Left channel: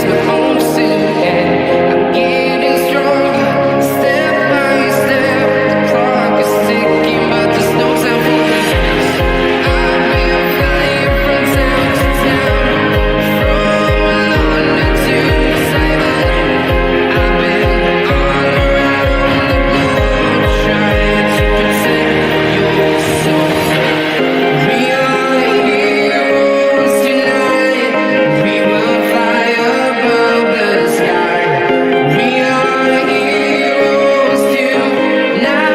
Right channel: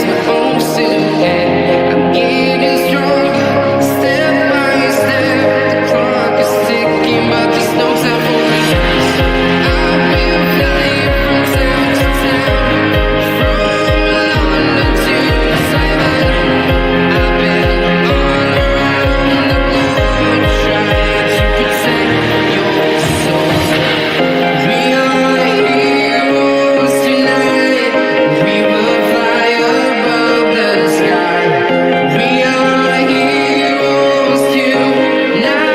is my own silhouette. I'm getting stronger, step by step. The clock is ticking, but there's no time for regrets. I've been flying from town to town, from London to Taiwan. I've been all around the globe, trying to protect your soul. We are heroes tonight. We will fly above the sky. We are heroes tonight.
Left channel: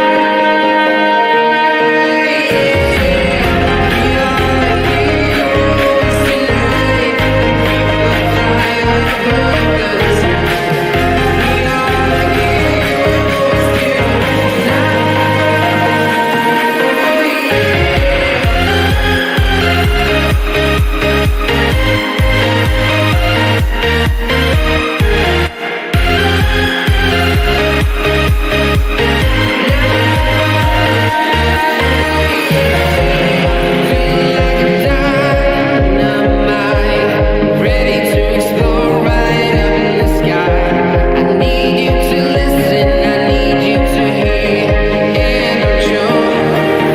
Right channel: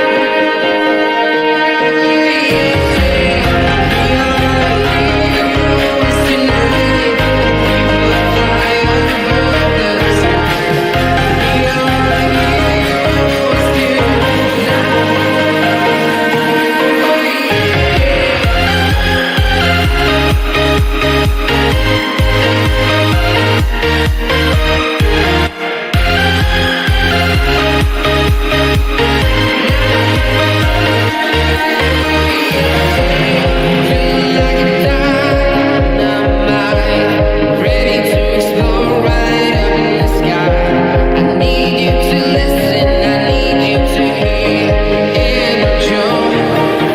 Show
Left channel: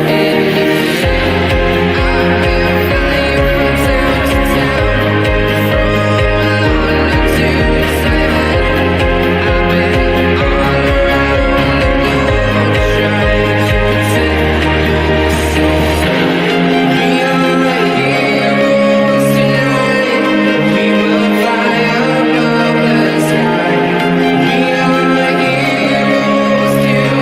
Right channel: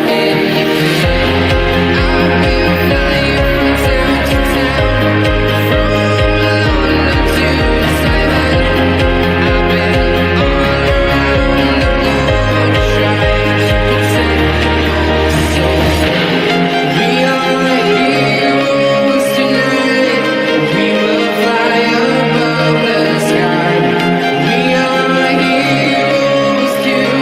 any fear. I've been flying from town to town, from London to Taiwan. I've been all around the globe, trying to protect your soul. We are heroes tonight. We will fly above the sky. We are heroes tonight.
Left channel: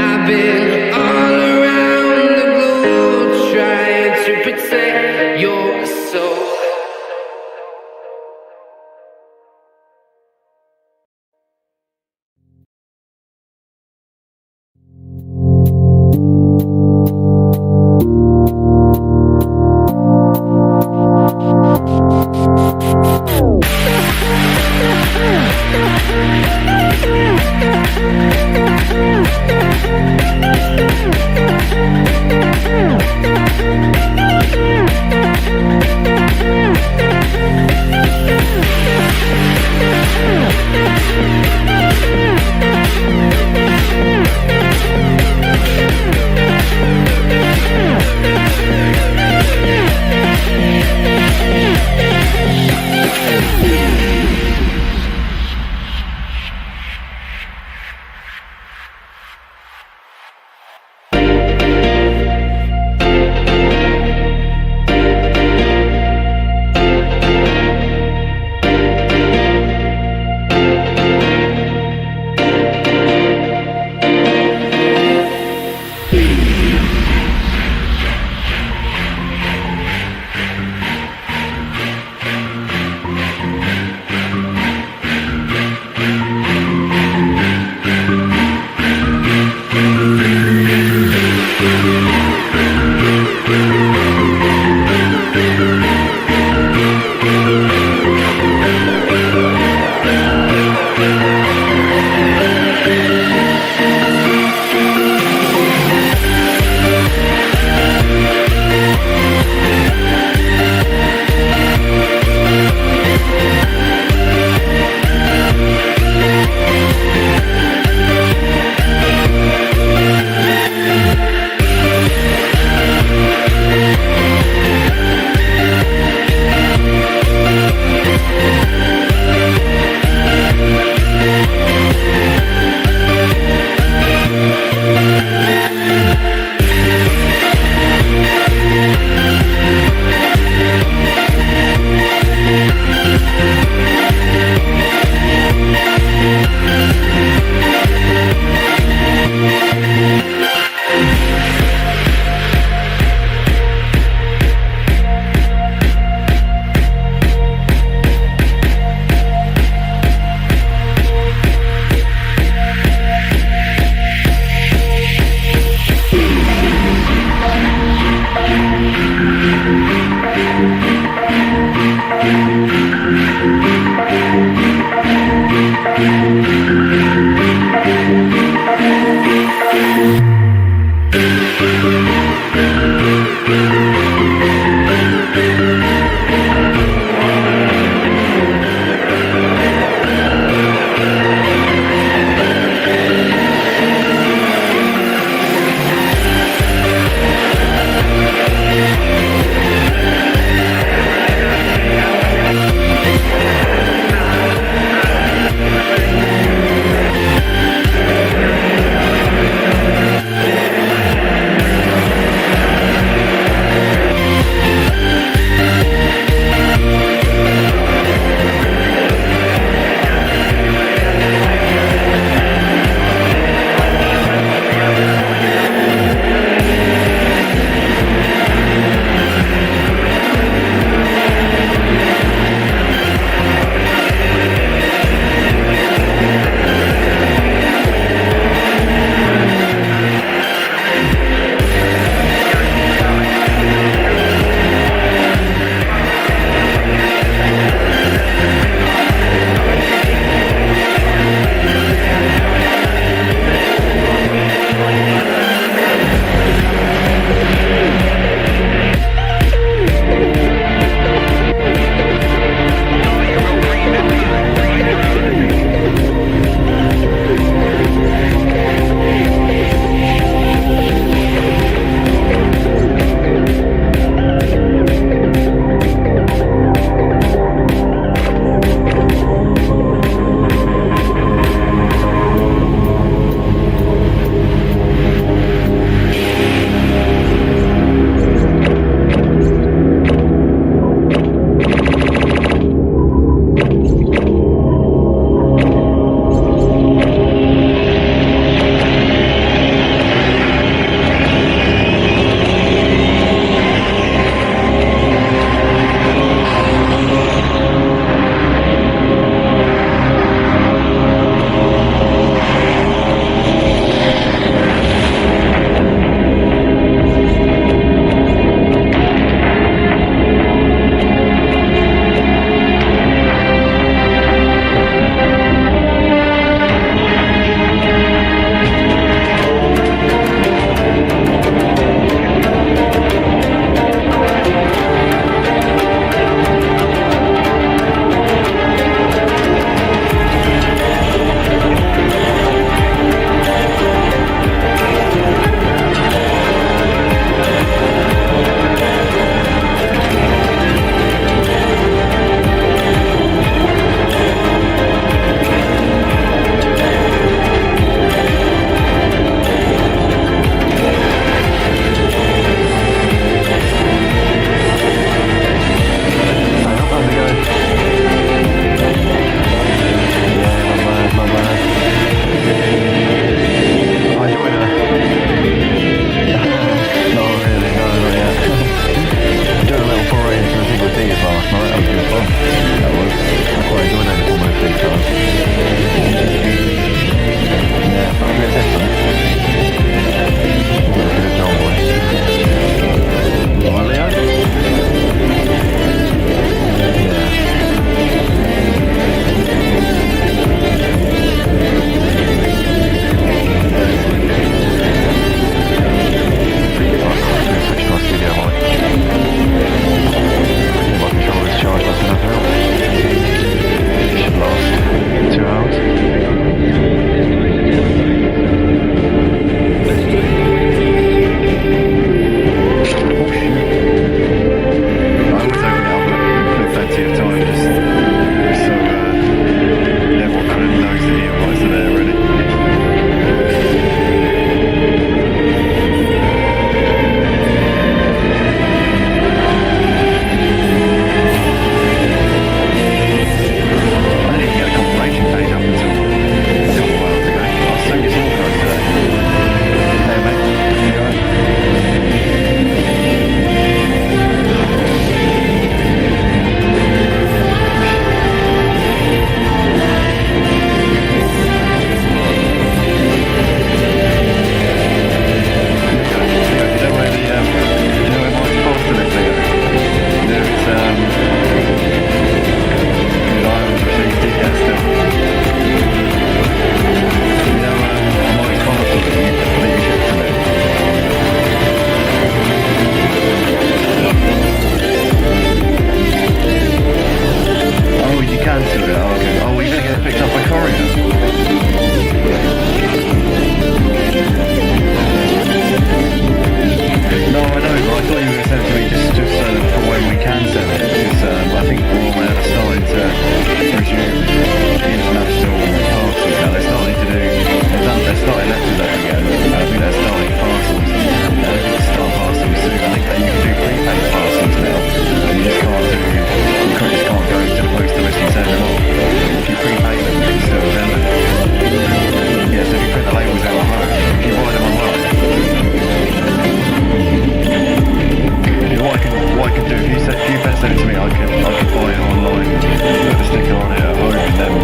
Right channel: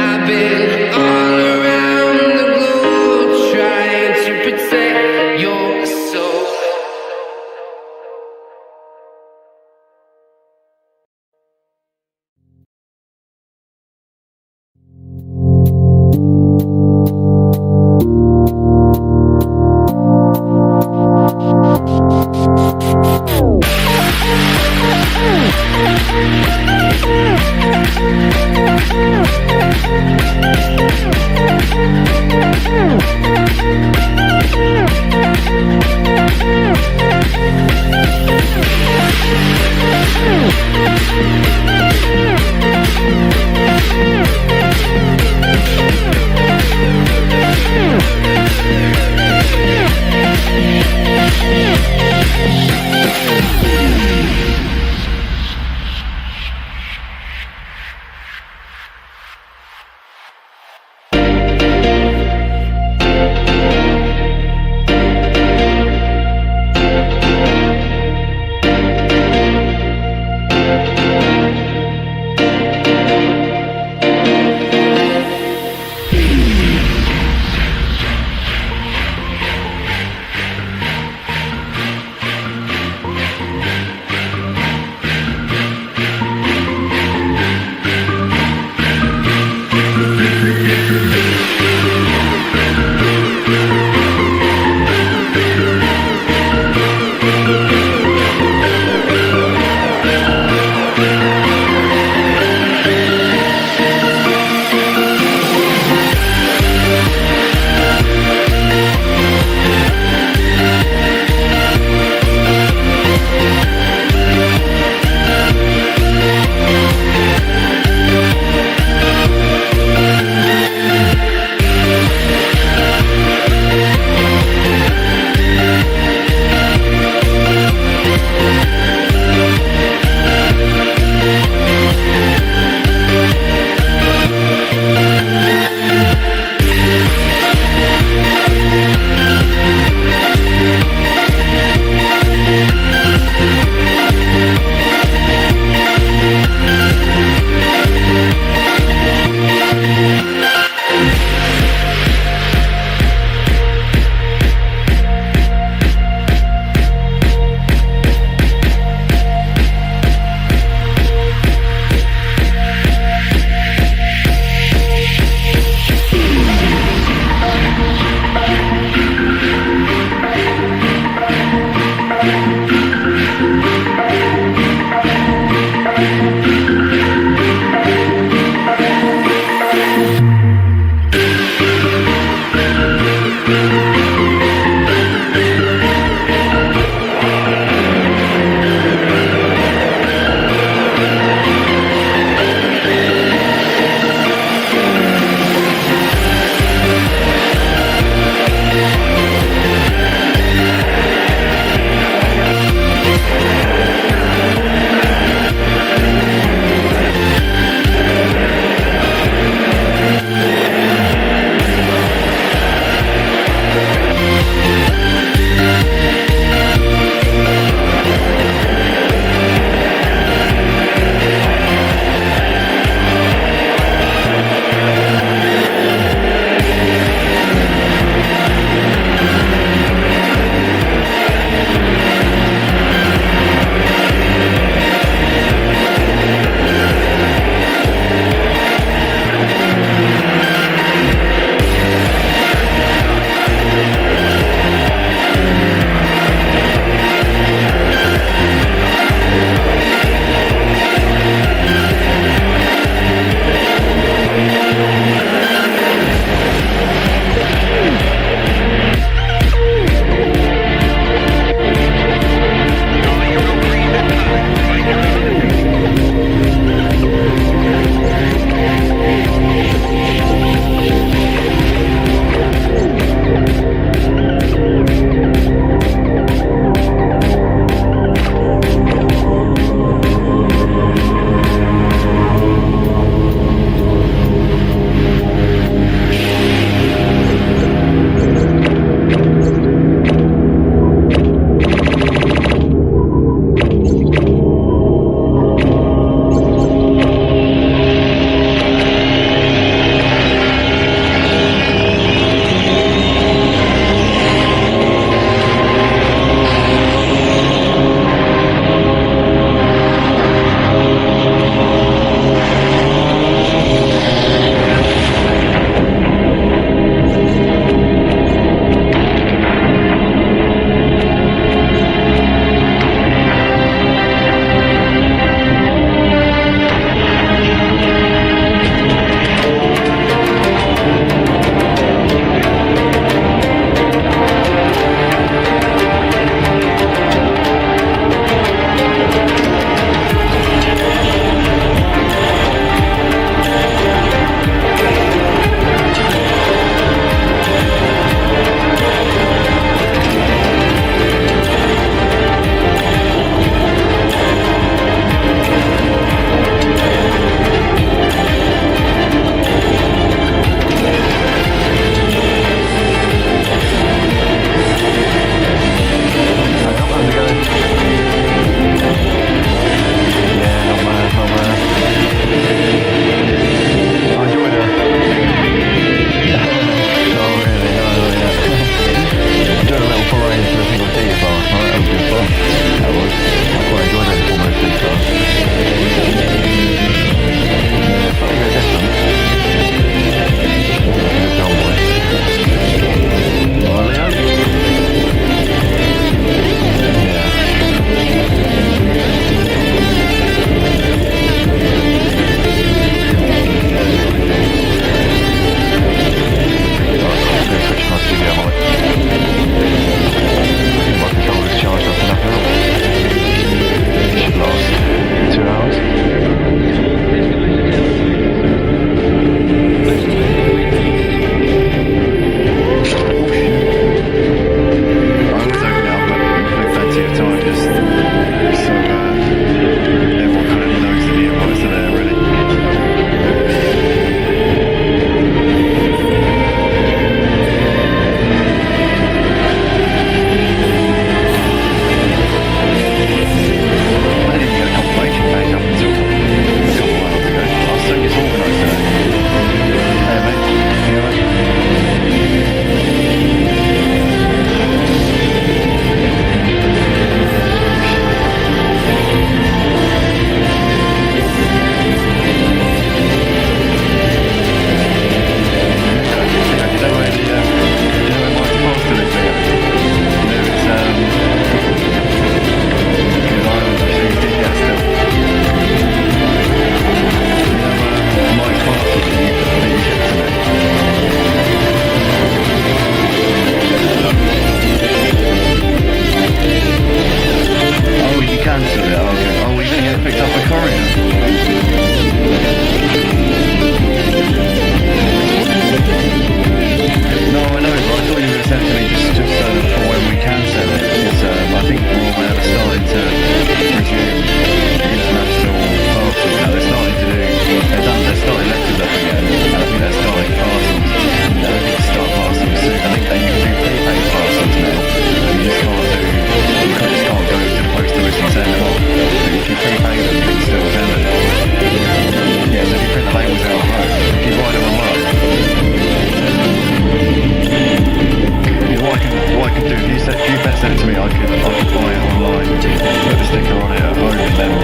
I've been all around the globe, trying to protect your soul. it go? Yeah, not bad, not bad. I enjoyed her. Not really, no, not yet. I enjoyed a little parade to the single seaters last night. That was good fun. That was. I quite enjoyed any Formula C cars. Yeah, something a bit different. Look at the John boy. Alright, Leo? Yeah. Right, I'm going to switch to my studio mic. I think my controller's charged up enough now. Should last 2 hours. Oh shit. I always open it up with plenty of time just so everyone kind of knows that the invites are there already. I didn't even get the confirmation page up until a couple of hours ago. I was so disorganised today. Hey mate, you alright? Leo, do you know where the do you know where Mike's parcel is, Leo? You know if it's because I haven't received it yet still. You know Mike's parcel that you shipped to me? Oh, you cancelled it? Oh, okay. Oh, well, you're going to get it picked up by courier? No, I know, but I thought you were going to send it to me just so that for when we can send it, because I think Royal Mail are starting to resume international parcels now. They're starting to do, they're starting letters up again, and I think they're starting parcels. They're hoping to start parcels soon. I think that you can do prepaid parcels now. You just can't go to the post office and send them off. But if you prepay them, you can still send them. Yeah, so if you print the labels out at home, if you buy them online, what I could do, if you sent it to me, I could buy it online, put the sticker on it at home, and then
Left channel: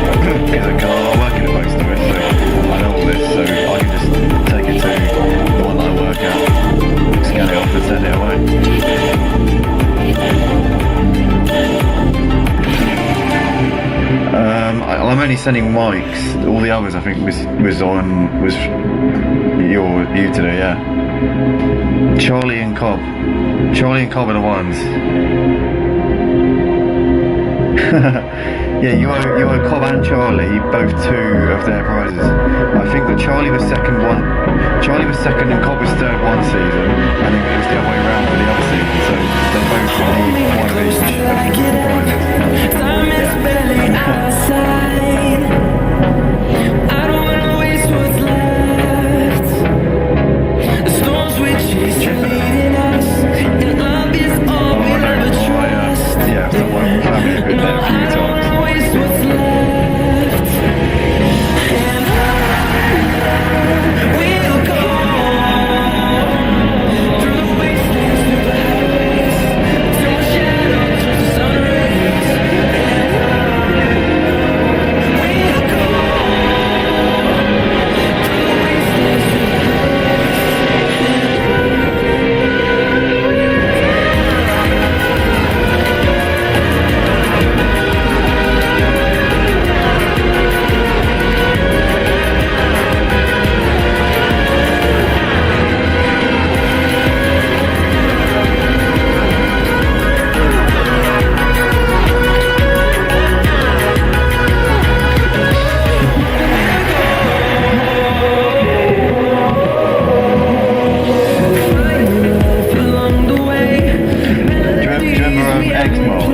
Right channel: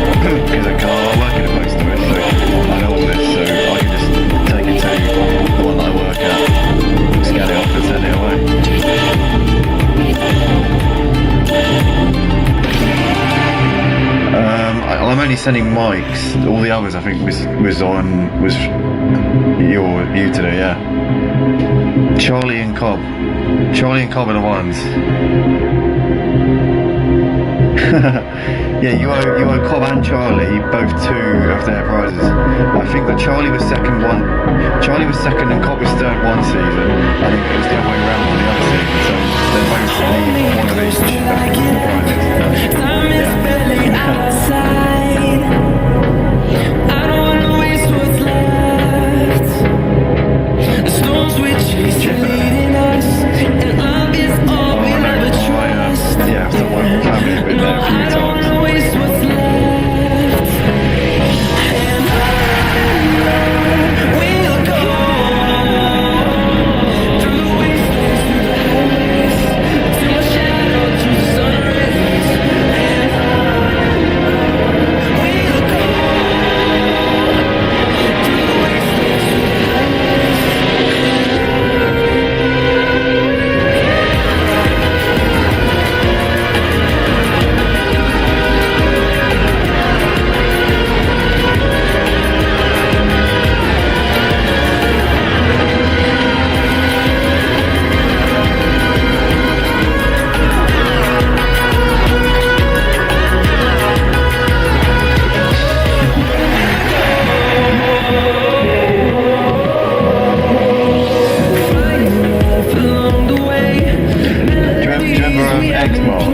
because I work in a post office, so I know all this, so I could just take it to the one that I work at, scan it off and send it away. I'm only sending Mike's. All the others I think was you to do, yeah. Charlie and Cobb are the ones. Yeah, you owe Cobb and Charlie both 2 of their prizes. I think that Charlie was second and Cobb was third one season, and then it was the other way around for the other season, so they both need one of each of the prizes. Yeah. I don't wanna waste what's left. The storms we chase are leading us, and love is all we'll ever trust. Yeah, so my family have been there a few times. I don't wanna waste what's left. And we'll go through the wastelands, through the highways, till my shadow turns to sun rays. And we'll go through the wastelands, through the highways, and on we'll go. Do you remember X-Mart,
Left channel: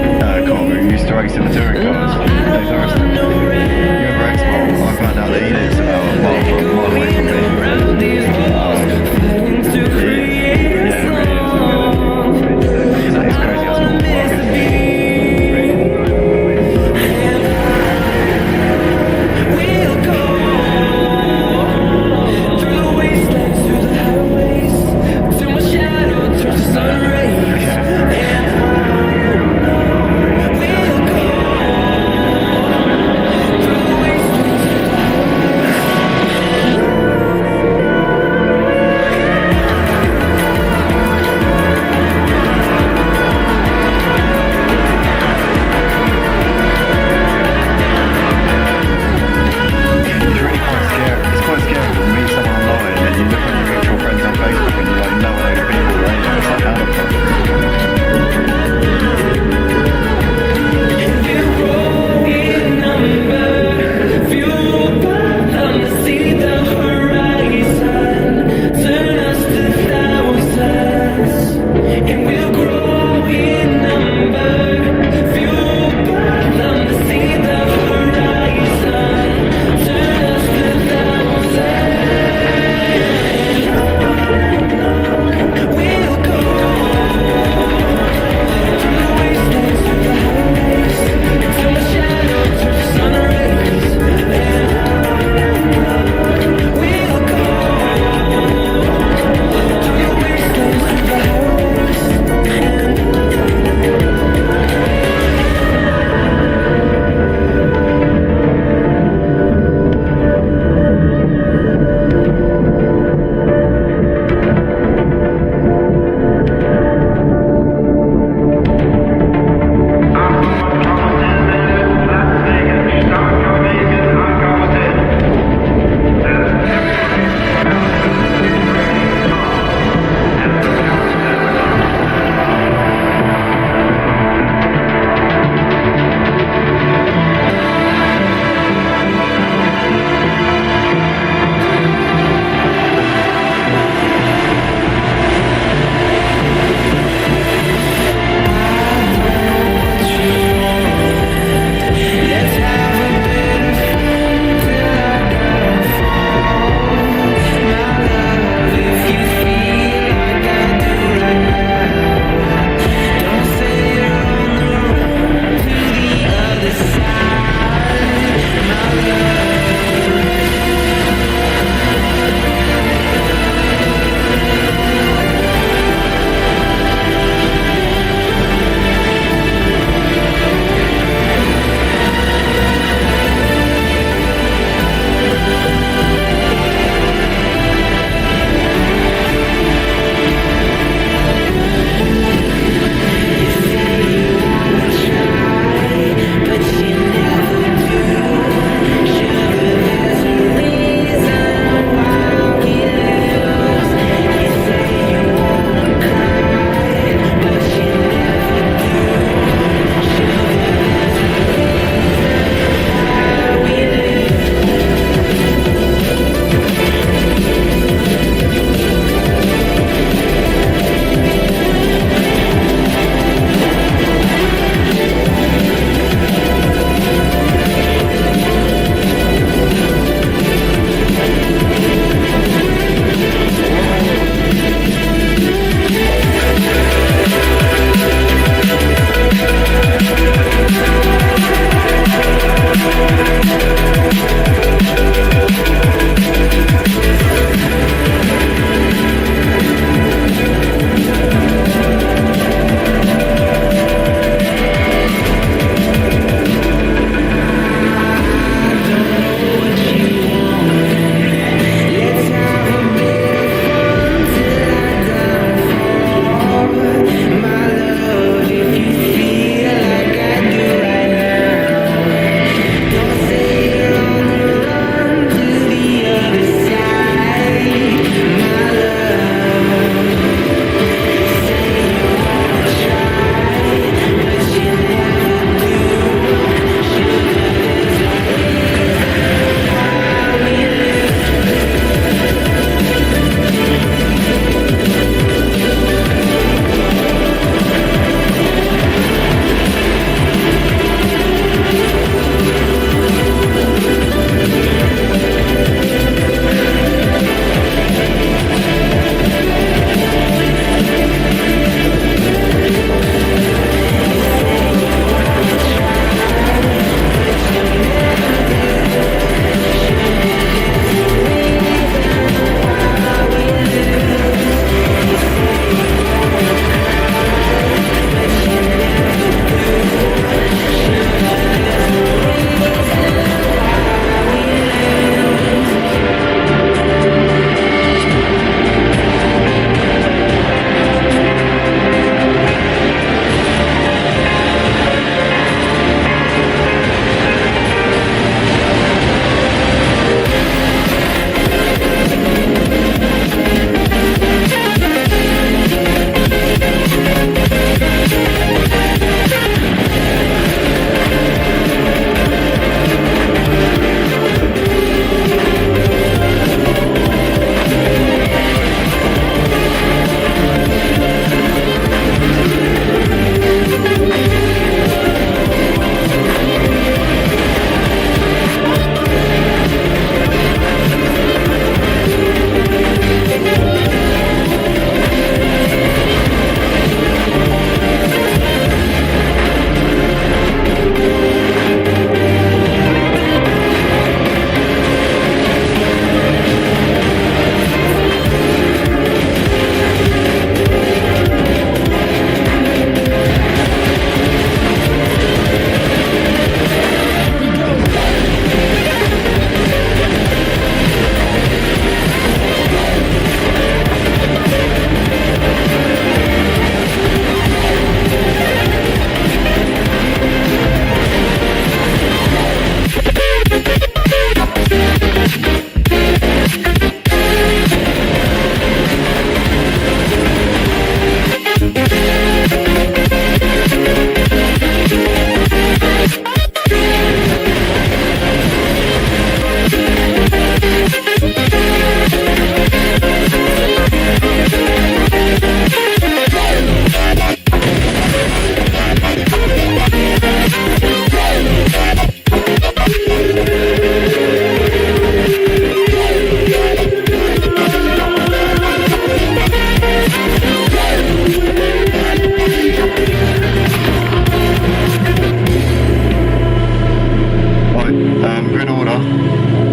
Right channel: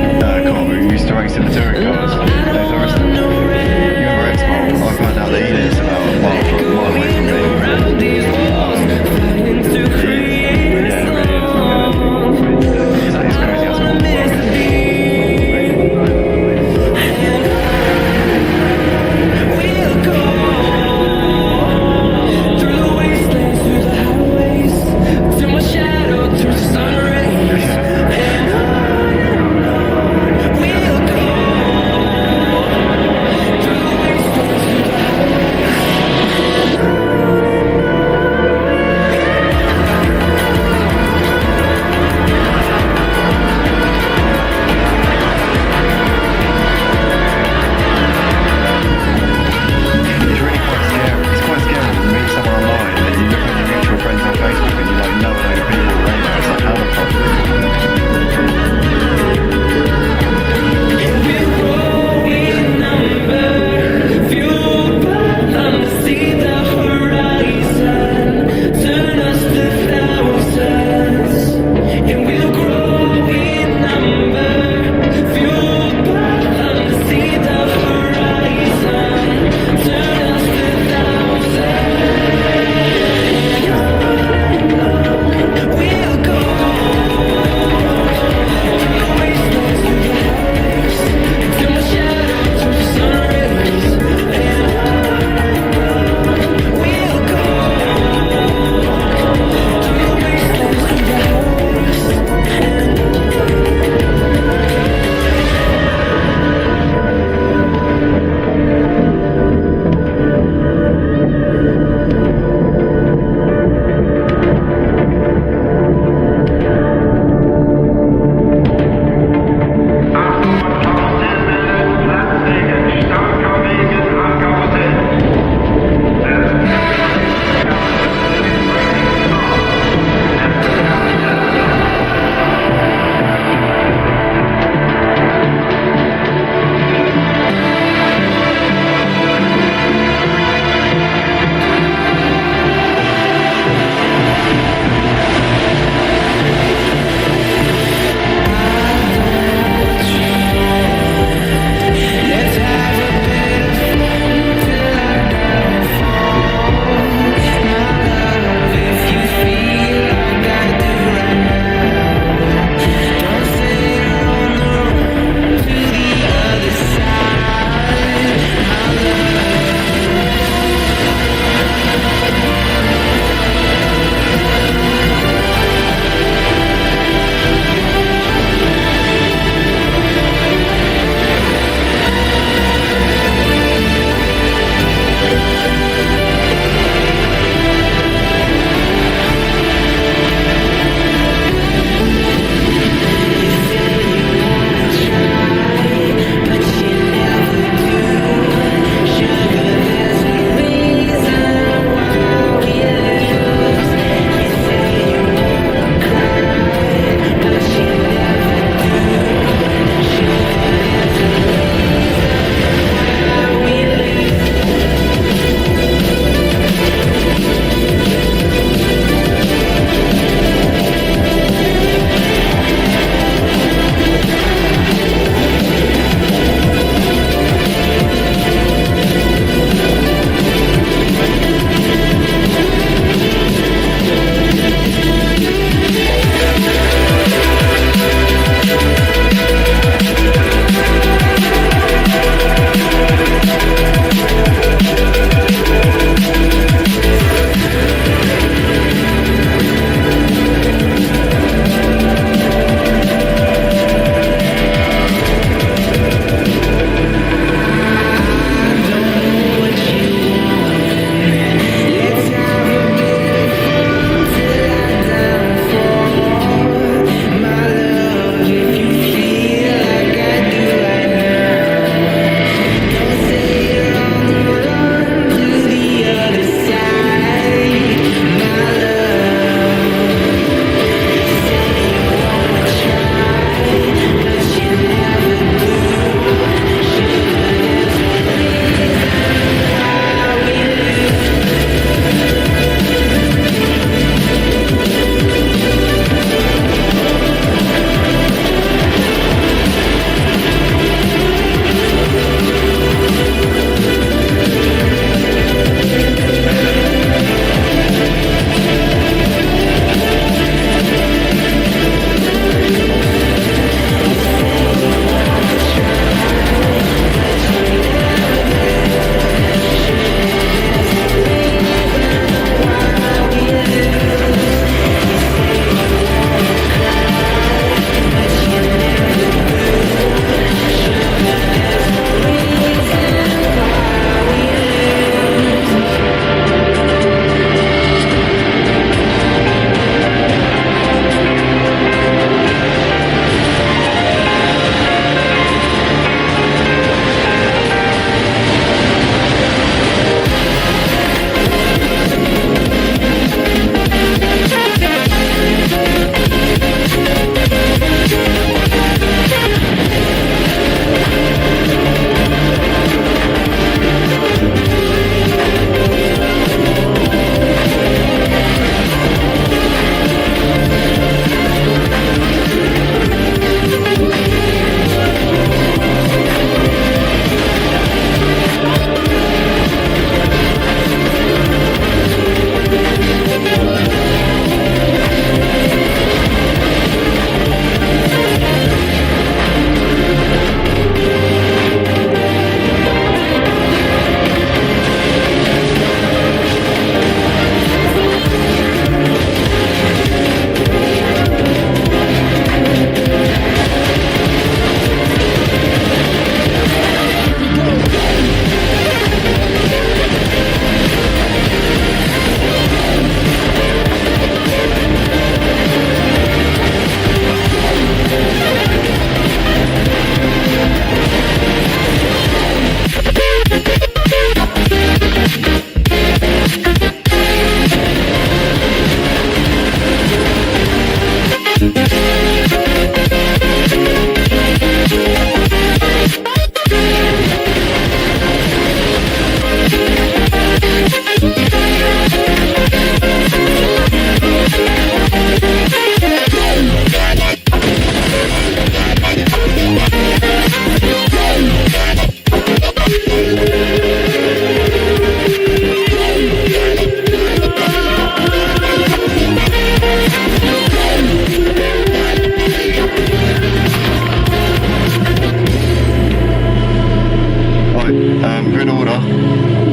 Cobb, who used to race in the touring cars? You remember X-Mart? I found out that he lives about a mile away from me. Yeah, it really is. It's crazy how small the world is. It's quite scary when you meet someone online and you look on your mutual friends on Facebook and you like know a load of people that they know. It's like, how the fuck? We'll grow in number, fueled by them to see the horizon, turn us to thousands. And we'll grow in number, fueled by them to see the horizon, turn us to thousands. We'll go through the wastelands, through the highways, till my shadow turns to sun rays. And we'll go through the wastelands, through the highways, and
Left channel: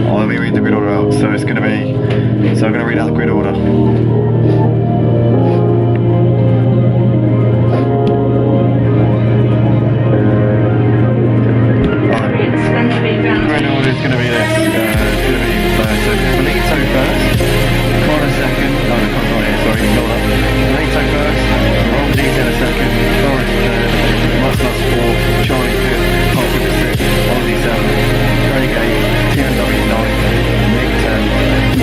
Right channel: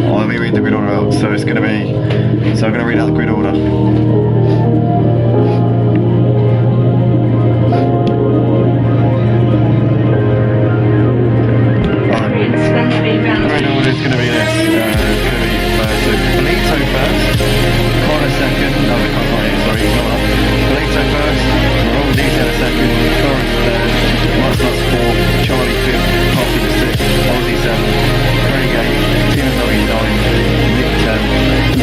Oh, let me read the grid order out. So it's going to be, so I'm going to read out the grid order. It's going to be round. Grid order is going to be this. It's going to be, so Belito first, Connor second, no, the Connor's not here, sorry, ignore that. Belito first, Roll Detail second, Doris third, Nuts fourth, Charlie fifth, Pop Cooper sixth, Ozzy seventh, Craig 8th, TMW 9th, Nick 10th,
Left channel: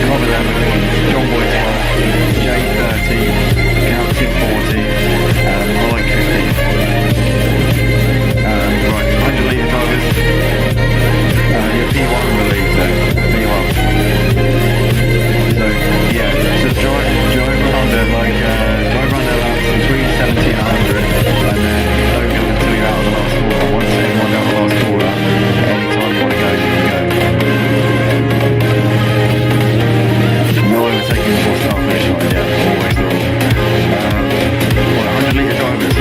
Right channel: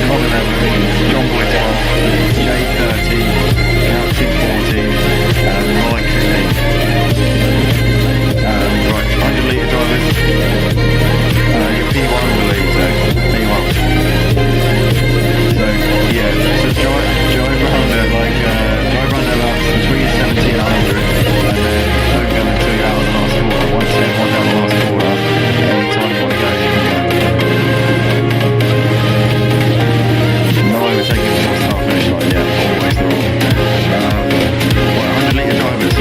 Cobb 11th, John Boy 12th, Jay 13th, Captain 14th, Mike 15th. Right, 100 litre drivers, your P1 Belito, there you are. So yeah, so drive around at drive around at about between 70 and 100, and then don't go until you're out of the last corner. Once everyone's out of the last corner, anytime you want to go, you can go. No overtaking before start finish line. Yeah, always the rule. Right, 100 litre drivers.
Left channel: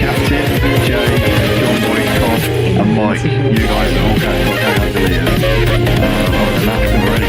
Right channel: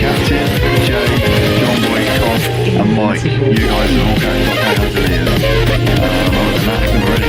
Captain, Jay, John Boy, Cobb, and Mike. You guys have all got to carry 100 litres. Other than that, I think we're ready.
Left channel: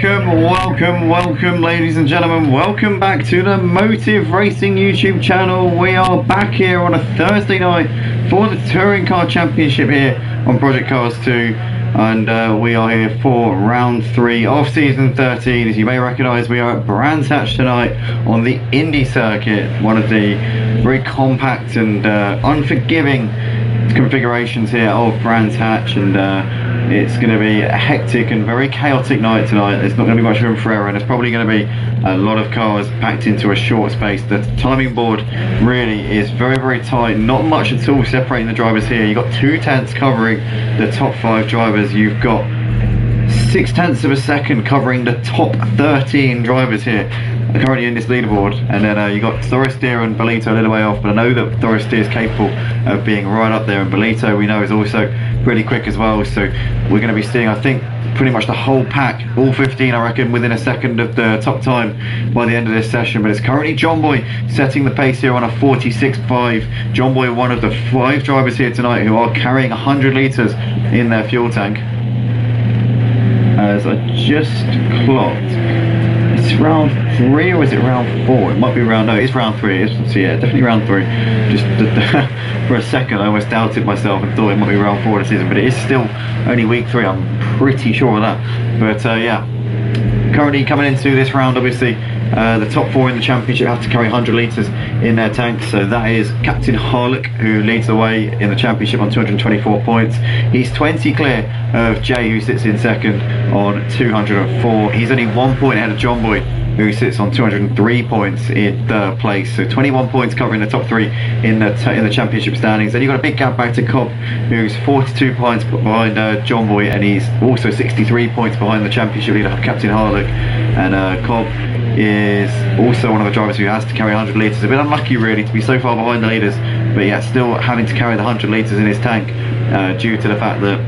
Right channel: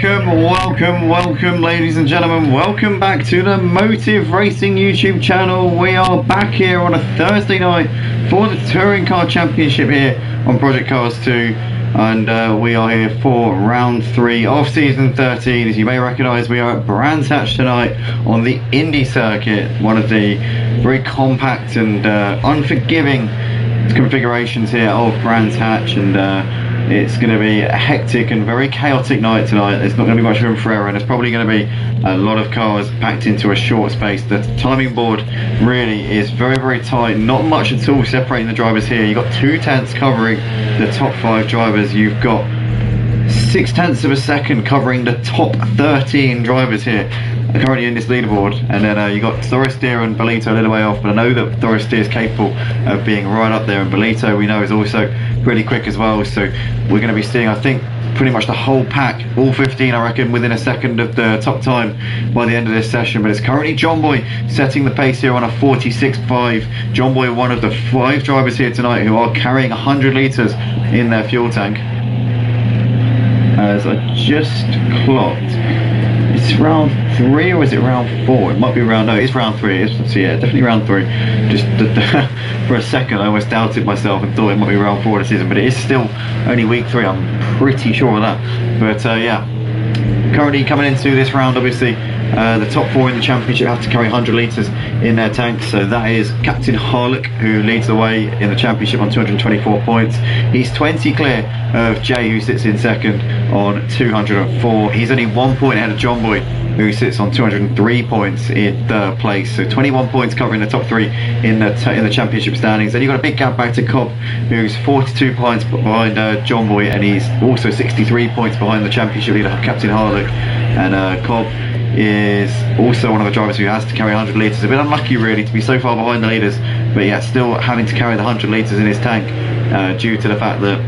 Welcome, ladies and gentlemen. Welcome back to the Motive Racing YouTube channel. We are back here on a Thursday night for the Touring Car Championship here on Project Cars 2. And we are here for round 3 of season 13. As you may recognise, we are at Brands Hatch tonight on the Indy circuit, one of the very compact and unforgiving configurations here of Brands Hatch, and it's going to be a hectic and very chaotic night tonight. There's not going to be much room for error, and there's probably going to be a lot of cars packed into a short space. The timing board really is very, very tight. Not much at all separating the drivers here. You've got 2 tenths covering the top 5 drivers. You've got 6 tenths of a second covering the top 13 drivers here currently in this leaderboard. And then you've got Thoristeer and Bolito a little way off, but I know that Thoristeer is capable of being right up there, and Bolito we know is also pretty quick as well. So we're going to be seeing, I think, pretty much the whole pack, all 15 I reckon, within a second of the top time by the end of this session. But it's currently John Boy setting the pace here on a 46.5. John Boy, one of the 5 drivers here tonight who are carrying 100 litres in their fuel tank. As I just clocked, it's round 3 or is it round 4? It might be round, no, it's round 3. It's, so yeah, definitely round 3. Just for a second I almost doubted myself and thought it might be round 4 of the season, but it is still only week 3, I'm pretty sure of that. But yeah, currently coming into this round, obviously the top 4 in the championship have to carry 100 litres in their tanks. So that is Captain Harlock, who leads the way in the championship on 224 points. He's 20 clear of Jay, who sits in second on 204. He's only 1 point ahead of John Boy, who sits on 203 points in third place. So 21 points covering the top 3 in the championship standings. Then you've got a big gap back to Cobb, who's 42 points behind John Boy, and he's also 63 points behind the championship leader Captain Harlock. And Cobb is also one of the drivers who has to carry 100 litres. A bit unlucky really to be so far behind the leaders, but yeah, still having to carry the 100 litres in his tank due to the fact that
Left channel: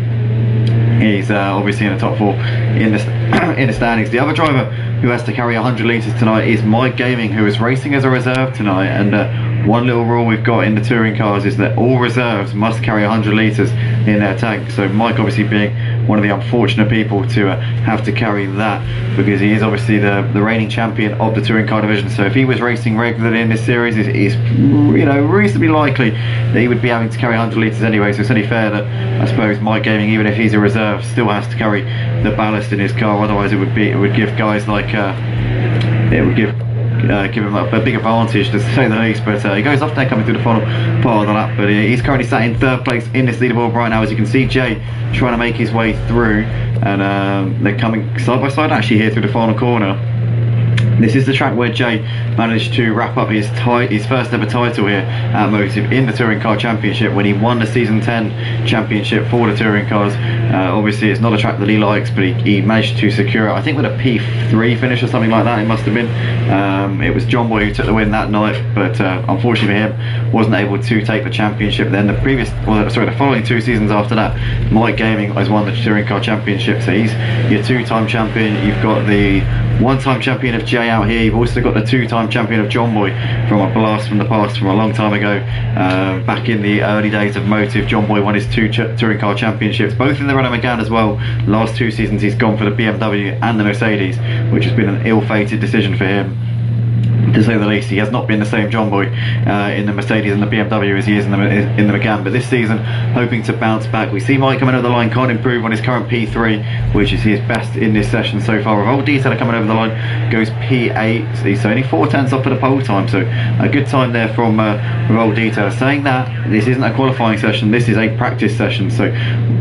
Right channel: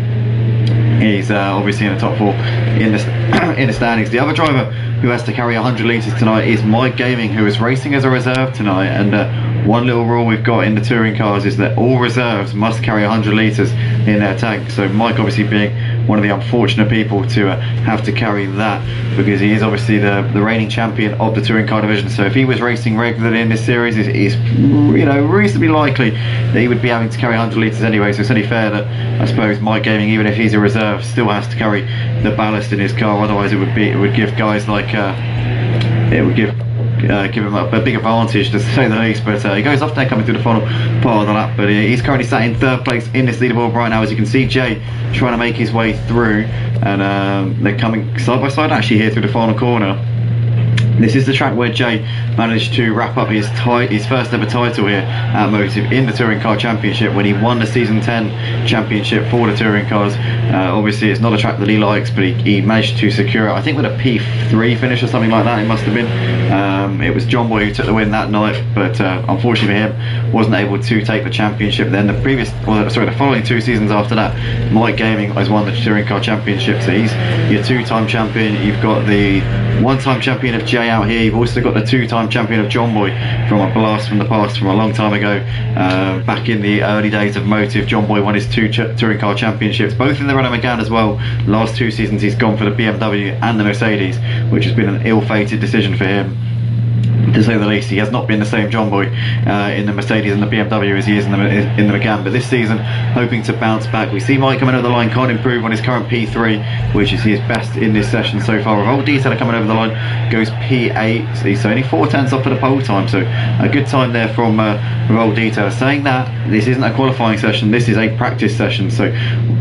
he's obviously in the top 4 in the standings. The other driver who has to carry 100 litres tonight is Mike Gaming, who is racing as a reserve tonight. And one little rule we've got in the touring cars is that all reserves must carry 100 litres in their tank. So Mike obviously being one of the unfortunate people to have to carry that, because he is obviously the reigning champion of the touring car division. So if he was racing regularly in this series, it's you know, reasonably likely that he would be having to carry 100 litres anyway. So it's only fair that I suppose Mike Gaming, even if he's a reserve, still has to carry the ballast in his car. Otherwise it would give guys like it would give him a big advantage, to say the least. But he goes off there coming through the final part of the lap. But he's currently sat in third place in this leaderboard right now. As you can see, Jay trying to make his way through, and they're coming side by side actually here through the final corner. This is the track where Jay managed to wrap up his first ever title here at Motive in the Touring Car Championship when he won the Season 10 Championship for the Touring Cars. Obviously it's not a track that he likes, but he managed to secure it, I think with a P3 finish or something like that it must have been. It was John Boy who took the win that night, but unfortunately for him wasn't able to take the championship. Then the following 2 seasons after that, Mike Gaming has won the Touring Car Championship, so he's your 2-time champion. You've got the 1-time champion of Jay out here. You've also got the 2-time champion of John Boy from a blast from the past, from a long time ago. Back in the early days of Motive, John Boy won his 2 touring car championships, both in the Renault Megane as well. Last 2 seasons he's gone for the BMW and the Mercedes, which has been an ill-fated decision for him, to say the least. He has not been the same John Boy in the Mercedes and the BMW as he is in the Megane, but this season hoping to bounce back. We see Mike coming over the line, can't improve on his current P3, which is his best in this session so far. Revolt Detailer coming over the line goes P8, so he's only 4 tenths off for the pole time, so a good time there from Revolt Detailer. Saying that, this isn't a qualifying session, this is a practice session, so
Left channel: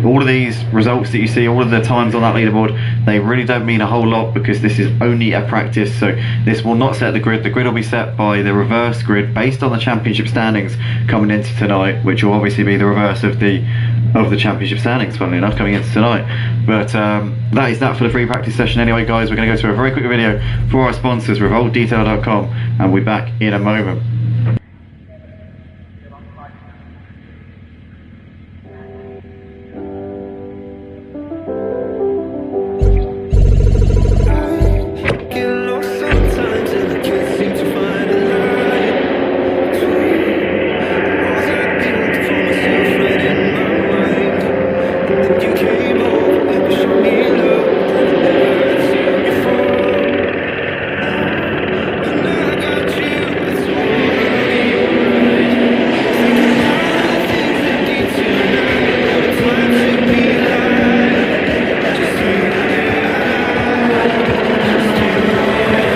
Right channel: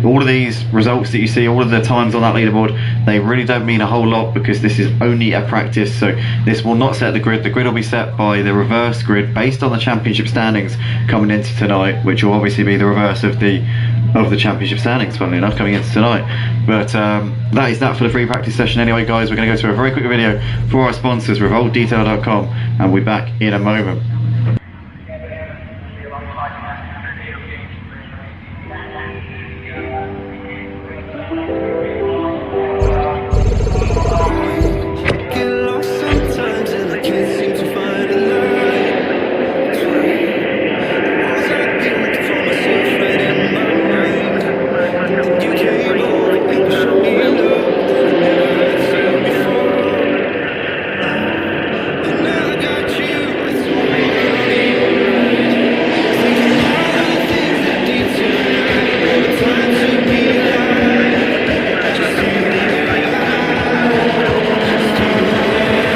all of these results that you see, all of the times on that leaderboard, they really don't mean a whole lot, because this is only a practice. So this will not set the grid. The grid will be set by the reverse grid based on the championship standings coming into tonight, which will obviously be the reverse of the championship standings, funnily enough, coming into tonight. But that is that for the free practice session anyway, guys. We're going to go to a very quick video for our sponsors, revoltdetail.com, and we'll be back in a moment. And I can't seem to find a light between the walls I built for myself right in my mind. And then you came over and you showed me love that I never had seen before. just you and I, just you and I.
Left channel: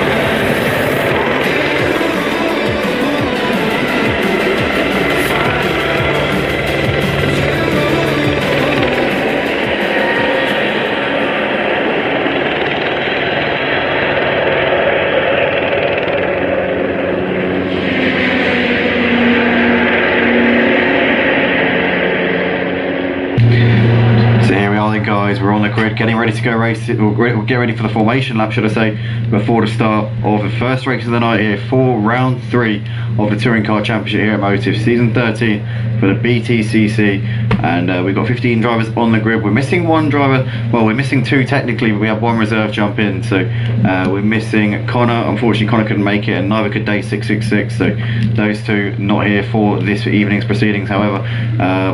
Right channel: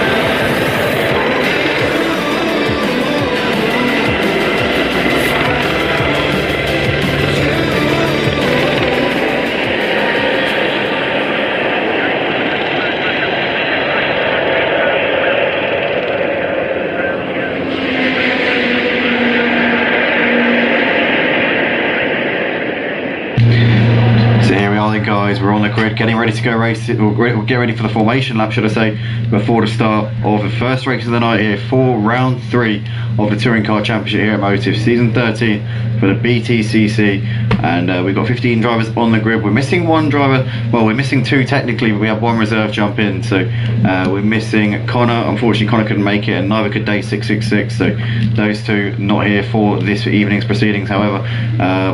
So here we are then, guys, we're on the grid getting ready to go race it, or get ready for the formation lap, should I say, before the start of the first race of the night here for round 3 of the Touring Car Championship here at Motive, season 13 for the BTCC, and we've got 15 drivers on the grid. We're missing one driver, well, we're missing 2 technically, but we have 1 reserve jump in, so we're missing Connor. Unfortunately, Connor couldn't make it, and neither could Day 666, so those 2 not here for this evening's proceedings. However,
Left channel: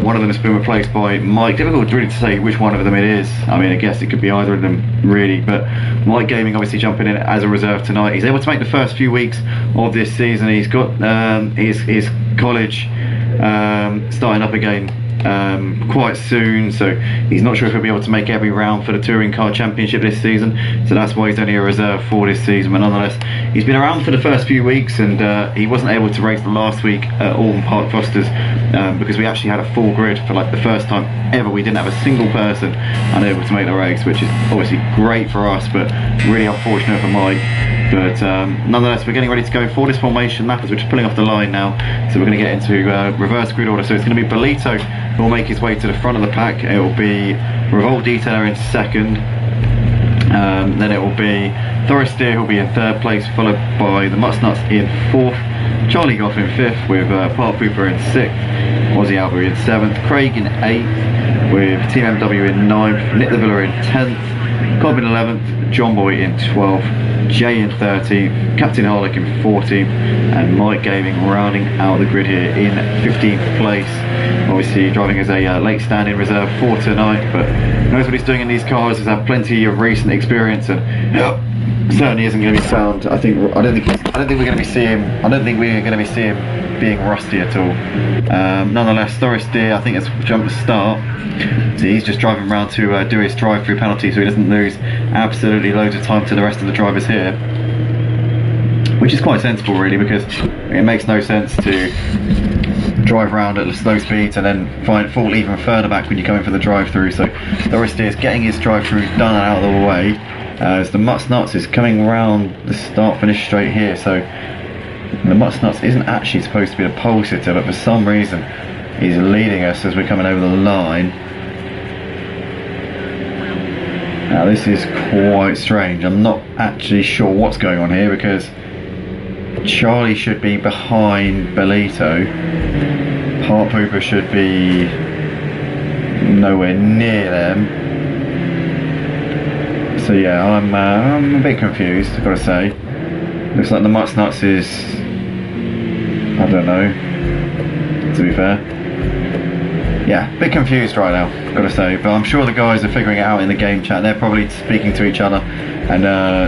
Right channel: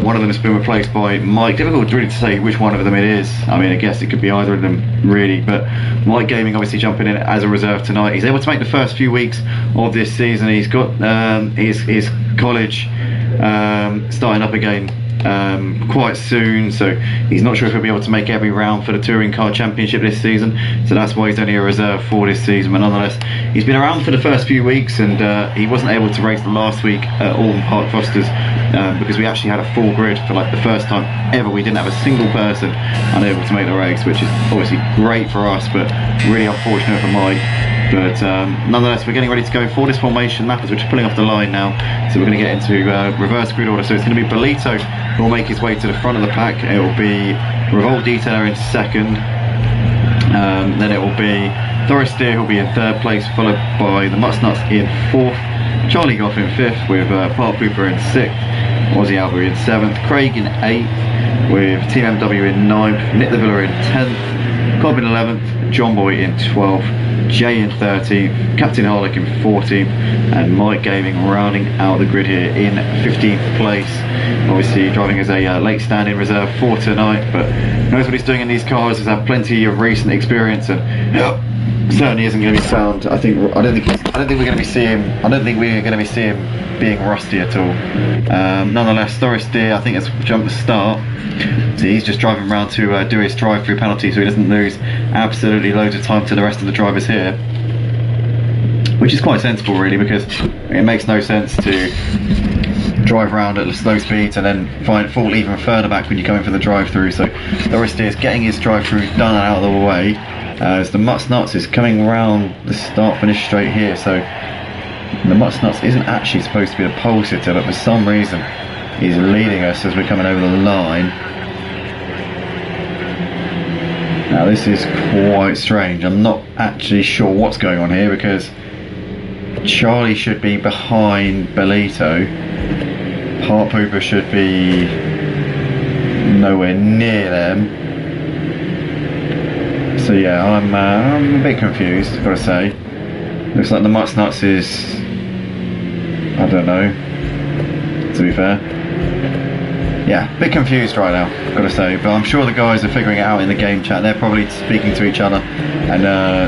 one of them has been replaced by Mike. Difficult really to say which one of them it is. I mean, I guess it could be either of them really, but Mike Gaming obviously jumping in as a reserve tonight. He's able to make the first few weeks of this season. He's got his college starting up again quite soon, so he's not sure if he'll be able to make every round for the Touring Car Championship this season, so that's why he's only a reserve for this season. But nonetheless, he's been around for the first few weeks, and he wasn't able to race the last week at Alton Park Fosters because we actually had a full grid for like the first time ever. We didn't have a single person unable to make the race, which is obviously great for us, but really unfortunate for Mike. But nonetheless, we're getting ready to go for this formation lap as we're just pulling off the line now. So we're going to get into reverse grid order. So it's going to be Bolito who will make his way to the front of the pack. It will be Revolt Detailer in second. Then it will be Thoris Steer who will be in third place, followed by the Mutsnuts in fourth, Charlie Goff in fifth, with Park Pooper in sixth, Aussie Albert in seventh, Craig in eighth, with Team MW in ninth, Nick the Villa in 10th, Cobb in 11th, John Boy in 12th, Jay in 13th, Captain Harlick in 14th, and Mike Gaming rounding out the grid here in 15th place. Obviously driving as a late stand-in reserve for tonight, but knows what he's doing in these cars. Has had plenty of recent experience, and certainly isn't going to be sound. I don't think we're going to be seeing him being rusty at all. Nonetheless, Thoris Deer I think has jumped the start. So he's just driving around to do his drive-through penalty, so he doesn't lose absolutely loads of time to the rest of the drivers here, which is quite sensible really, because it makes no sense to drive around at slow speeds and then fall even further back when you come in for the drive-through. So Thoris Deer is getting his drive-through done and out of the way as the Mutsnuts is coming around the start-finish straight here. So the Mutsnuts isn't actually supposed to be the pole sitter, but for some reason he's leading us as we're coming over the line. Now this is quite strange. I'm not actually sure what's going on here, because Charlie should be behind Bolito, Park Pooper should be nowhere near them. So yeah, I'm a bit confused, I've got to say. Looks like the Mutsnuts is, I don't know, to be fair. Yeah, a bit confused right now, I've got to say, but I'm sure the guys are figuring it out in the game chat. They're probably speaking to each other and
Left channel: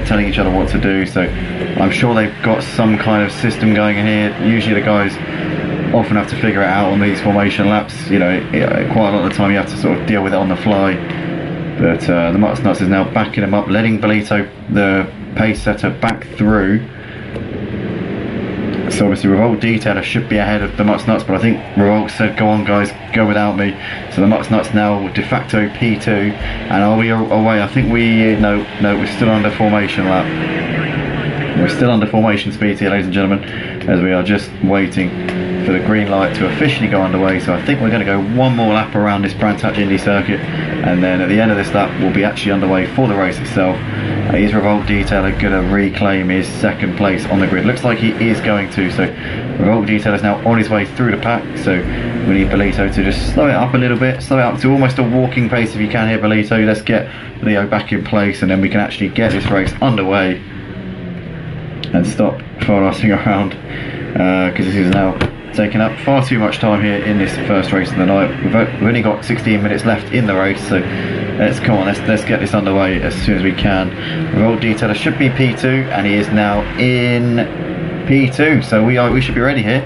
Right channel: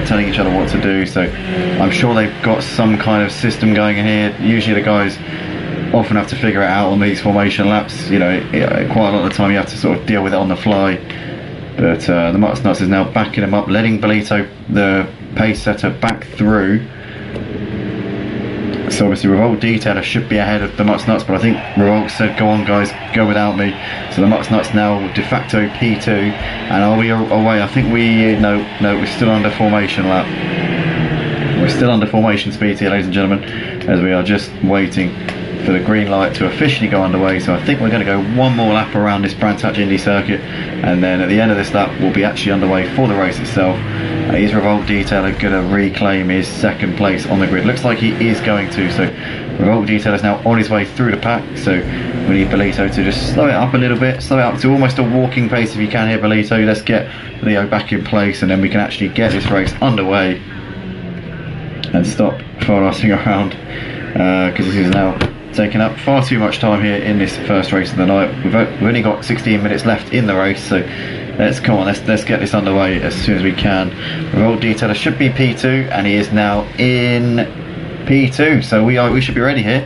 telling each other what to do, so I'm sure they've got some kind of system going in here. Usually the guys often have to figure it out on these formation laps, you know, quite a lot of the time you have to sort of deal with it on the fly. But the Mutsnuts is now backing him up, letting Bolito, the pace setter, back through. So obviously Revolt Detailer should be ahead of the Mutsnuts, but I think Revolt said, go on guys, go without me. So the Mutsnuts now de facto P2, and are we away? I think no, we're still under formation lap. We're still under formation speed here, ladies and gentlemen, as we are just waiting for the green light to officially go underway. So I think we're going to go one more lap around this brand touch Indy circuit, and then at the end of this lap we'll be actually underway for the race itself. Is Revolt Detailer going to reclaim his second place on the grid? Looks like he is going to. So Revolt Detailer is now on his way through the pack, so we need Bolito to just slow it up a little bit, slow it up to almost a walking pace if you can here, Bolito. Let's get Leo back in place, and then we can actually get this race underway and stop far-assing around, because this is now taking up far too much time here in this first race of the night. We've only got 16 minutes left in the race, so let's get this underway as soon as we can. Revolt Detailer should be P2, and he is now in P2, so we should be ready here.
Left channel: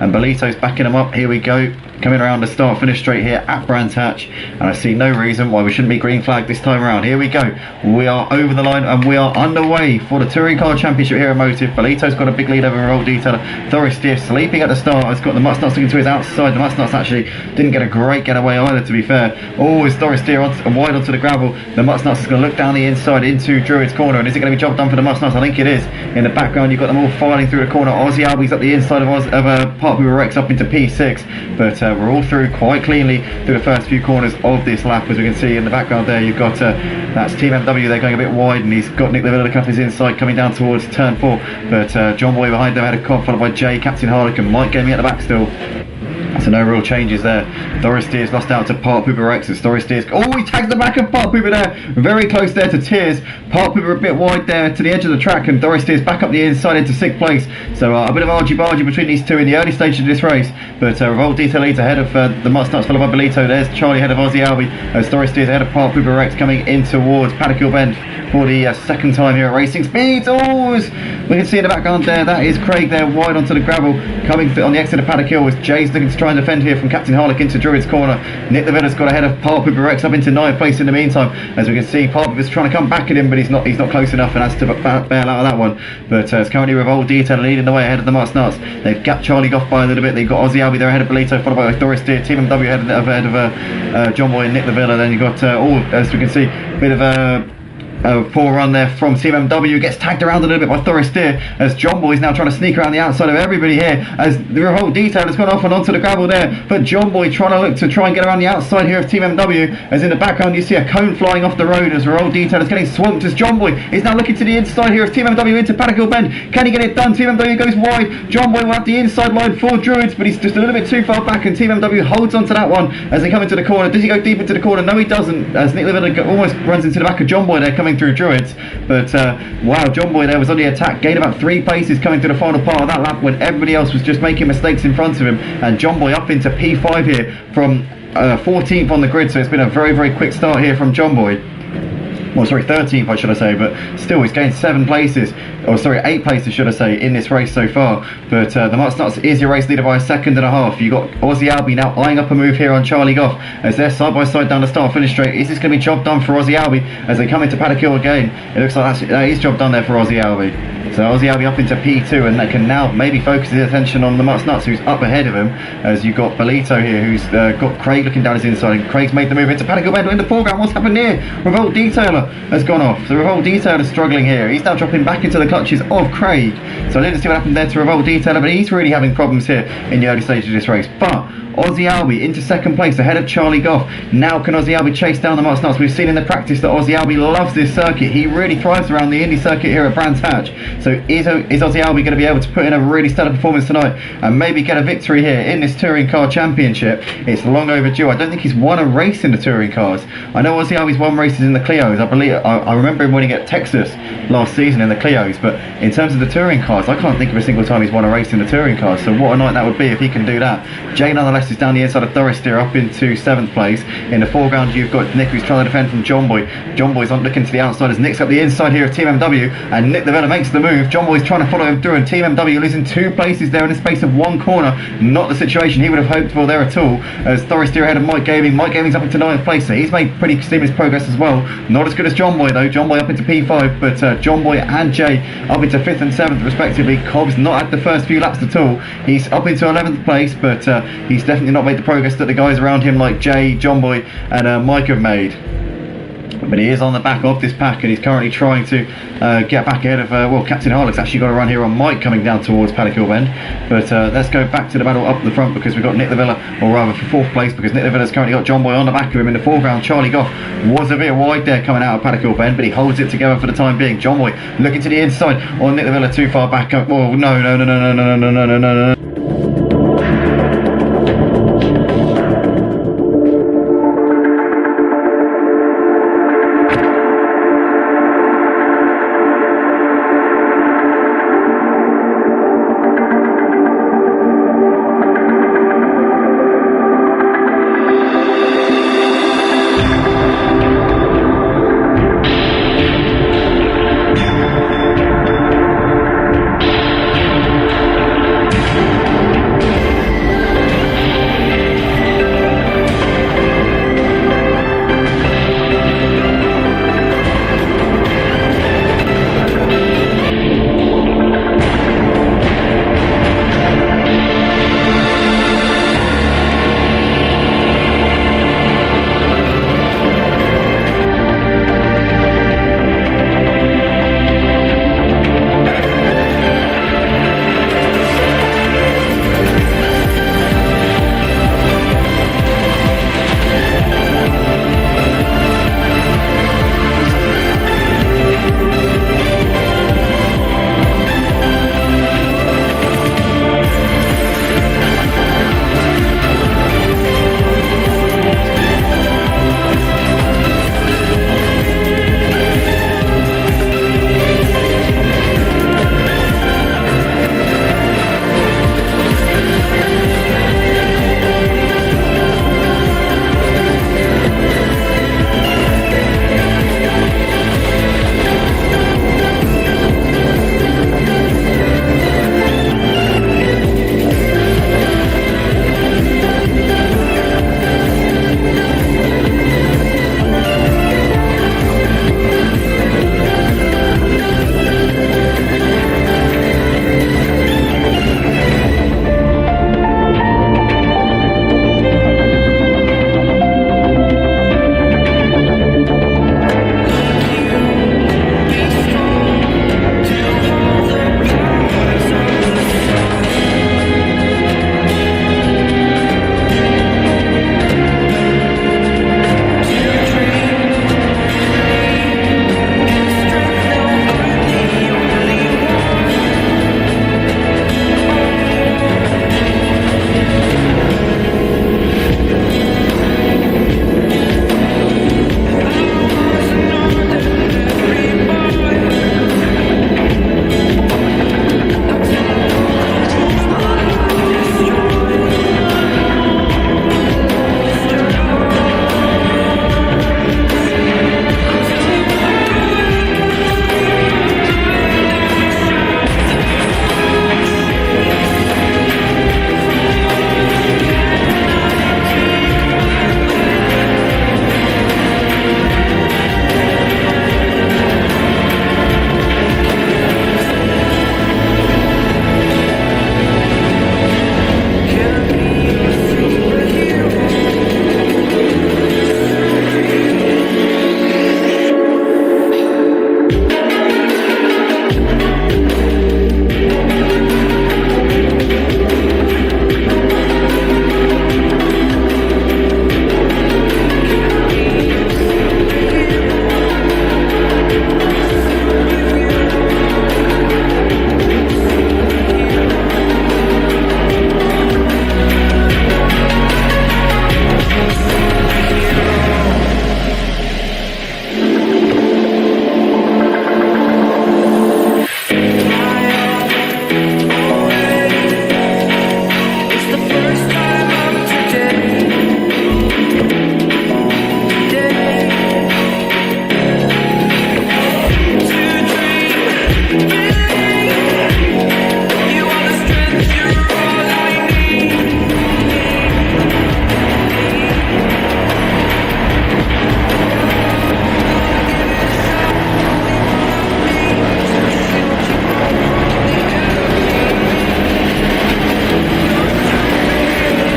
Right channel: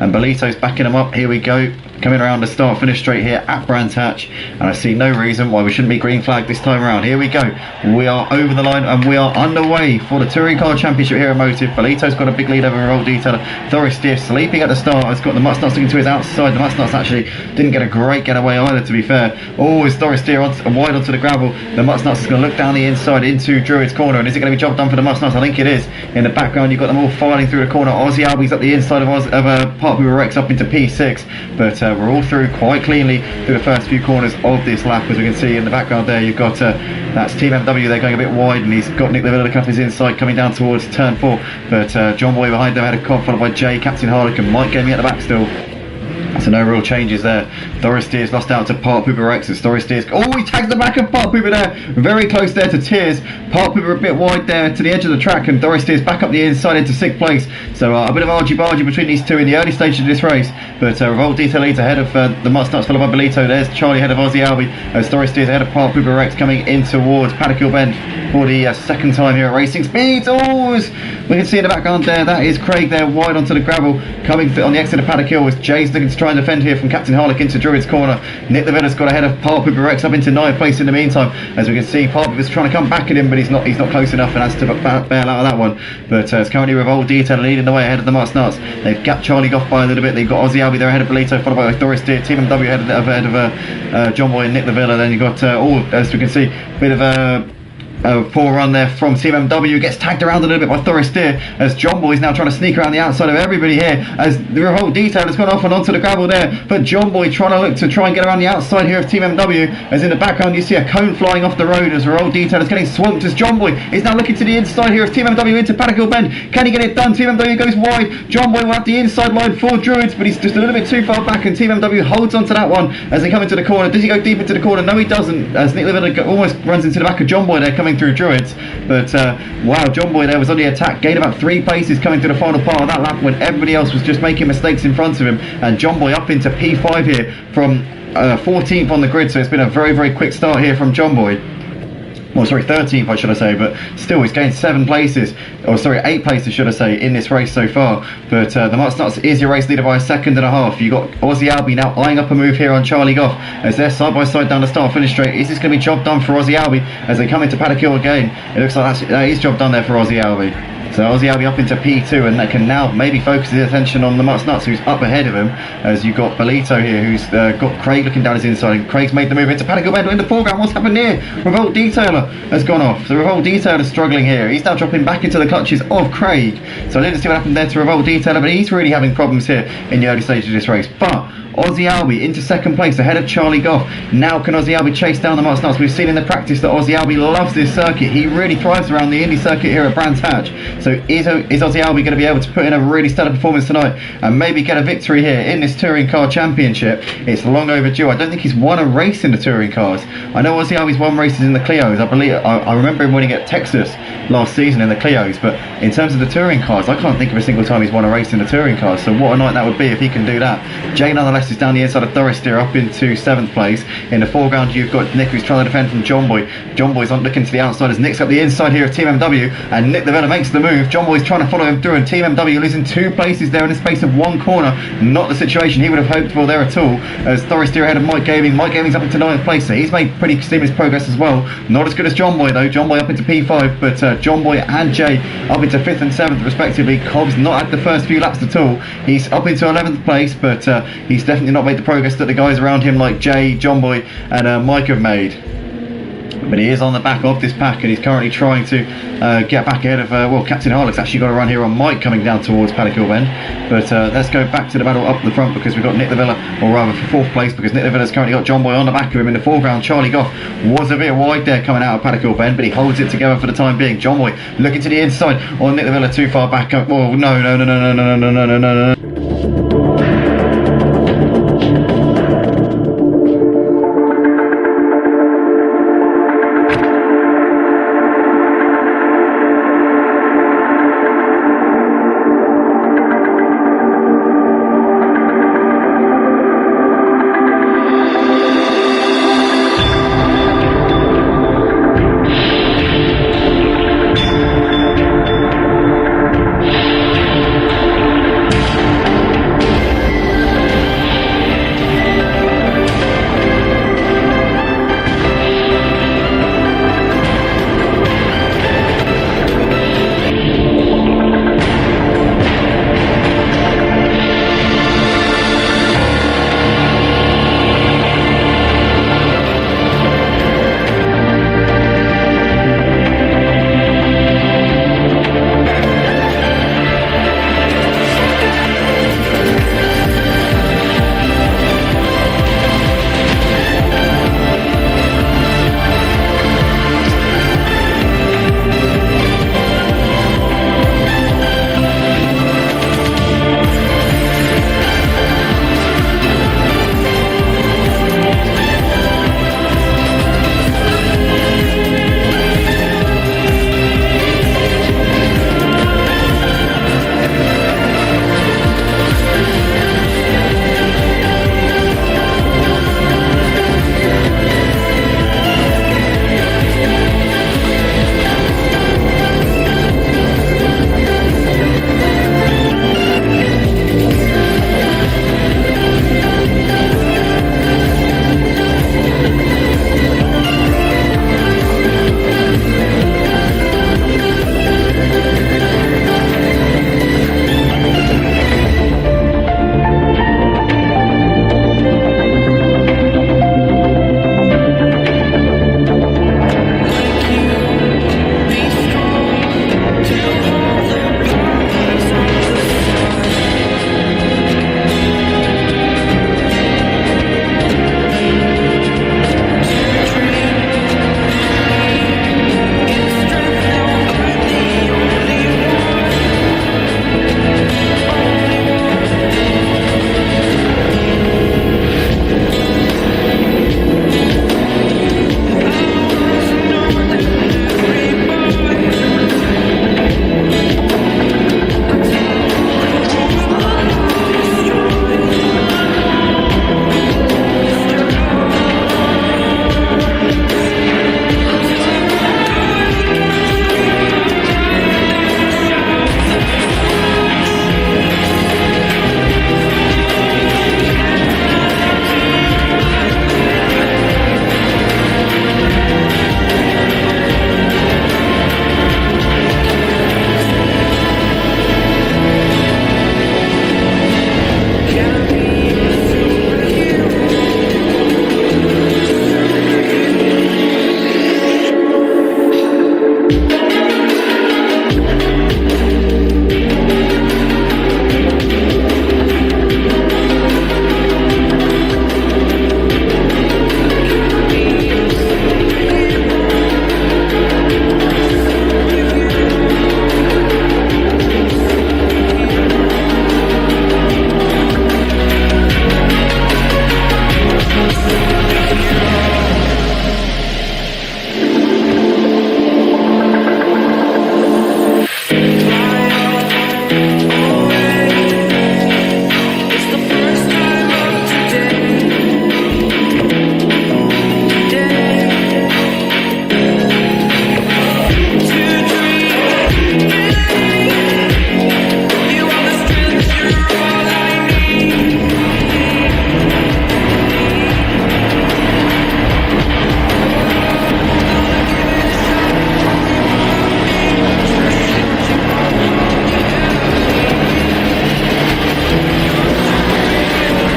And Bolito's backing him up. Here we go. coming around the start finish straight here at Brands Hatch, and I see no reason why we shouldn't be green flag this time around. Here we go, we are over the line and we are underway for the Touring Car Championship here at Motive. Bolito's got a big lead over Revolt Detailer. Thoris Steer sleeping at the start, has got the Mutt Nuts looking to his outside. The Mutt Nuts actually didn't get a great getaway either, to be fair. Oh, is Thoris Steer wide onto the gravel. The Mutt Nuts is going to look down the inside into Druid's corner, and is it going to be job done for the Mutt Nuts? I think it is. In the background you've got them all filing through the corner. Aussie Albie's up the inside of Park Hoover Rex up into P6, but we're all through quite cleanly through the first few corners of this lap. As we can see in the background there, you've got that's Team MW. They're going a bit wide, and he's got Nick Lavilla looking up his inside coming down towards turn 4, but John Boy behind them had a Cobb, followed by Jay, Captain Harlequin, Mike Gaming at the back still. So no real changes there. Thoris Steers lost out to Park Pooper Rex as Thoris Steers. Oh, he tags the back of Park Pooper there. Very close there to Tears. Park Pooper a bit wide there to the edge of the track, and Thoris Steers back up the inside into 6th place. So a bit of argy-bargy between these two in the early stages of this race. But Revolt Detail leads ahead of the Mutt Nuts, followed by Bolito. There's Charlie ahead of Aussie Albie as Thoris Steers ahead of Park Pooper Rex coming in towards Paddock Hill Bend for the second time here at Racing Speeds. Oh, we can see in the background there, that is Craig there wide onto the gravel coming on the exit of Paddock Hill as Jay's looking to try and defend here from Captain Harlequin into Druid's corner. Nick Lavilla's got ahead of Park Pooper Rex up into 9th place in the meantime. As we can see, Park Pooper's trying to come back at him, but he's not close enough and has to bail out of that one. But it's currently Revolt Detail leading the way ahead of the Mutt Nuts. They've gapped Charlie Goff by a little bit. They've got Aussie Albie there ahead of Bolito, followed by Thoris Steer, Team MW ahead of John Boy and Nick Lavilla. Then you've got as we can see, a bit of a poor run there from Team MW, gets tagged around a little bit by Thoris Steer as John Boy is now trying to sneak around the outside of everybody here as the Revolt Detail has gone off and onto the gravel there, but John Boy trying to get around the outside here of Team MW, as in the background you see a cone flying off the road as Revolt Detail is getting swamped as John Boy is now looking to the inside here of Team MW into Paddock Hill Bend. Can he get it done? Team MW goes wide. John Boy will have the inside line for Druids, but he's just a little bit too far back, and Team MW holds onto that one as they come into the corner. Does he go deep into the corner? No, he doesn't, as Nick Livilla almost runs into the back of John Boy there coming through Druids. But wow, John Boy there was on the attack, gained about 3 places coming to the final part of that lap when everybody else was just making mistakes in front of him, and John Boy up into P5 here from 14th on the grid. So it's been a very, very quick start here from John Boy. Well, sorry, 13th, I should I say, but still he's gained 7 places, or sorry, 8 places, should I say, in this race so far. But the Mutt Nuts is your race leader by 1.5 seconds. You've got Aussie Albie now eyeing up a move here on Charlie Goff as they're side by side down the start finish straight. Is this going to be job done for Aussie Albie as they come into Paddock Hill again? It looks like that is job done there for Aussie Albie. So Aussie Albie up into P2, and they can now maybe focus his attention on the Mutt Nuts, who's up ahead of him, as you've got Bolito here, who's got Craig looking down his inside, and Craig's made the move into Paddock Hill Bend in the foreground. What's happened here? Revolt Detailer has gone off. So Revolt Detailer is struggling here. He's now dropping back into the clutches of Craig. So I didn't see what happened there to Revolt Detailer, but he's really having problems here in the early stages of this race. But Aussie Albie into 2nd place ahead of Charlie Goff. Now can Aussie Albie chase down the Mutt Nuts? We've seen in the practice that Aussie Albie loves this circuit. He really thrives around the Indy circuit here at Brands Hatch. So is Aussie Albie going to be able to put in a really stellar performance tonight and maybe get a victory here in this Touring Car Championship? It's long overdue. I don't think he's won a race in the Touring Cars. I know Aussie Albie's won races in the Clios. I remember him winning at Texas last season in the Clios, but in terms of the Touring Cars, I can't think of a single time he's won a race in the Touring Cars. So what a night that would be if he can do that. Jay nonetheless is down the inside of Thoris Steer up into 7th place. In the foreground you've got Nick, who's trying to defend from John Boy. John Boy's on looking to the outside as Nick's up the inside here of Team MW, and Nick Lavilla makes the move. John Boy's trying to follow him through, and Team MW losing 2 places there in the space of 1 corner. Not the situation he would have hoped for there at all, as Thoris Steer ahead of Mike Gaming. Mike Gaming's up into 9th place, so he's made pretty seamless progress as well. Not as good as John Boy though. John Boy up into P5, but John Boy and Jay up into 5th and 7th respectively. Cobb's not had the first few laps at all. He's up into 11th place, but he's definitely not made the progress that the guys around him like Jay, John Boy and Mike have made. But he is on the back of this pack, and he's currently trying to get back ahead of well, Captain Harlequin's actually got a run here on Mike coming down towards Paddock Hill Bend. But let's go back to the battle up the front, because we've got Nick Lavilla, or rather for 4th place, because Nick Lavilla's currently got John Boy on the back of him. In the foreground Charlie Goff was a bit wide there coming out of Paddock Hill Bend, but he holds it together for the time being. John Boy looking to the inside on Nick Lavilla, too far back. Oh no. Today, to dream, believe you are the strength, you're all I need. Gonna give it a shot, only one of me to shield you all from the enemy. You're a superhero.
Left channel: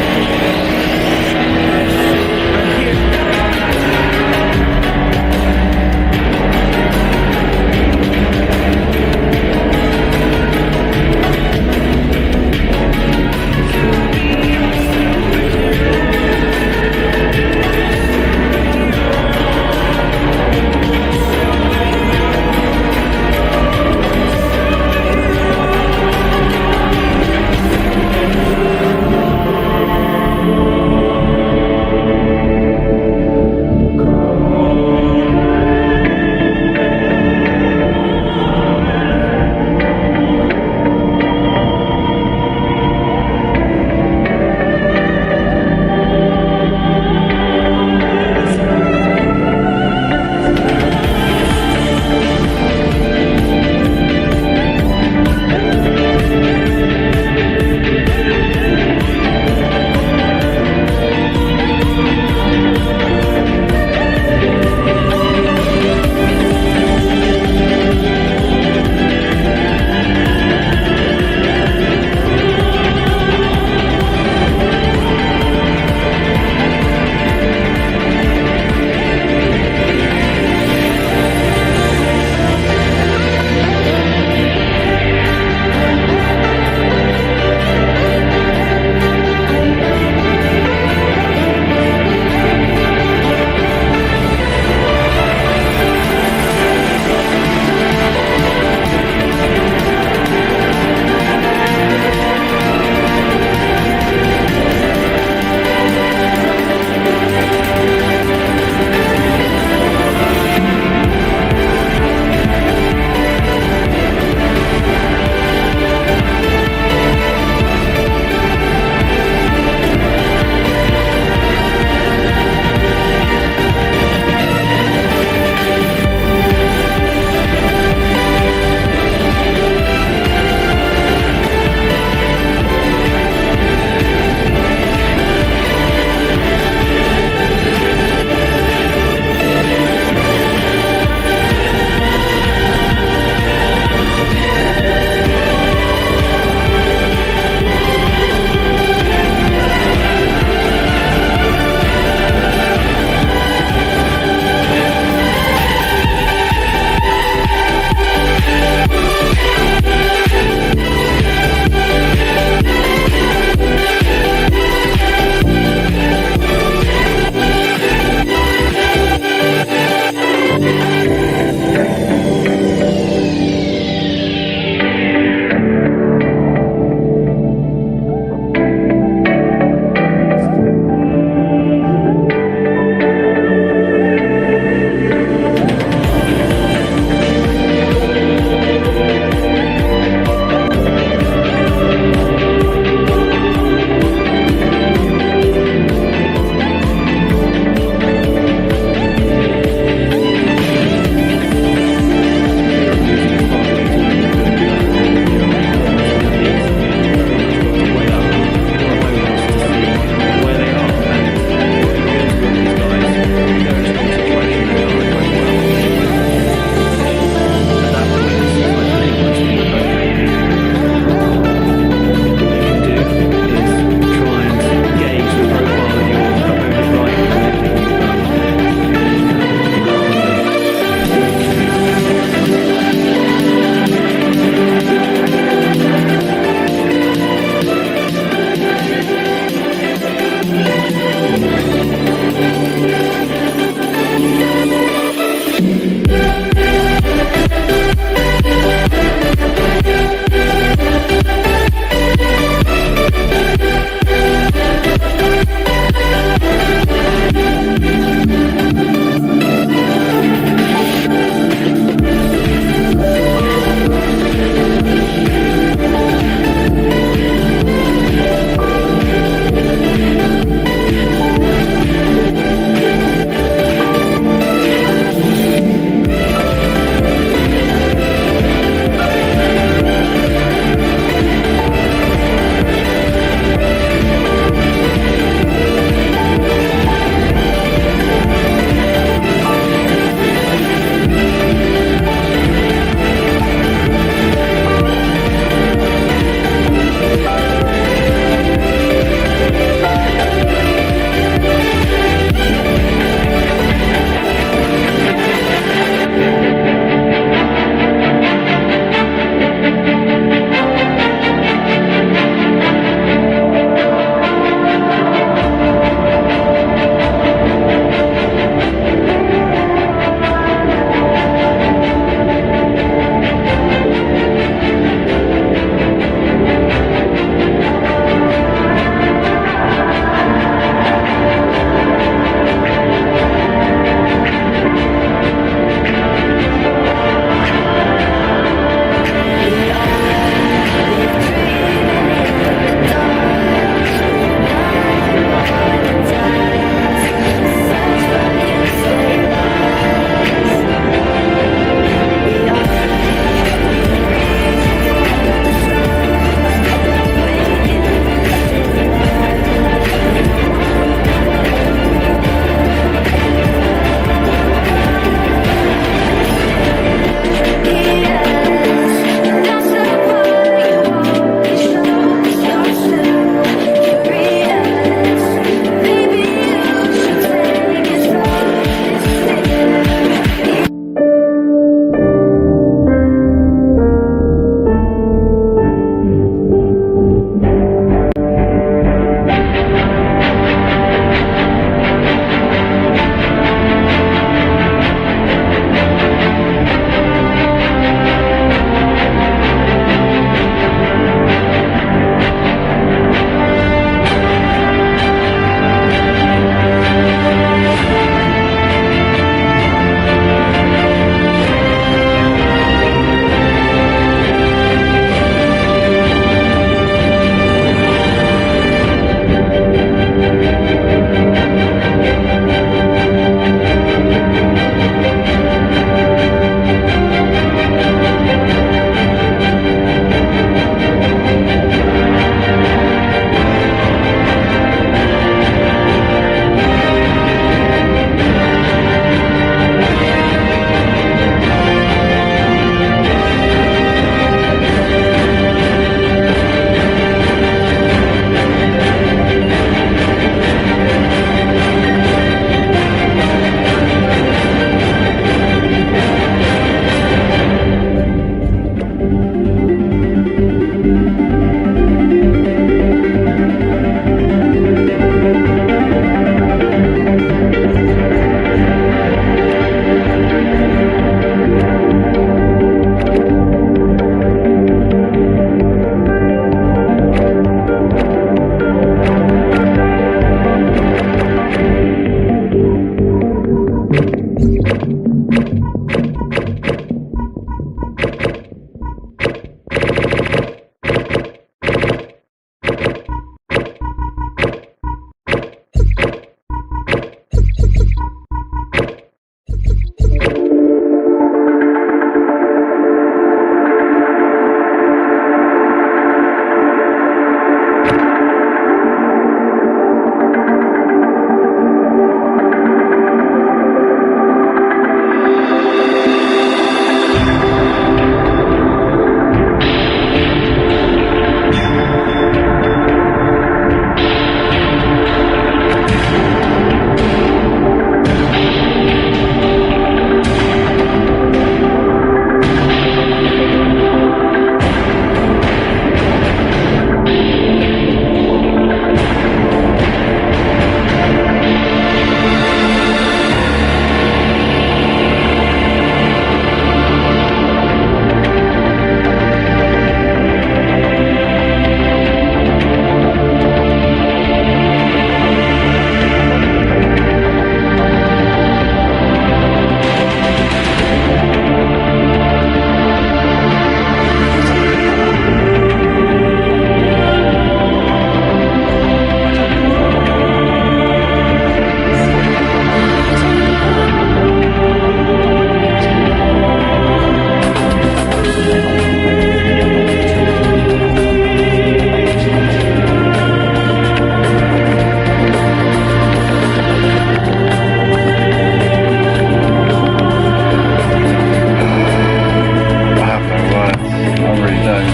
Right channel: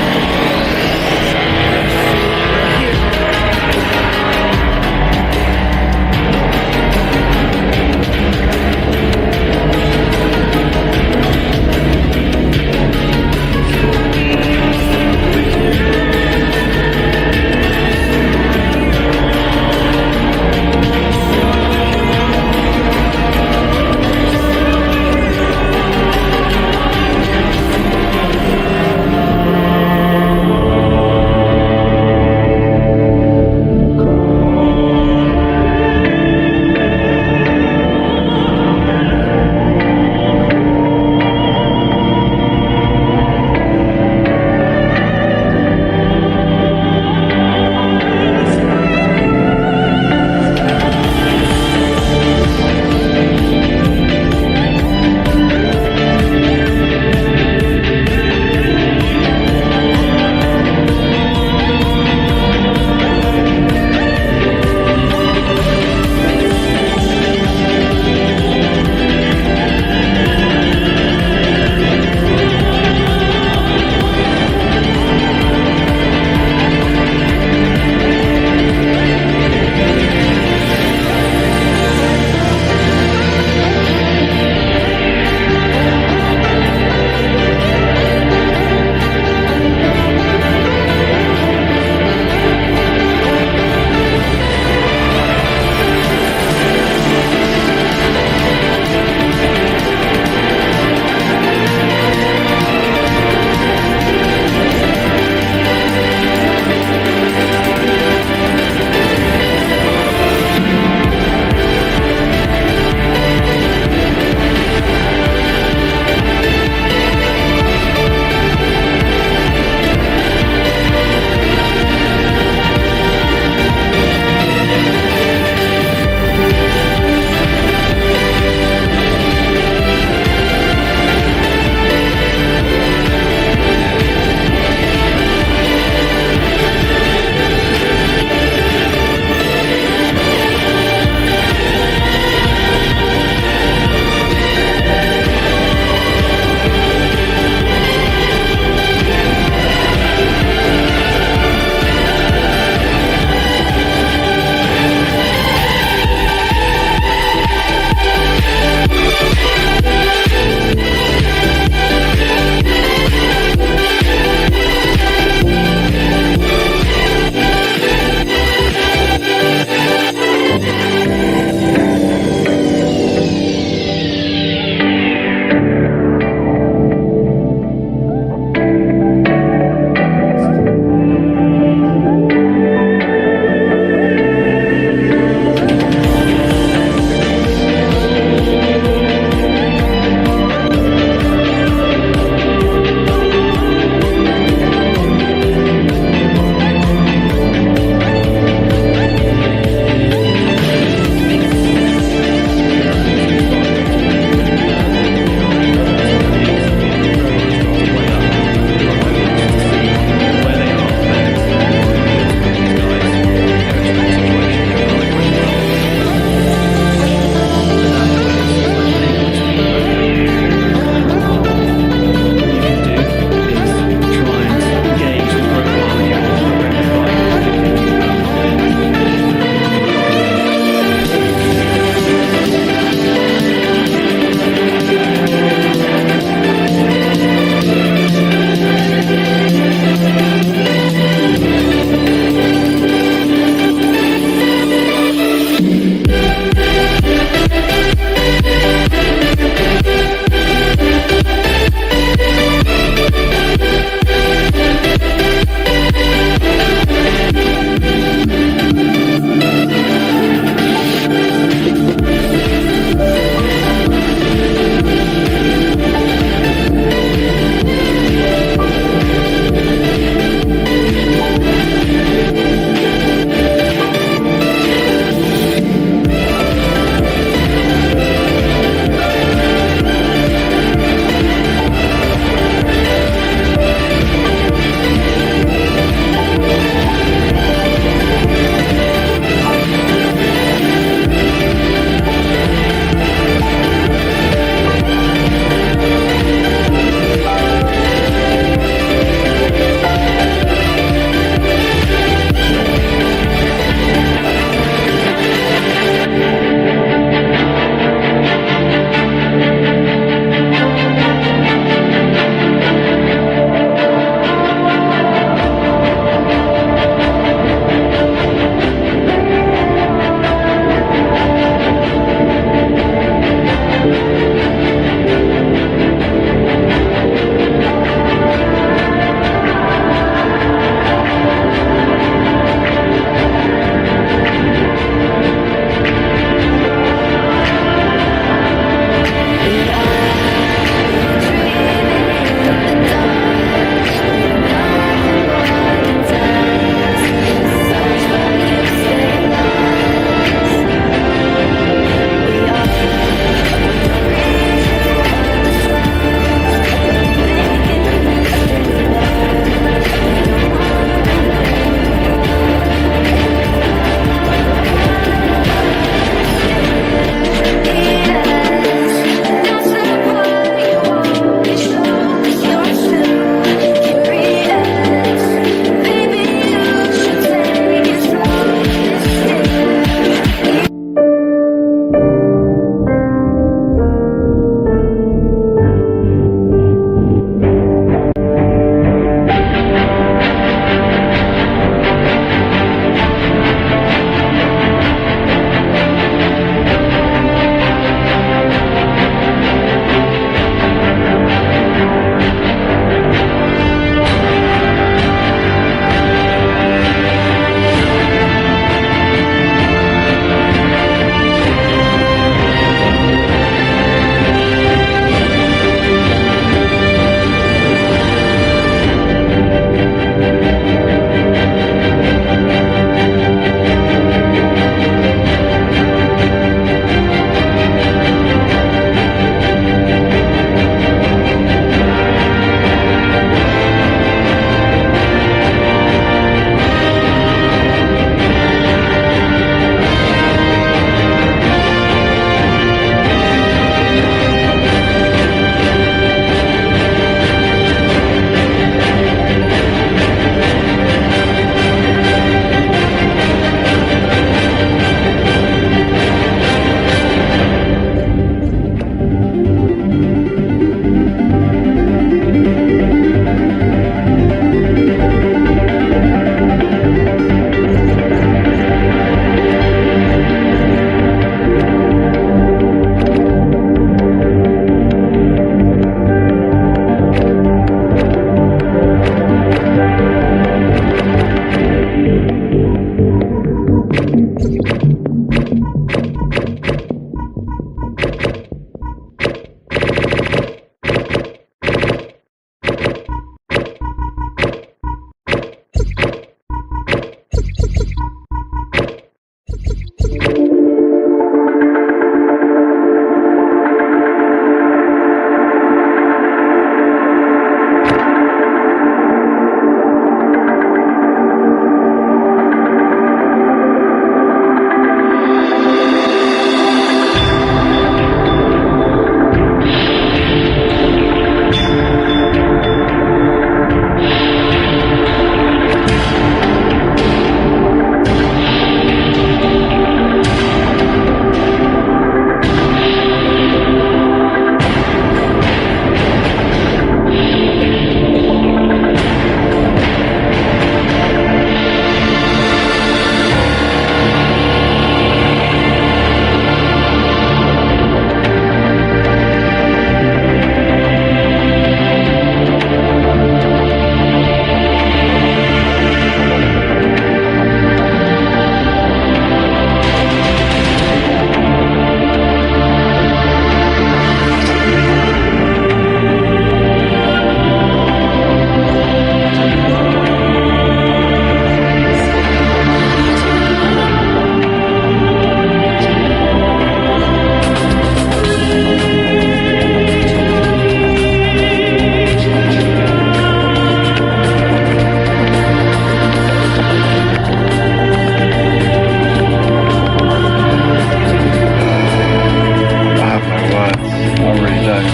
I really don't.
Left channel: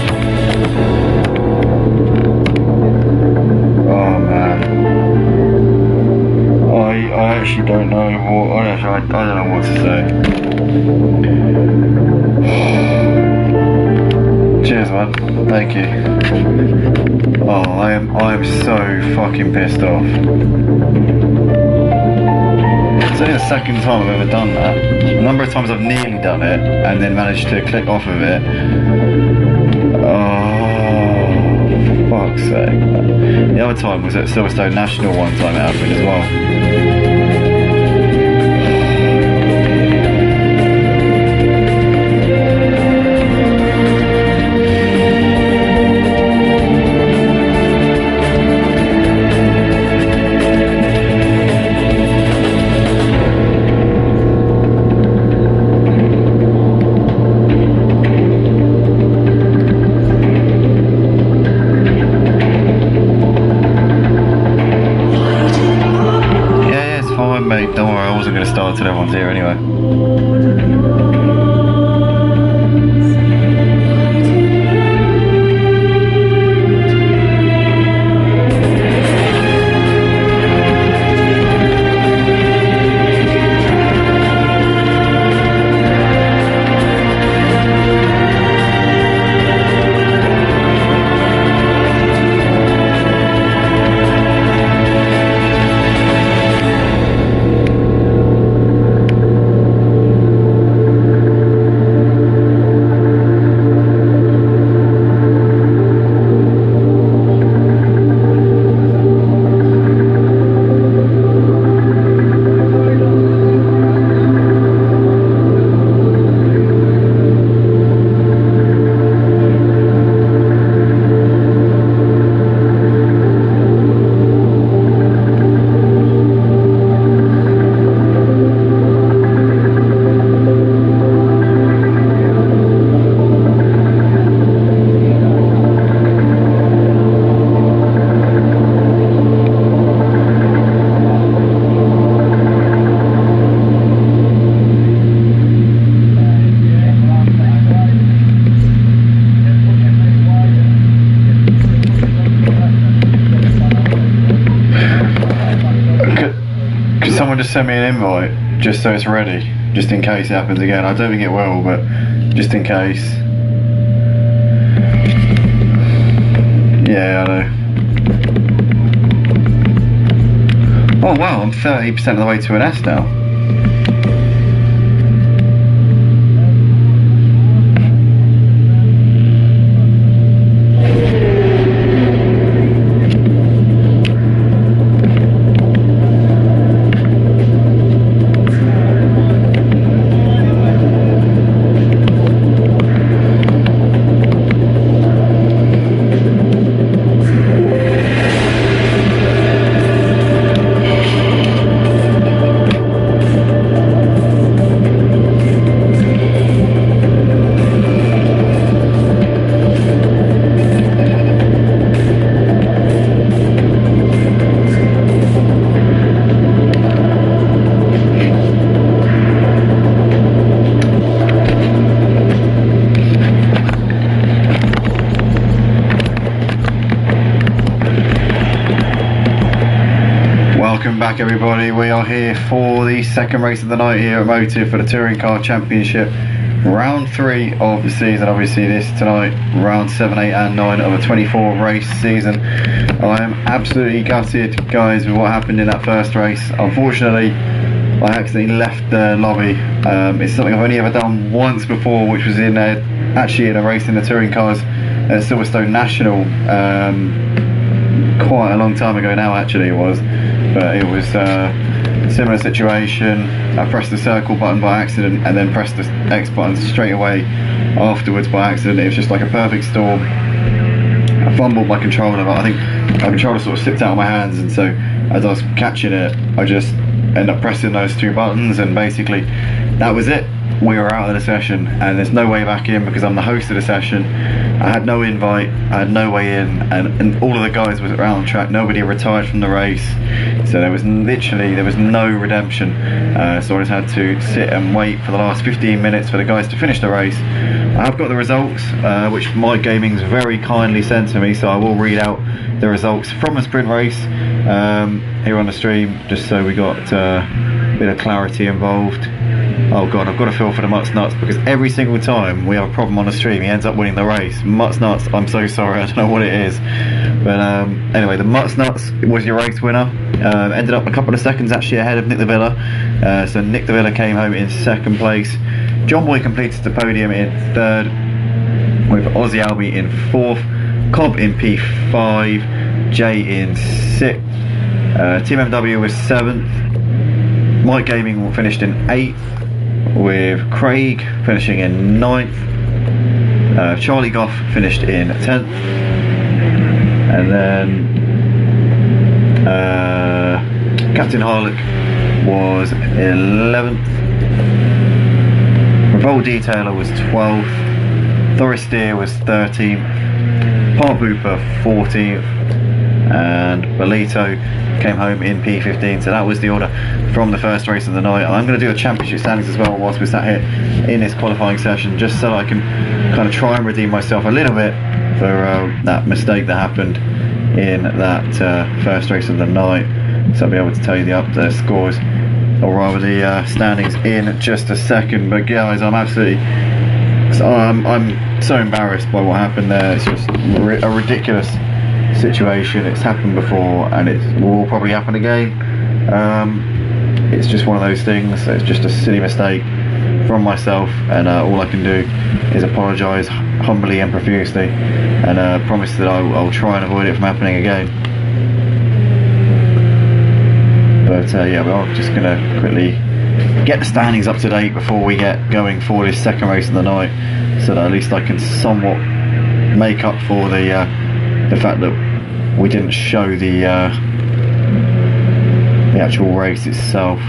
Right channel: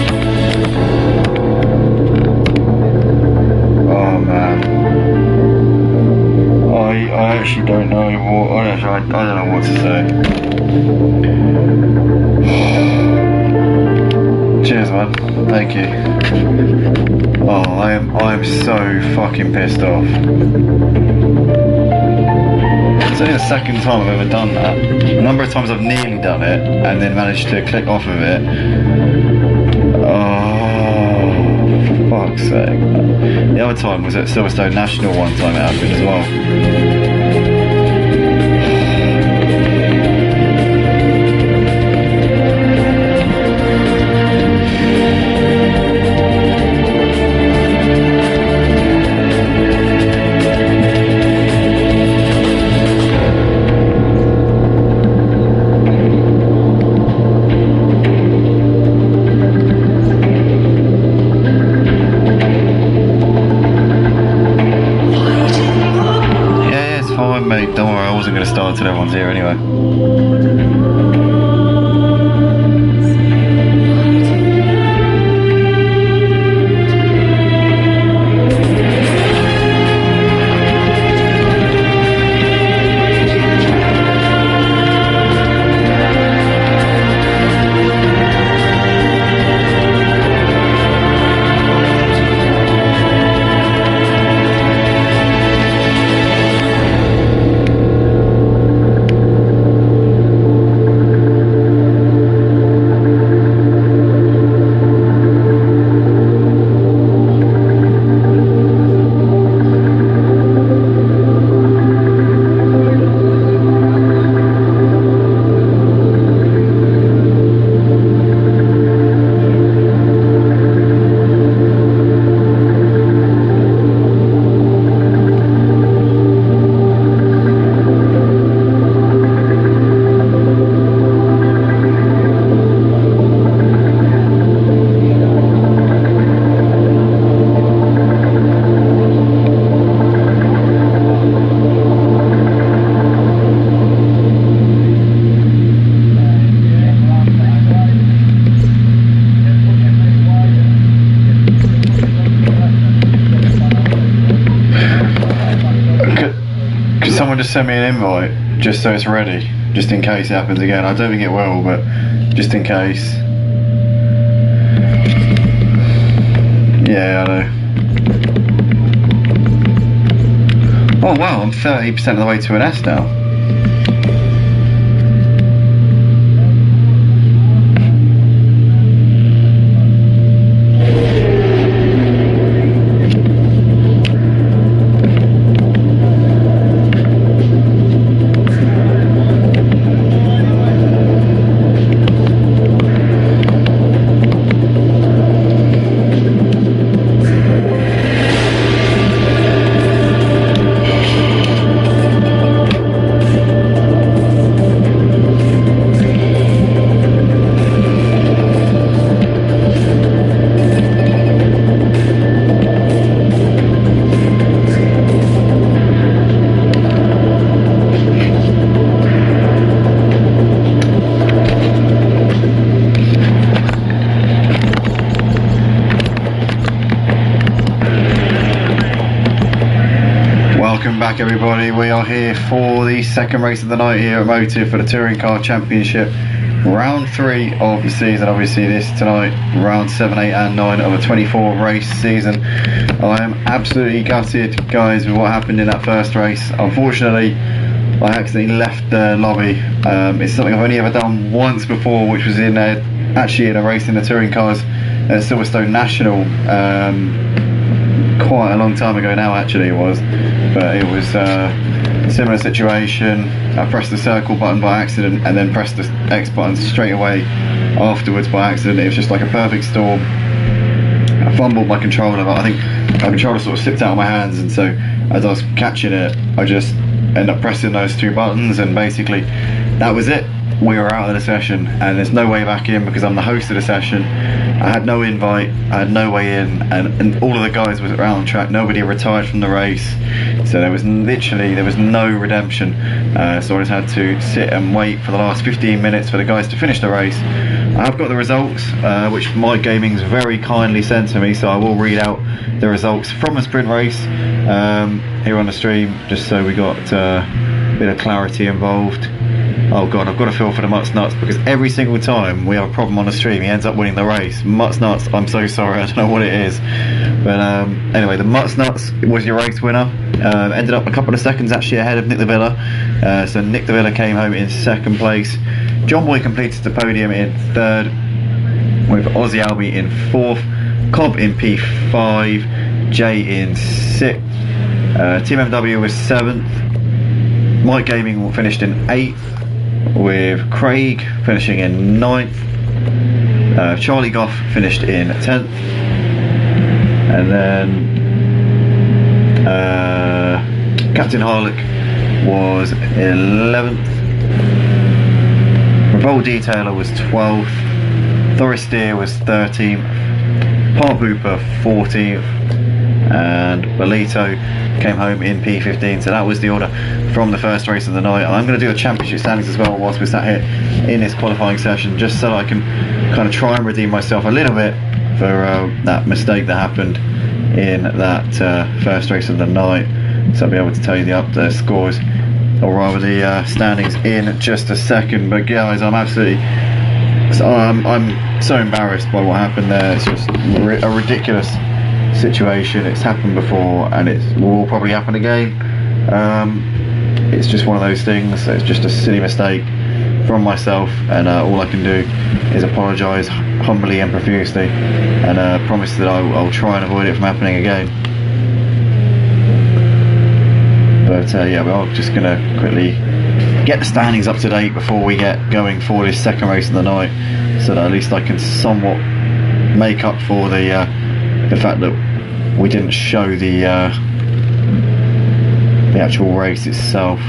Oh man, I actually don't know what I don't know what to say. Cheers, man. Thank you. Oh, I am so fucking pissed off. It's only the second time I've ever done that. A number of times I've nearly done it and then managed to click off of it. Oh, for fuck's sake. The other time was at Silverstone National one time it happened as well. Fine, mate, don't worry, I wasn't going to start till everyone's here anyway. Someone just send me an invite just so it's ready, just in case it happens again. I don't think it will, but just in case. Yeah, I know. Oh wow, I'm 30% of the way to an S now. Welcome back everybody, we are here for the second race of the night here at Motive for the Touring Car Championship. Round 3 of the season, obviously this tonight, round 7, 8 and 9 of a 24 race season. I am absolutely gutted guys with what happened in that first race. Unfortunately, I accidentally left the lobby. It's something I've only ever done once before, which was actually in a race in the touring cars at Silverstone National. Quite a long time ago now actually it was. But it was a similar situation. I pressed the circle button by accident and then pressed the X button straight away afterwards by accident. It was just like a perfect storm. I fumbled my controller, but I think my controller sort of slipped out of my hands, and so as I was catching it, I just ended up pressing those 2 buttons, and basically that was it. We were out of the session and there's no way back in because I'm the host of the session. I had no invite, I had no way in, and all of the guys was around the track. Nobody retired from the race, so there was no redemption. So I just had to sit and wait for the last 15 minutes for the guys to finish the race I have got the results, which Mike Gaming's very kindly sent to me, so I will read out the results from the sprint race here on the stream, just so we got a bit of clarity involved. Oh god, I've got a feel for the Mutts Nuts, because every single time we have a problem on the stream, he ends up winning the race. Mutts Nuts, I'm so sorry, I don't know what it is. But anyway, the Mutts Nuts was your race winner. Ended up a couple of seconds actually ahead of Nick the Villa. So Nick the Villa came home in second place. John Boy completed the podium in third, with Aussie Albie in fourth, Cobb in P5, Jay in sixth, Team MW was seventh, Mike Gaming finished in eighth, with Craig finishing in ninth, Charlie Goff finished in 10th, and then Captain Harlock was 11th, Revolt Detailer was 12th, Thoris Steer was 13th, Park Hooper 14th, and Bolito came home in P15. So that was the order from the first race of the night. I'm going to do the championship standings as well whilst we're sat here in this qualifying session, just so I can kind of try and redeem myself a little bit for that mistake that happened in that first race of the night. So I'll be able to tell you the scores, or rather the standings, in just a second. But guys, I'm so embarrassed by what happened there. It's just a ridiculous situation. It's happened before, and it will probably happen again. It's just one of those things. It's just a silly mistake from myself, and all I can do is apologise humbly and profusely, and promise that I'll try and avoid it from happening again. But yeah, we're just going to quickly get the standings up to date before we get going for this second race of the night, so that at least I can somewhat make up for the fact that we didn't show the actual race itself.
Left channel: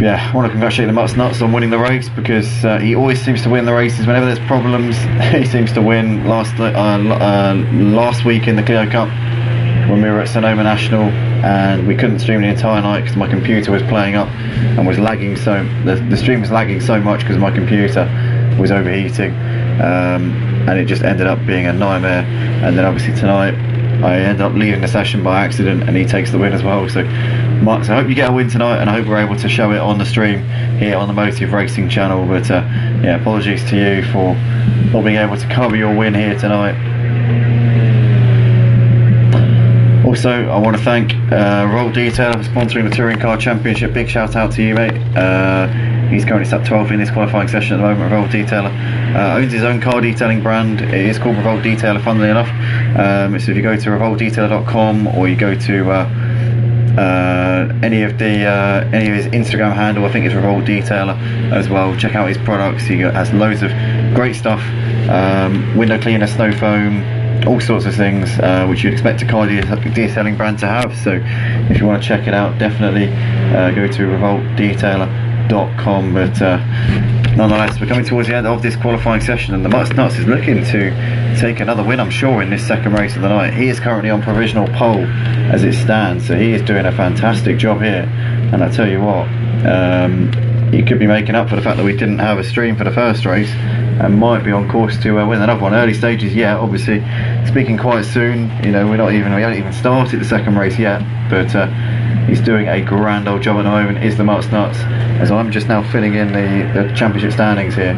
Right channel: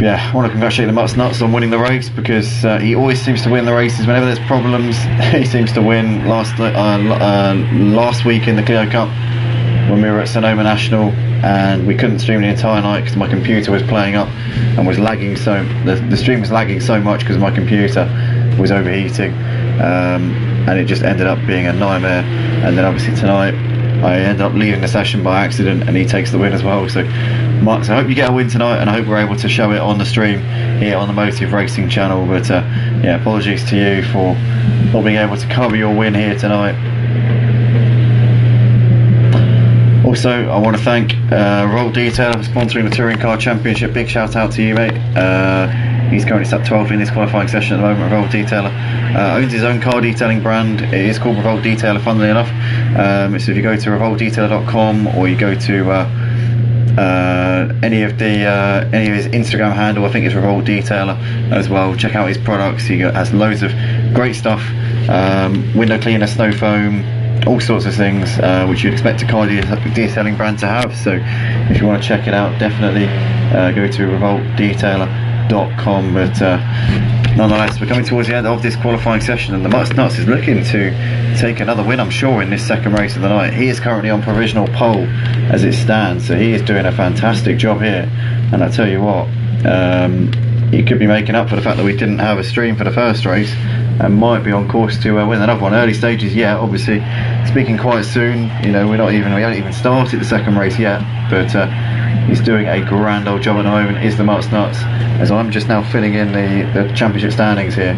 Yeah, I want to congratulate the Mutts Nuts on winning the race, because he always seems to win the races whenever there's problems. He seems to win. Last week in the Clio Cup, when we were at Sonoma National, and we couldn't stream the entire night because my computer was playing up and was lagging, so the stream was lagging so much because my computer was overheating, and it just ended up being a nightmare. And then obviously tonight I ended up leaving the session by accident, and he takes the win as well. So Mutts, I hope you get a win tonight, and I hope we're able to show it on the stream here on the Motive Racing channel. But yeah, apologies to you for not being able to cover your win here tonight. Also, I want to thank Revolt Detailer for sponsoring the Touring Car Championship. Big shout out to you, mate. He's currently sat 12th in this qualifying session at the moment. Revolt Detailer owns his own car detailing brand. It is called Revolt Detailer, funnily enough. So if you go to revoltdetailer.com, or you go to any of his Instagram handle, I think it's Revolt Detailer as well. Check out his products. He has loads of great stuff, window cleaner, snow foam, all sorts of things which you'd expect a car detailing brand to have. So if you want to check it out, definitely go to revoltdetailer.com. But nonetheless, we're coming towards the end of this qualifying session, and the Mutts Nuts is looking to take another win, I'm sure, in this second race of the night. He is currently on provisional pole as it stands, so he is doing a fantastic job here. And I tell you what, he could be making up for the fact that we didn't have a stream for the first race, and might be on course to win another one. Early stages yet, obviously speaking quite soon. You know, we haven't even started the second race yet, but he's doing a grand old job at the moment, is the Mutts Nuts. As I'm just now filling in the championship standings here,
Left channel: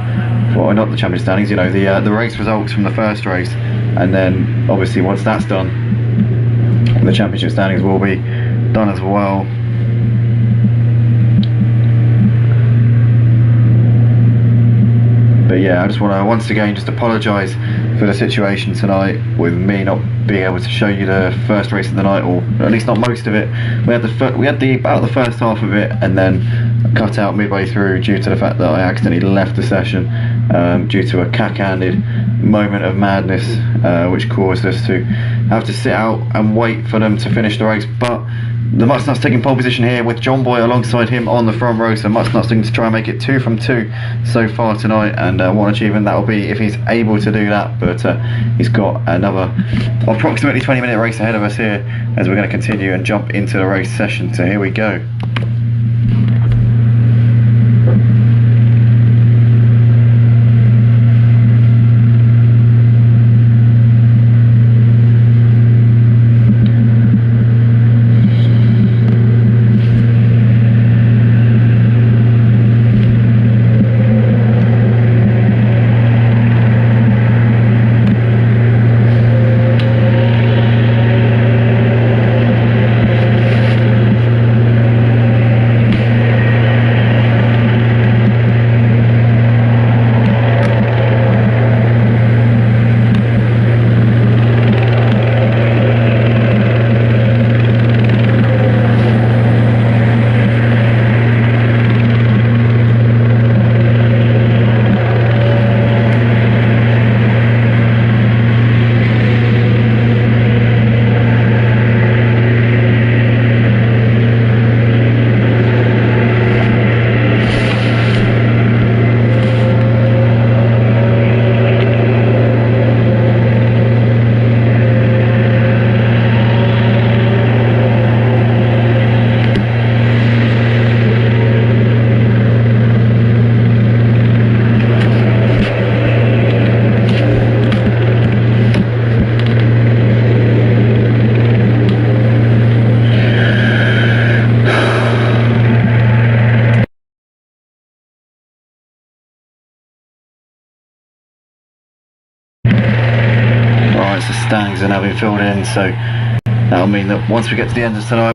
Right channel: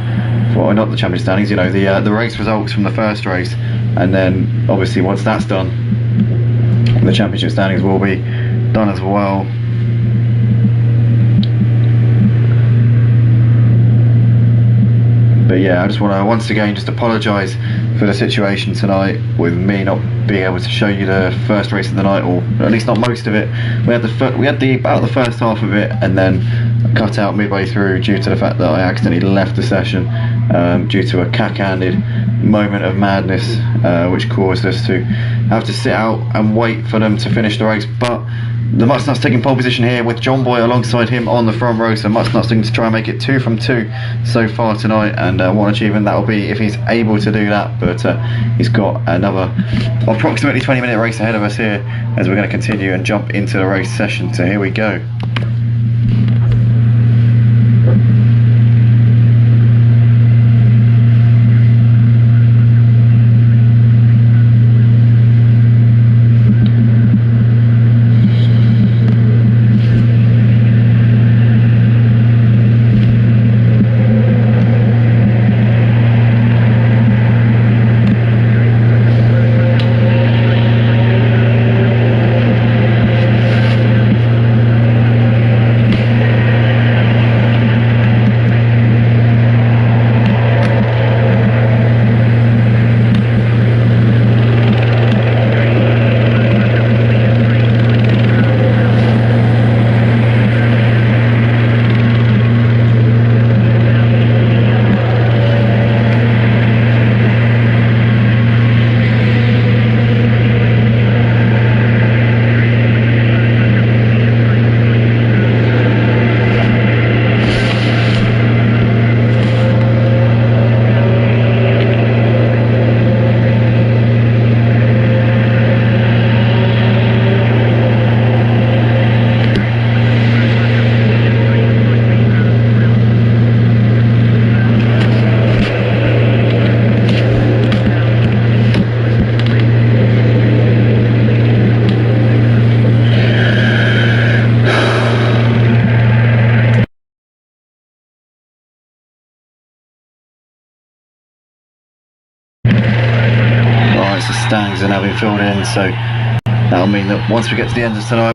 for not the championship standings, you know, the race results from the first race, and then obviously once that's done, the championship standings will be done as well. But yeah, I just want to once again just apologise for the situation tonight with me not being able to show you the first race of the night, or at least not most of it. We had about the first half of it, and then cut out midway through due to the fact that I accidentally left the session due to a cack-handed moment of madness, which caused us to have to sit out and wait for them to finish the race. But the Mutts Nuts taking pole position here with John Boy alongside him on the front row. So Mutts Nuts looking to try and make it 2 from 2 so far tonight, and what an achievement that will be if he's able to do that. But he's got another approximately 20-minute race ahead of us here, as we're going to continue and jump into the race session. So here we go. standings are now being filled in, so that'll mean that once we get to the end of tonight,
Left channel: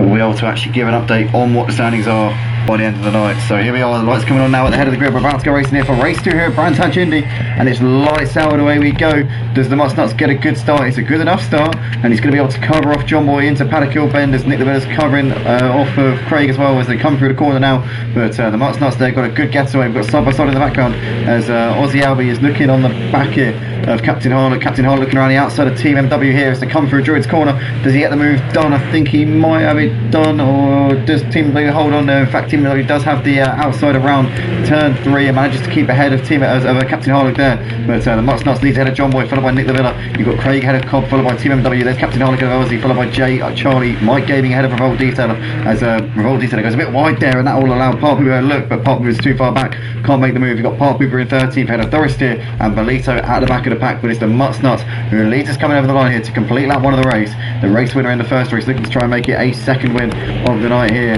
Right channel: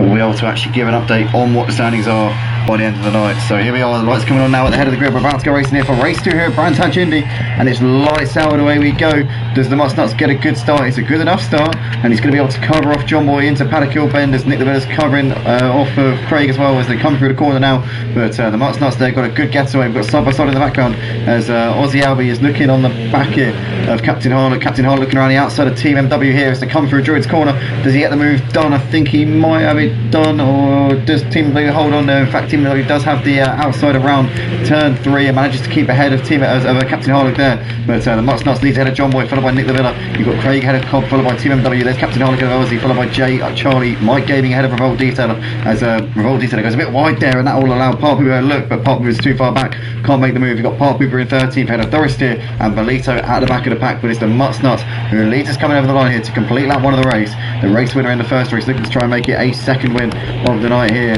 we'll be able to actually give an update on what the standings are by the end of the night. So here we are, the lights coming on now at the head of the grid. We're about to go racing here for race 2 here at Brands Hatch Indy, and it's lights out and away we go. Does the Mustnuts get a good start? It's a good enough start, and he's going to be able to cover off John Boy into Paddock Hill Bend as Nick the Villa's covering off of Craig as well as they come through the corner now. But the Mustnuts there got a good getaway. We've got side by side in the background as Aussie Albie is looking on the back here of Captain Harlock. Captain Harlock looking around the outside of Team MW here as they come through Druid's corner. Does he get the move done? I think he might have it done, or does Team MW hold on there? In fact, Team MW does have the outside around turn 3 and manages to keep ahead of Captain Harlock there. But the Mustnuts leads ahead of John Boy, followed by Nick the Villa. You've got Craig ahead of Cobb, followed by Team MW. There's Captain Harlock ahead of Aussie, followed by Jay, Charlie, Mike Gaming ahead of Revolt Detailer as Revolt Detailer goes a bit wide there, and that will allow Park Pooper a look, but Park Pooper is too far back, can't make the move. You've got Park Pooper in 13th ahead of Thoristeer and Belito at the back of the pack, but it's the Mustnuts who leads us coming over the line here to complete lap 1 of the race. The race winner in the first race looking to try and make it a second win of the night here.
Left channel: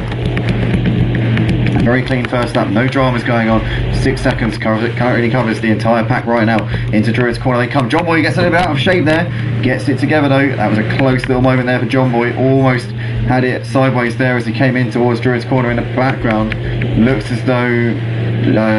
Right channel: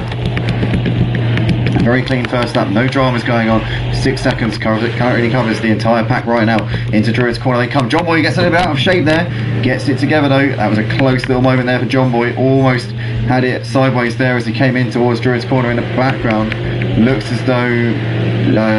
Very clean first lap, no dramas going on. 6 seconds currently covers the entire pack right now. Into Druid's corner they come. John Boy gets a little bit out of shape there, gets it together though. That was a close little moment there for John Boy, almost had it sideways there as he came in towards Druid's corner. In the background looks as though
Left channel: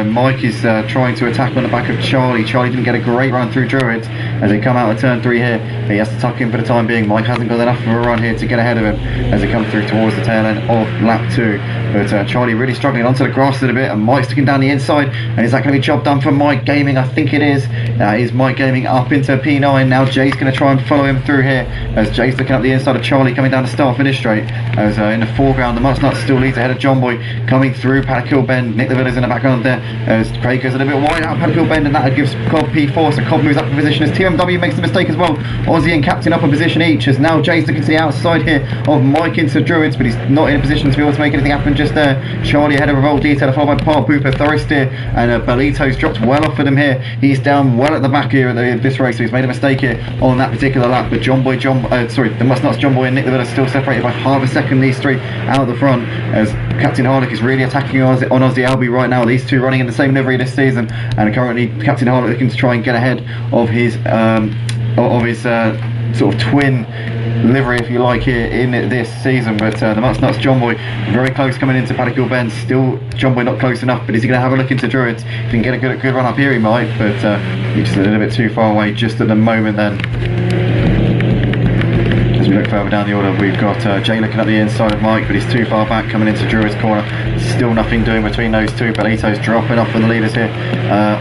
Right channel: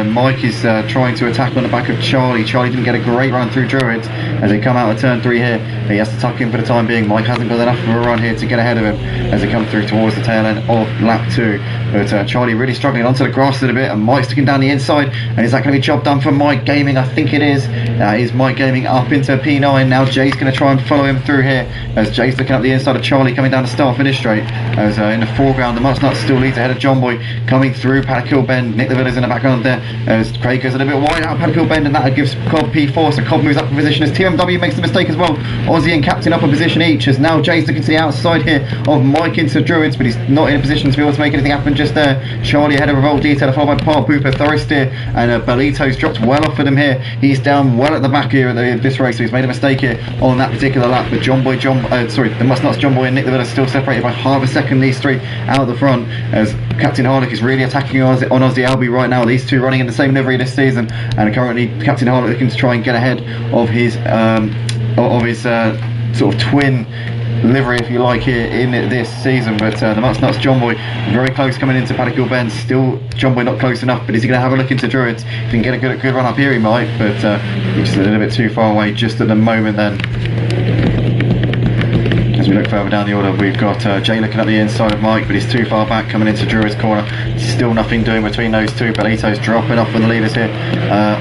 Mike is trying to attack on the back of Charlie. Charlie didn't get a great run through Druids as they come out of turn 3 here. He has to tuck in for the time being. Mike hasn't got enough of a run here to get ahead of him as they come through towards the tail end of lap 2. But Charlie really struggling onto the grass a little bit, and Mike's sticking down the inside. And is that going to be job done for Mike Gaming? I think it is. That is Mike Gaming up into P9. Now Jay's going to try and follow him through here as Jay's looking up the inside of Charlie coming down the start finish straight. As in the foreground the Mustnuts still leads ahead of John Boy coming through Paddock Hill Bend. Nick the Villa's in the background there as Craig goes a little bit wide out of Paddock Hill Bend, and that gives Cobb P4, so Cobb moves up in position as TMW makes the mistake as well. Aussie and Captain up in position each as now Jay's looking to the outside here of Mike into Druids, but he's not in a position to be able to make anything happen just there. Charlie ahead of Revolt Detailer, followed by Park Pooper, Thoristeer, and Belito's dropped well off of him here. He's down well at the back here at this race, so he's made a mistake here on that particular lap. But the Mustnuts, John Boy and Nick the Villa still separated by half a second, these three out the front, as Captain Harlock is really attacking on Aussie Albie right now. These two running in the same livery this season, and currently Captain Harlock looking to try and get ahead of his sort of twin livery, if you like, here in this season. But the Mustnuts, John Boy very close coming into Paddock Hill Bend. Still John Boy not close enough, but is he going to have a look into Druids? If he can get a good run up here he might, but he's just a little bit too far away just at the moment then. As we look further down the order, we've got Jay looking at the inside of Mike, but he's too far back coming into Druid's corner. Still nothing doing between those two. Belito's dropping off from the leaders here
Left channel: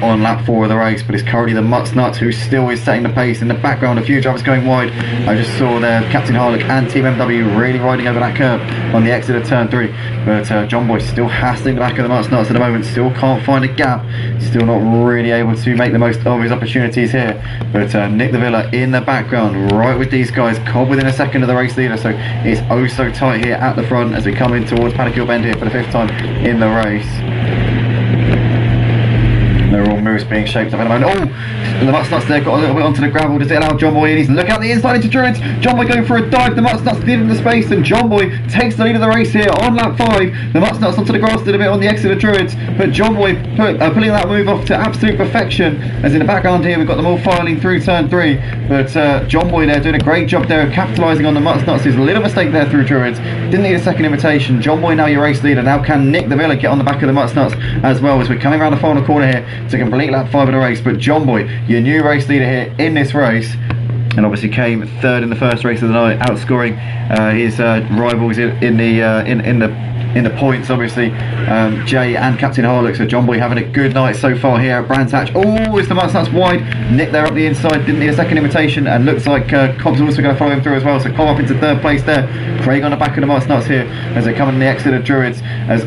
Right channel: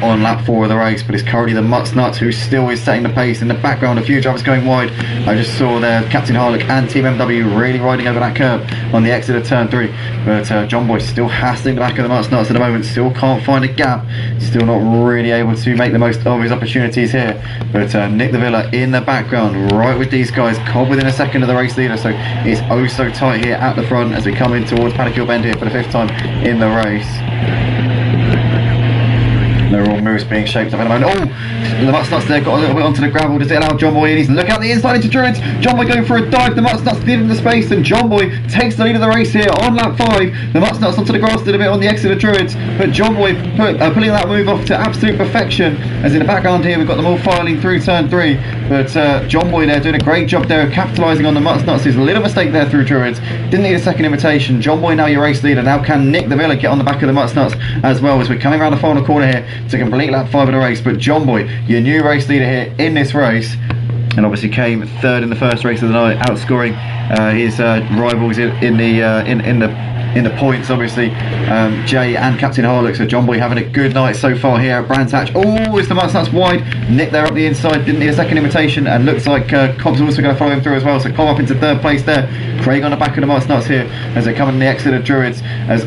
on lap 4 of the race, but it's currently the Mustnuts who still is setting the pace. In the background, a few drivers going wide. I just saw there Captain Harlock and Team MW really riding over that curb on the exit of turn 3. But John Boy still hassling the back of the Mustnuts at the moment, still can't find a gap, still not really able to make the most of his opportunities here. But Nick the Villa in the background, right with these guys. Cobb within a second of the race leader, so it's oh so tight here at the front as we come in towards Paddock Hill Bend here for the 5th time in the race. They're all moves being shaped up at the moment. Oh, the Mustnuts there got a little bit onto the gravel. Does it allow John Boy in? He's looking out the inside into Druids. John Boy going for a dive. The Mustnuts leaving the space, and John Boy takes the lead of the race here on lap 5. The Mustnuts onto the grass a little bit on the exit of Druids, but John Boy pulling that move off to absolute perfection. As in the background here, we've got them all filing through turn 3. But John Boy there doing a great job there of capitalising on the Mustnuts. His little mistake there through Druids. Didn't need a second invitation. John Boy now your race leader. Now can Nick the Villa get on the back of the Mustnuts as well, as we're coming around the final corner here to complete lap 5 of the race. But John Boy, your new race leader here in this race, and obviously came 3rd in the first race of the night, outscoring his rivals in the points, obviously, Jay and Captain Harlock. So John Boy having a good night so far here at Brands Hatch. Oh, it's the Mustnuts wide. Nick there up the inside, didn't need a second invitation, and looks like Cobb's also going to follow him through as well. So Cobb up into 3rd place there. Craig on the back of the Mustnuts here as they come in the exit of Druids. As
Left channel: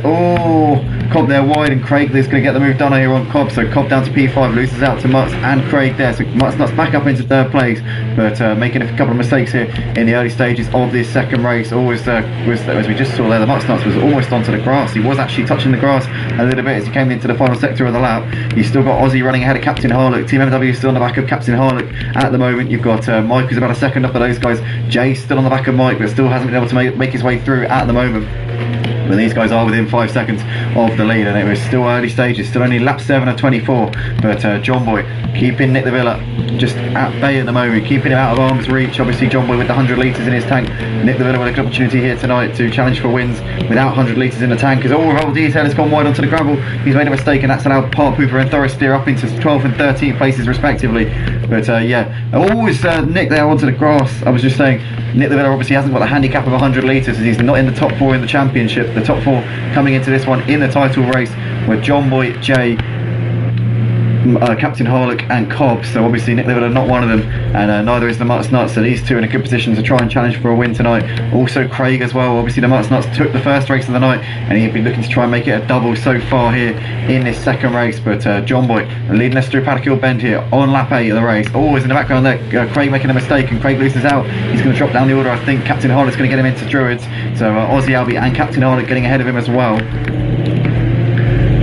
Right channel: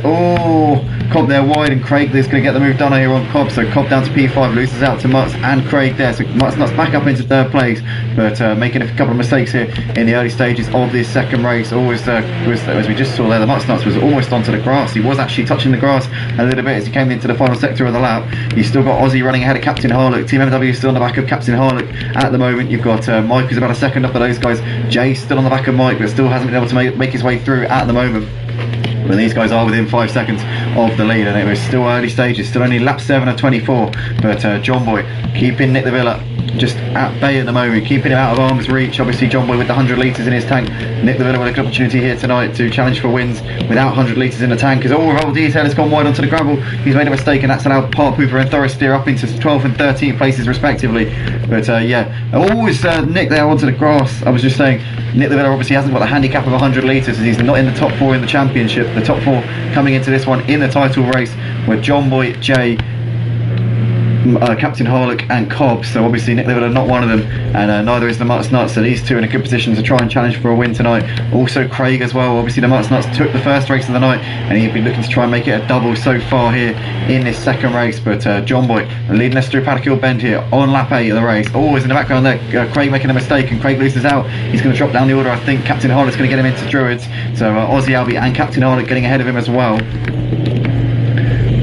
Cobb there wide, and Craig is going to get the move done here on Cobb. So Cobb down to P5, loses out to Mutts and Craig there. So Mustnuts back up into 3rd place, but making a couple of mistakes here in the early stages of this second race. Always as we just saw there, the Mustnuts was almost onto the grass. He was actually touching the grass a little bit as he came into the final sector of the lap. You've still got Aussie running ahead of Captain Harlock. Team MW still on the back of Captain Harlock at the moment. You've got Mike who's about a second up of those guys. Jay still on the back of Mike, but still hasn't been able to make his way through at the moment. But these guys are within 5 seconds of the lead, and it was still early stages, still only lap 7 of 24. But John Boy keeping Nick de Villa just at bay at the moment, keeping him out of arm's reach. Obviously John Boy with the 100 litres in his tank. Nick de Villa with a good opportunity here tonight to challenge for wins without 100 litres in the tank, as all Revolt Detail has gone wide onto the gravel. He's made a mistake, and that's allowed Part Pooper and Thoris steer up into 12th and 13th places respectively. But yeah, always Nick there onto the grass. I was just saying, Nick de Villa obviously hasn't got the handicap of 100 litres, as he's not in the top 4 in the championship. The top 4 coming into this one in the title race were John Boy, Jay, Captain Harlock and Cobb. So obviously Nick de Villa not one of them, and neither is the Mutts Nuts, so these two in a good position to try and challenge for a win tonight. Also Craig as well. Obviously the Mutts Nuts took the first race of the night, and he'd been looking to try and make it a double so far here in this second race. But John Boy leading us through Paddock Hill Bend here on lap 8 of the race. Always in the background there, Craig making a mistake, and Craig loses out. He's going to drop down the order. I think Captain Harlock's going to get him into Druids, so Aussie Albie and Captain Harlock getting ahead of him as well.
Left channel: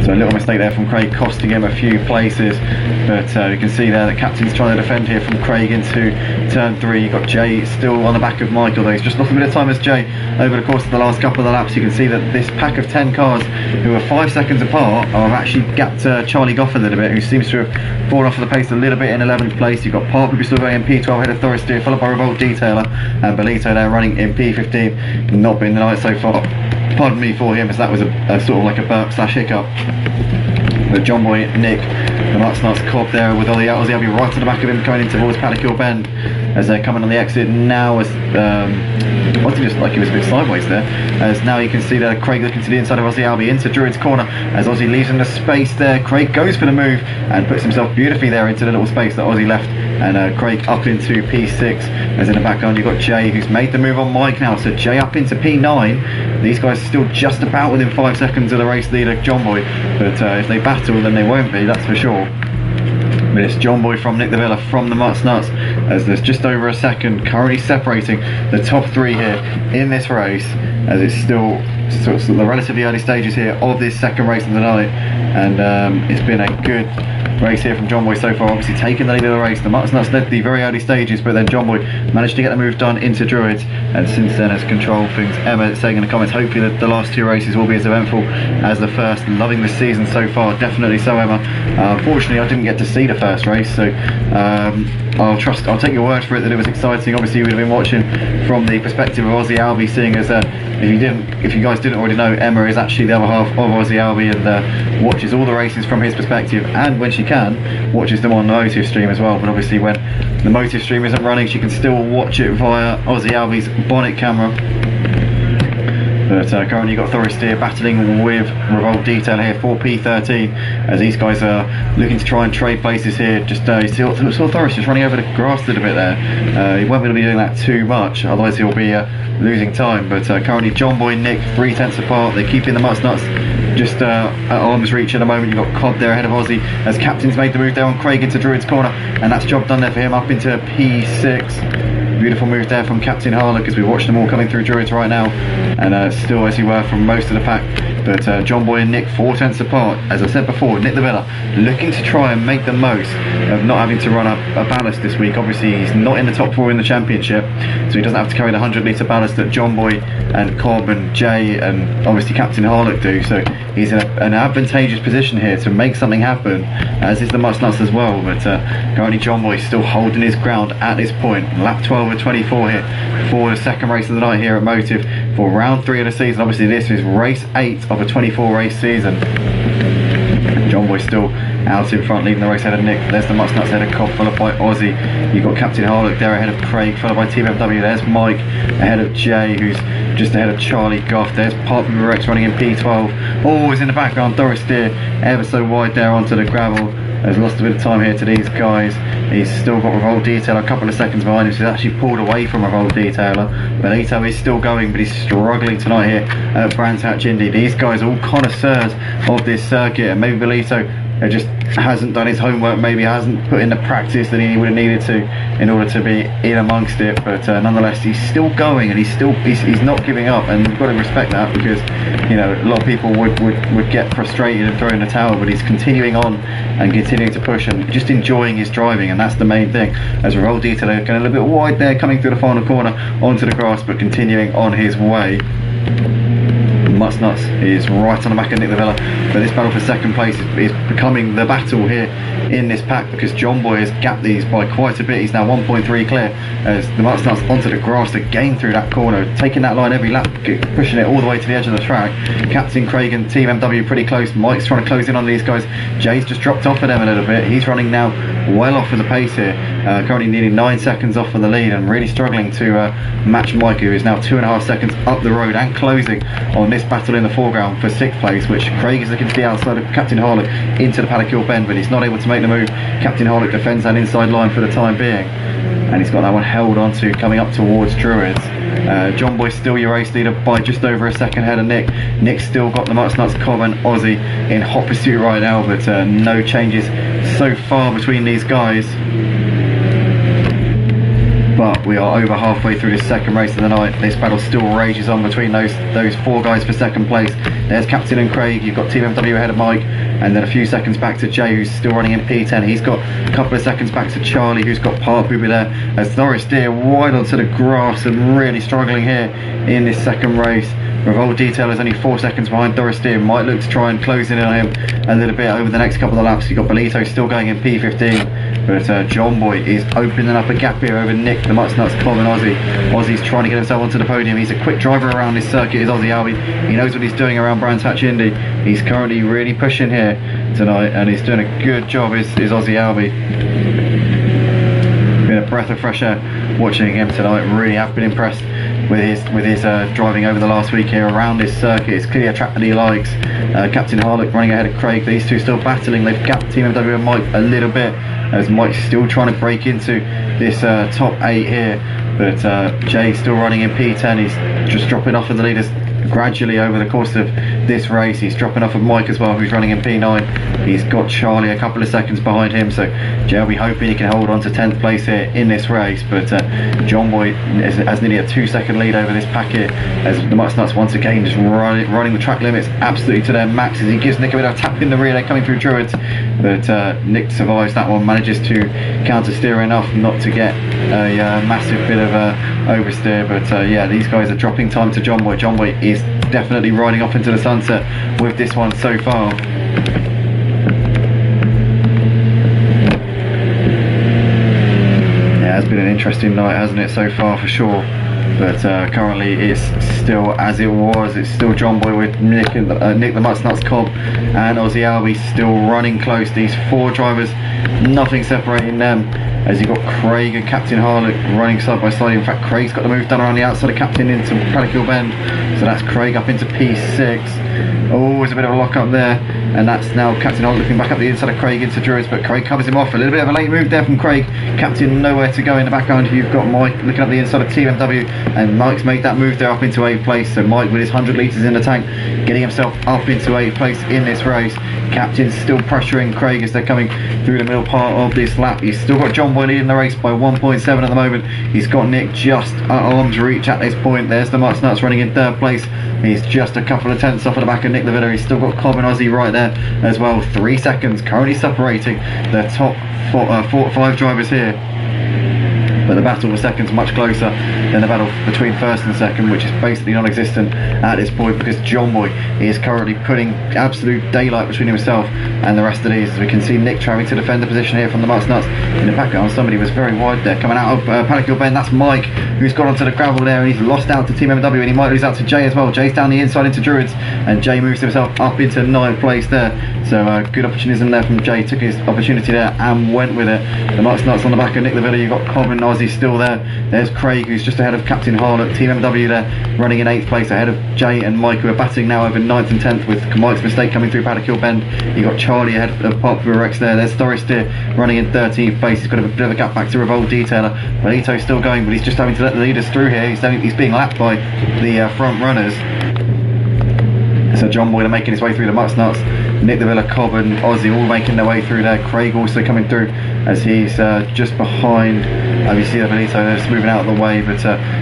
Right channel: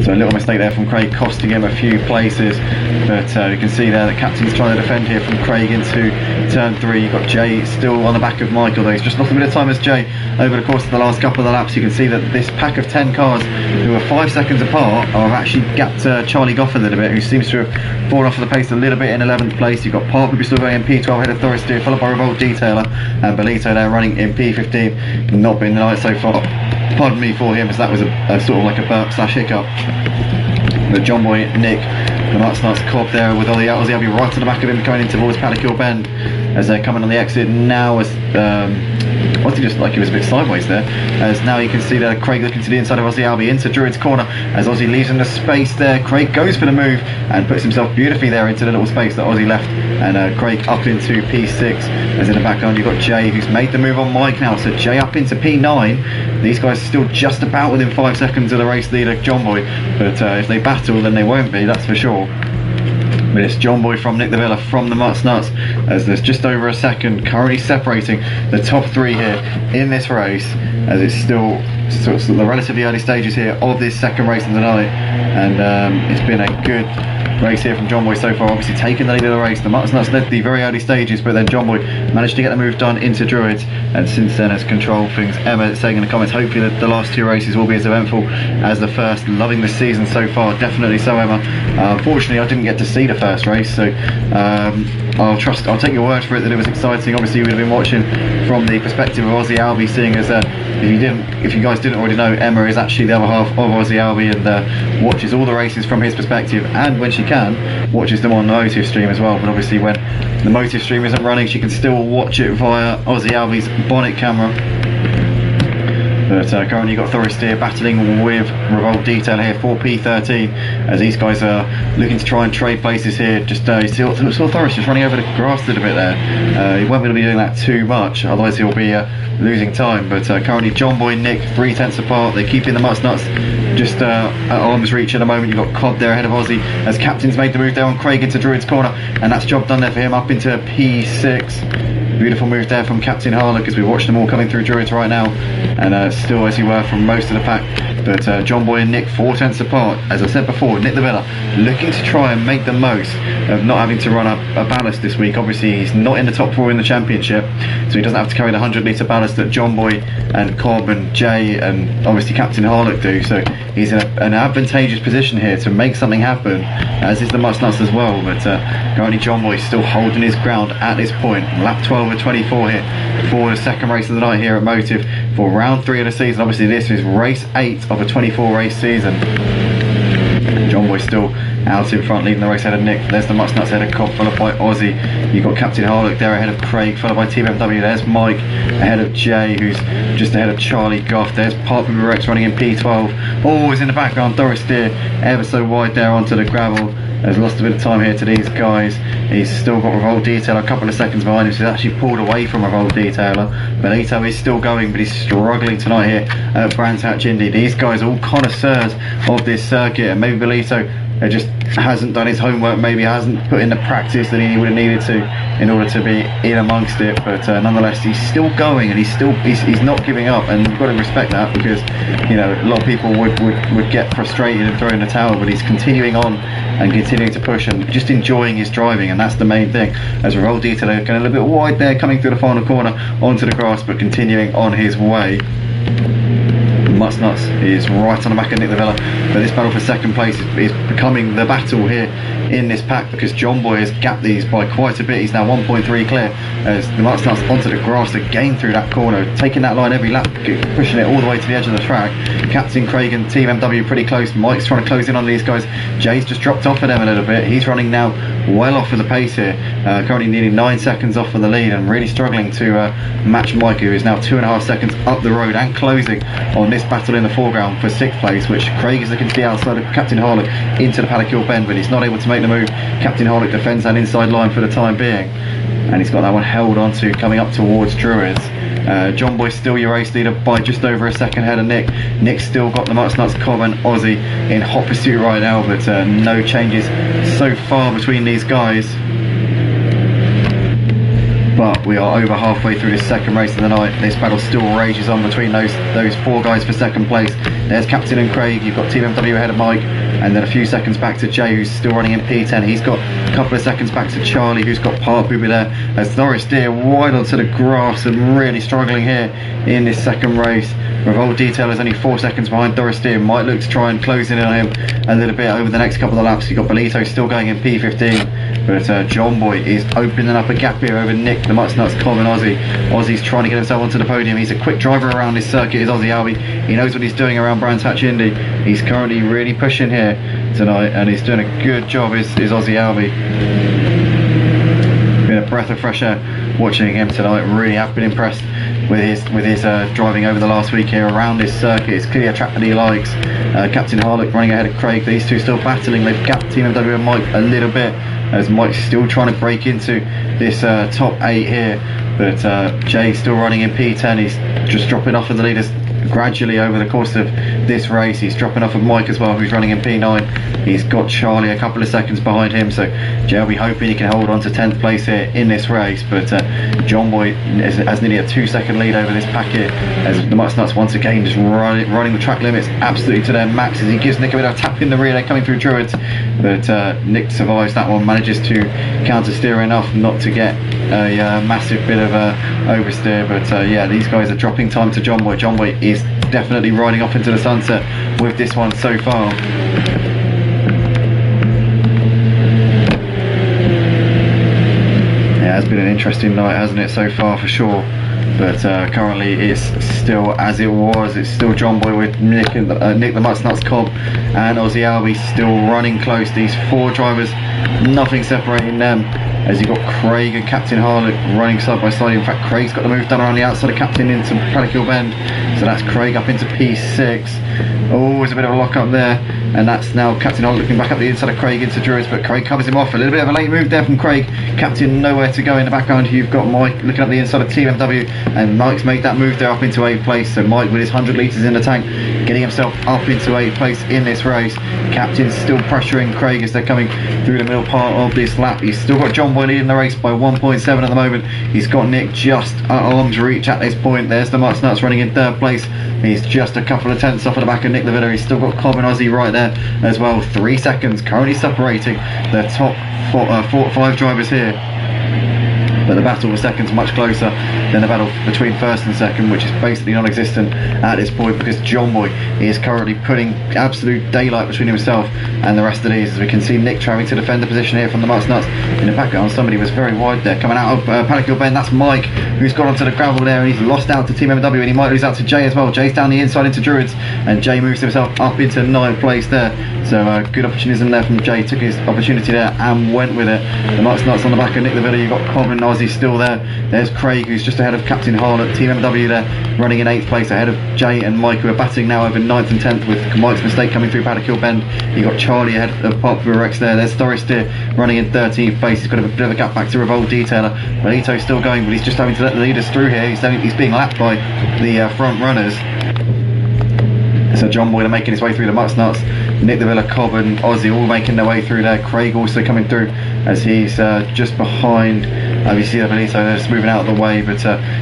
So a little mistake there from Craig, costing him a few places. But you can see there that Captain's trying to defend here from Craig into turn 3. You've got Jay still on the back of Michael, though he's just lost a bit of time as Jay over the course of the last couple of the laps. You can see that this pack of 10 cars who are 5 seconds apart have actually gapped Charlie Goff a little bit, who seems to have fallen off of the pace a little bit in 11th place. You've got Park still going in P12 ahead of Thoris Steer, followed by Revolt Detailer, and Belito there running in P15. Not been the night so far, pardon me for him, as that was a sort of like a burp slash hiccup. But John Boy, Nick, the Mutts Nuts, Cobb there with Aussie Albie right to the back of him coming in towards Paddock Hill Bend, as they're coming on the exit now. As wasn't he just like he was a bit sideways there, as now you can see that Craig looking to the inside of Aussie Albie into Druid's corner, as Aussie leaves him the space there. Craig goes for the move and puts himself beautifully there into the little space that Aussie left, and Craig up into P6, as in the background you've got Jay, who's made the move on Mike now, so Jay up into P9. These guys are still just about within 5 seconds of the race leader John Boy, but if they battle then they won't be, that's for sure. But it's John Boy from Nick de Villa from the Mutts Nuts, as there's just over a second currently separating the top 3 here in this race, as it's still sort of the relatively early stages here of this second race of the night. And it's been a good race here from John Boy so far, obviously taking the lead of the race. The Mutts Nuts led the very early stages, but then John Boy managed to get the move done into Druids, and since then has controlled things. Emma saying in the comments, hopefully the last 2 races will be as eventful as the first. Loving the season so far, definitely so, Emma. Unfortunately I didn't get to see the first race, so I'll take your word for it that it was exciting. Obviously you would have been watching from the perspective of Aussie Albie, seeing as if you guys didn't already know, Emma is actually the other half of Aussie Albie, and watches all the races from his perspective, and when she can, watches them on the Motive stream as well. But obviously when the Motive stream isn't running, she can still watch it via Aussie Albie's bonnet camera. But currently you've got Thoris Steer battling with Revolt Detail here for P13, as these guys are looking to try and trade places here. Just you saw Thoris just running over the grass a little bit there. He won't be able to be doing that too much, otherwise he'll be losing time. But currently John Boy and Nick 3/10 apart. They're keeping the Mutts Nuts just at arm's reach at the moment. You've got Cobb there ahead of Aussie, as Captain's made the move there on Craig into Druid's corner, and that's job done there for him up into P6. Beautiful move there from Captain Harlock, as we watch them all coming through Druids right now, and still as you were from most of the pack. But John Boy and Nick 4/10 apart. As I said before, Nick de Villa looking to try and make the most of not having to run up a ballast this week. Obviously he's not in the top 4 in the championship, so he doesn't have to carry the 100 litre ballast that John Boy and Cobb and Jay and obviously Captain Harlock do. So he's in an advantageous position here to make something happen, as is the Mutts Nuts as well. But currently John Boy still holding his ground at this point. Lap 12 of 24 here for the second race of the night here at Motive for round 3 of the season. Obviously this is race 8 of a 24 race season. John Boy still out in front, leading the race ahead of Nick. There's the Mutts Nuts ahead of Cobb, followed by Aussie. You've got Captain Harlock there ahead of Craig, followed by Team MW. There's Mike ahead of Jay, who's just ahead of Charlie Goff. There's Parker Rex running in P12. Always in the background, Thoris Steer ever so wide there onto the gravel. Has lost a bit of time here to these guys. He's still got Revolt Detailer a couple of seconds behind him, so he's actually pulled away from Revolt Detailer. Belito is still going, but he's struggling tonight here at Brands Hatch Indy. These guys are all connoisseurs of this circuit, and maybe Belito just hasn't done his homework, maybe hasn't put in the practice that he would have needed to in order to be in amongst it. But nonetheless, he's still going, and he's not giving up, and you've got to respect that, because you know a lot of people would get frustrated and throw in the towel, but he's continuing on and continuing to push and just enjoying his driving, and that's the main thing. As Revolt Detailer going a little bit wide there, coming through the final corner onto the grass, but continuing on his way. Mutts Nuts is right on the back of Nick the Villa, but this battle for second place is becoming the battle here in this pack, because John Boy has gapped these by quite a bit. He's now 1.3 clear as the Mutts Nuts onto the grass again through that corner, taking that line every lap, pushing it all the way to the edge of the track. Captain Craig and Team MW pretty close. Mike's trying to close in on these guys. Jay's just dropped off of them a little bit. He's running now well off of the pace here, currently nearly 9 seconds off of the lead, and really struggling to match Mike, who is now 2.5 seconds up the road and closing on this battle in the foreground for 6th place, which Craig is looking to the outside of Captain Harlock into the Paddock Hill bend, but he's not able to make the move. Captain Harlock defends that inside line for the time being, and he's got that one held on to coming up towards Druids. John Boy still your race leader by just over a second ahead of Nick. Nick's still got the Mutts Nuts, Cobb and Aussie in hot pursuit right now, but no changes so far between these guys. But we are over halfway through this second race of the night. This battle still rages on between those 4 guys for second place. There's Captain and Craig. You've got Team MW ahead of Mike, and then a few seconds back to Jay, who's still running in P10. He's got a couple of seconds back to Charlie, who's got Park Booby there, as Norris Deer wide onto the grass and really struggling here in this second race. Revolt Detail is only 4 seconds behind Doris Deer. Might look to try and close in on him a little bit over the next couple of laps. You've got Belito still going in P15, but John Boy is opening up a gap here over Nick, the Mutts Nuts, Cobb and Aussie. Aussie's trying to get himself onto the podium. He's a quick driver around this circuit, is Aussie Albie. He knows what he's doing around Brands Hatch Indy. He's currently really pushing here tonight, and he's doing a good job, is Aussie Albie. Been a breath of fresh air watching him tonight. Really have been impressed with his driving over the last week here around this circuit. It's clearly a track that he likes. Captain Harlock running ahead of Craig. These two still battling. They've gapped Team MW and Mike a little bit, as Mike's still trying to break into this top 8 here, but Jay's still running in P10. He's just dropping off of the leaders gradually over the course of this race. He's dropping off of Mike as well, who's running in P9. He's got Charlie a couple of seconds behind him, so Jay will be hoping he can hold on to 10th place here in this race, but John Boy has nearly a 2-second lead over this pack here, as the Mutts Nuts once again just running the track limits absolutely to their max, as he gives Nick a bit of a tap in the rear. They're coming through Druids, but Nick survives that one, manages to counter steer enough not to get a massive bit of oversteer, but yeah, these guys are dropping time to John Boy. John Boy is definitely riding off into the sunset with this one so far. Yeah, it's been an interesting night, hasn't it, so far, for sure. But currently it's still as it was. It's still John Boy with Nick the Mutts Nuts, Cobb and Aussie Albie still running close. These 4 drivers, nothing separating them, as you've got Craig and Captain Harlock running side by side. In fact, Craig's got the move done around the outside of Captain into Paddock Hill Bend, so that's Craig up into P6. Oh, there's a bit of a lock up there, and that's now Captain Harlock looking back up the inside of Craig into Druids, but Craig covers him off. A little bit of a late move there from Craig. Captain nowhere to go in the background. You've got Mike looking up the inside of Team MW, and Mike's made that move there up into 8th place, so Mike with his 100 litres in the tank, getting himself up into 8th place in this race. Captain's still pressuring Craig as they're coming through the middle part of this lap. He's still got John Boy leading the race by 1.7 at the moment. He's got Nick just at arm's reach at this point. There's the Mutts Nuts running in 3rd place. He's just a couple of tenths off of the back of Nick the Villa. He's still got Cobb and Aussie right there as well. 3 seconds currently separating the top 5 drivers here. But the battle for second's much closer than the battle between first and second, which is basically non-existent at this point, because John Boy is currently putting absolute daylight between himself and the rest of these, as we can see Nick trying to defend the position here from the Mutts Nuts. In the background, somebody was very wide there coming out of Paddock Hill Bend. That's Mike, who's gone onto the gravel there, and he's lost out to Team MW, and he might lose out to Jay as well. Jay's down the inside into Druids, and Jay moves himself up into 9th place there, so good opportunism there from Jay. Took his opportunity there and went with it. The Mutts Nuts on the back of Nick the Villa. You've got Cobb and Aussie still there. There's Craig, who's just ahead of Captain Harlock. Team MW there running in 8th place ahead of Jay and Mike, who are battling now over 9th and 10th, with Mike's mistake coming through Paddock Hill Bend. You've got Charlie ahead of Popular Rex there. There's Doris Deer running in 13th place. He's got a bit of a gap back to Revolt Detailer. Belito's still going, but he's just having to let the leaders through here. He's being lapped by the front runners. So John Boy making his way through the Mutts Nuts. Nick the Villa, Cobb and Aussie all making their way through there. Craig also coming through, as he's just behind Obviously, Benito, they're just moving out of the way, but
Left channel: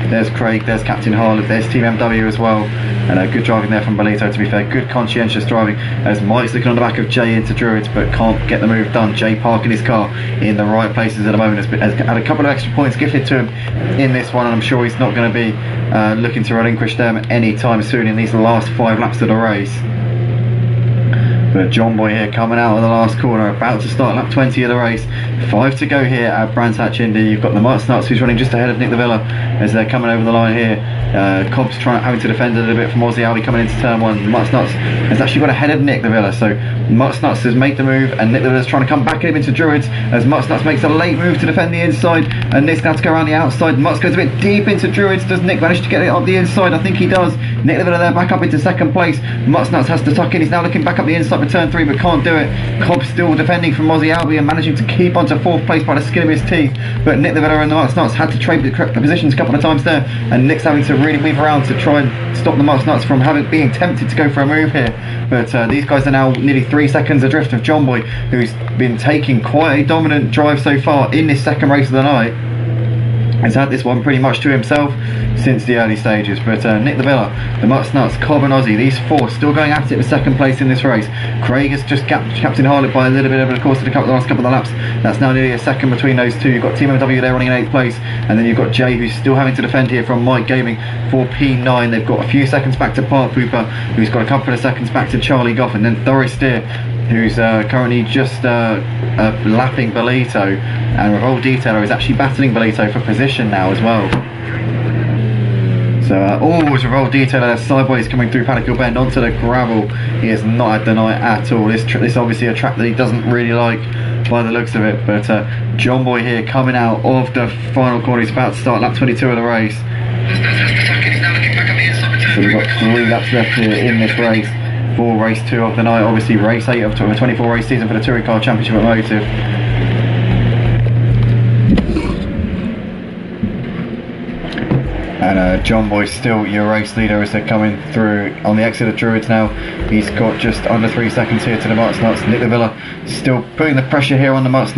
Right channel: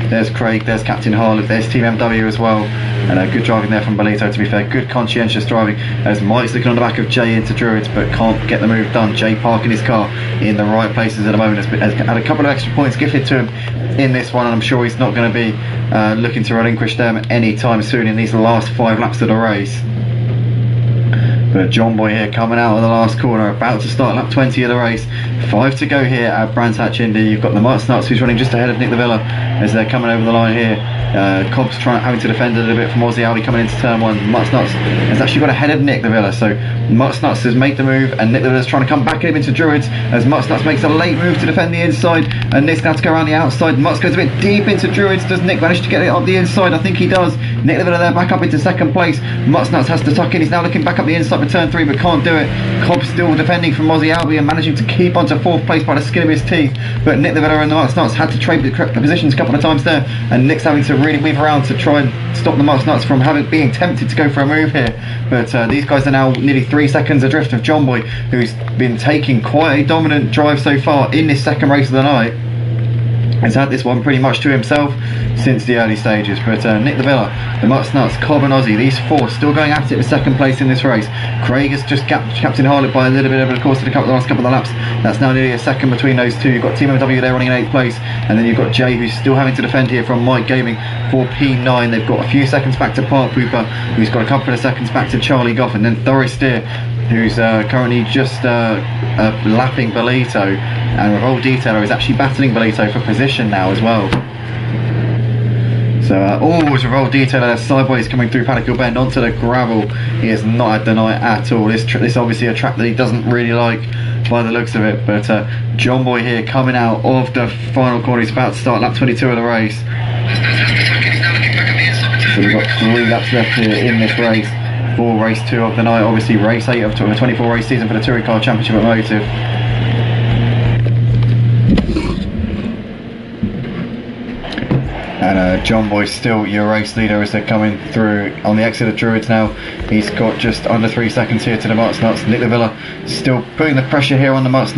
there's Craig, there's Captain Harlock, there's Team MW as well, and good driving there from Benito, to be fair. Good conscientious driving as Mike's looking on the back of Jay into Druids, but can't get the move done. Jay parking his car in the right places at the moment, has had a couple of extra points gifted to him in this one, and I'm sure he's not going to be looking to relinquish them anytime soon in these last 5 laps of the race. But John Boy here coming out of the last corner, about to start lap 20 of the race. 5 to go here at Brands Hatch Indy. You've got the Nuts who's running just ahead of Nick de Villa as they're coming over the line here. Cobb's having to defend a little bit from Aussie Albie coming into turn 1. Nuts has actually got ahead of Nick de Villa, so Nuts has made the move, and Nick de Villa's trying to come back at him into Druids as Nuts makes a late move to defend the inside, and Nick's going to have to go around the outside. Nuts goes a bit deep into Druids. Does Nick manage to get it up the inside? I think he does. Nick de Villa there back up into second place. Nuts has to tuck in. He's now looking back up the inside for turn 3, but can't do it. Cobb still defending from Aussie Albie and managing to keep onto 4th place by the skin of his teeth, but Nick de Villa and the Nuts had to trade the positions a couple of times there, and Nick's having to really weave around to try and stop the Nuts from being tempted to go for a move here. But these guys are now nearly 3 seconds adrift of John Boy, who's been taking quite a dominant drive so far in this second race of the night. Has had this one pretty much to himself since the early stages, but Nick de Villa, the Nuts, Cobb and Aussie, these 4 still going at it for second place in this race. Craig has just Captain Harlock by a little bit over the course of the last couple of laps. That's now nearly a second between those two. You've got Team MW there running in 8th place, and then you've got Jay, who's still having to defend here from Mike Gaming for P9. They've got a few seconds back to Park Pooper, who's got a couple of seconds back to Charlie Goff, and then Thoris Steer, who's currently just lapping Belito, and Revolt Detailer is actually battling Belito for position now as well. So it's Revolt Detailer sideways coming through Paddock Hill Bend onto the gravel. He has not had the night at all. This is obviously a track that he doesn't really like by the looks of it, but John Boy here coming out of the final corner. He's about to start lap 22 of the race. So we've got 3 laps left here in this race for race 2 of the night. Obviously race 8 of a 24 race season for the Touring Car Championship Automotive. And John Boy's still your race leader as they're coming through on the exit of Druids now. He's got just under 3 seconds here to the Nuts. Nick de Villa still putting the pressure here on the Nuts,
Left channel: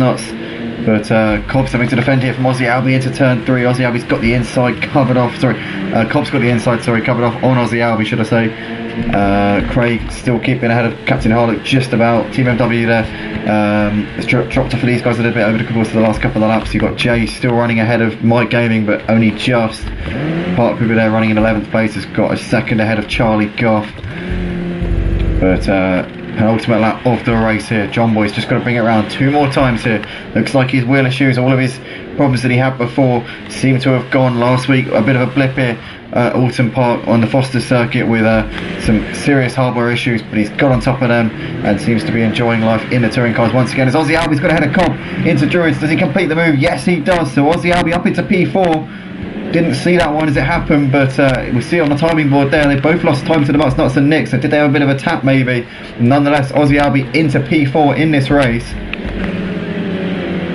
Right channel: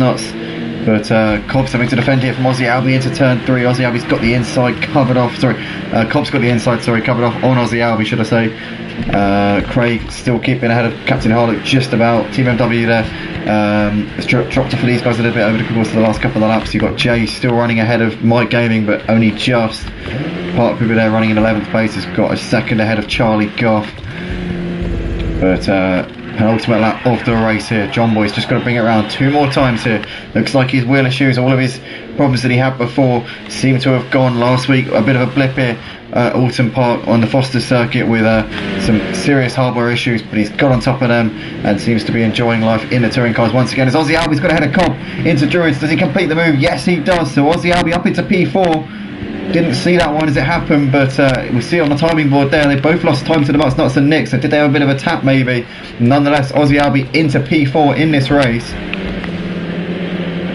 but Cobb's having to defend here from Aussie Albie into turn 3. Aussie Albie's got the inside covered off. Cobb's got the inside covered off on Aussie Albie, should I say. Craig still keeping ahead of Captain Harlock just about. Team MW there has dropped off for these guys a little bit over the course of the last couple of laps. You've got Jay still running ahead of Mike Gaming, but only just. Park Pooper there running in 11th place has got a second ahead of Charlie Goff. But penultimate lap of the race here. John Boy's just got to bring it around 2 more times here. Looks like his wheel issues, all of his problems that he had before seem to have gone last week. A bit of a blip here at Alton Park on the Foster circuit with some serious hardware issues, but he's got on top of them and seems to be enjoying life in the touring cars once again. As Aussie Albie's got ahead of Cobb into Druids. Does he complete the move? Yes, he does. So Aussie Albie up into P4. Didn't see that one as it happened, but we see on the timing board there they both lost time to the Nuts and Nick, so did they have a bit of a tap maybe? Nonetheless, Aussie Albie into P4 in this race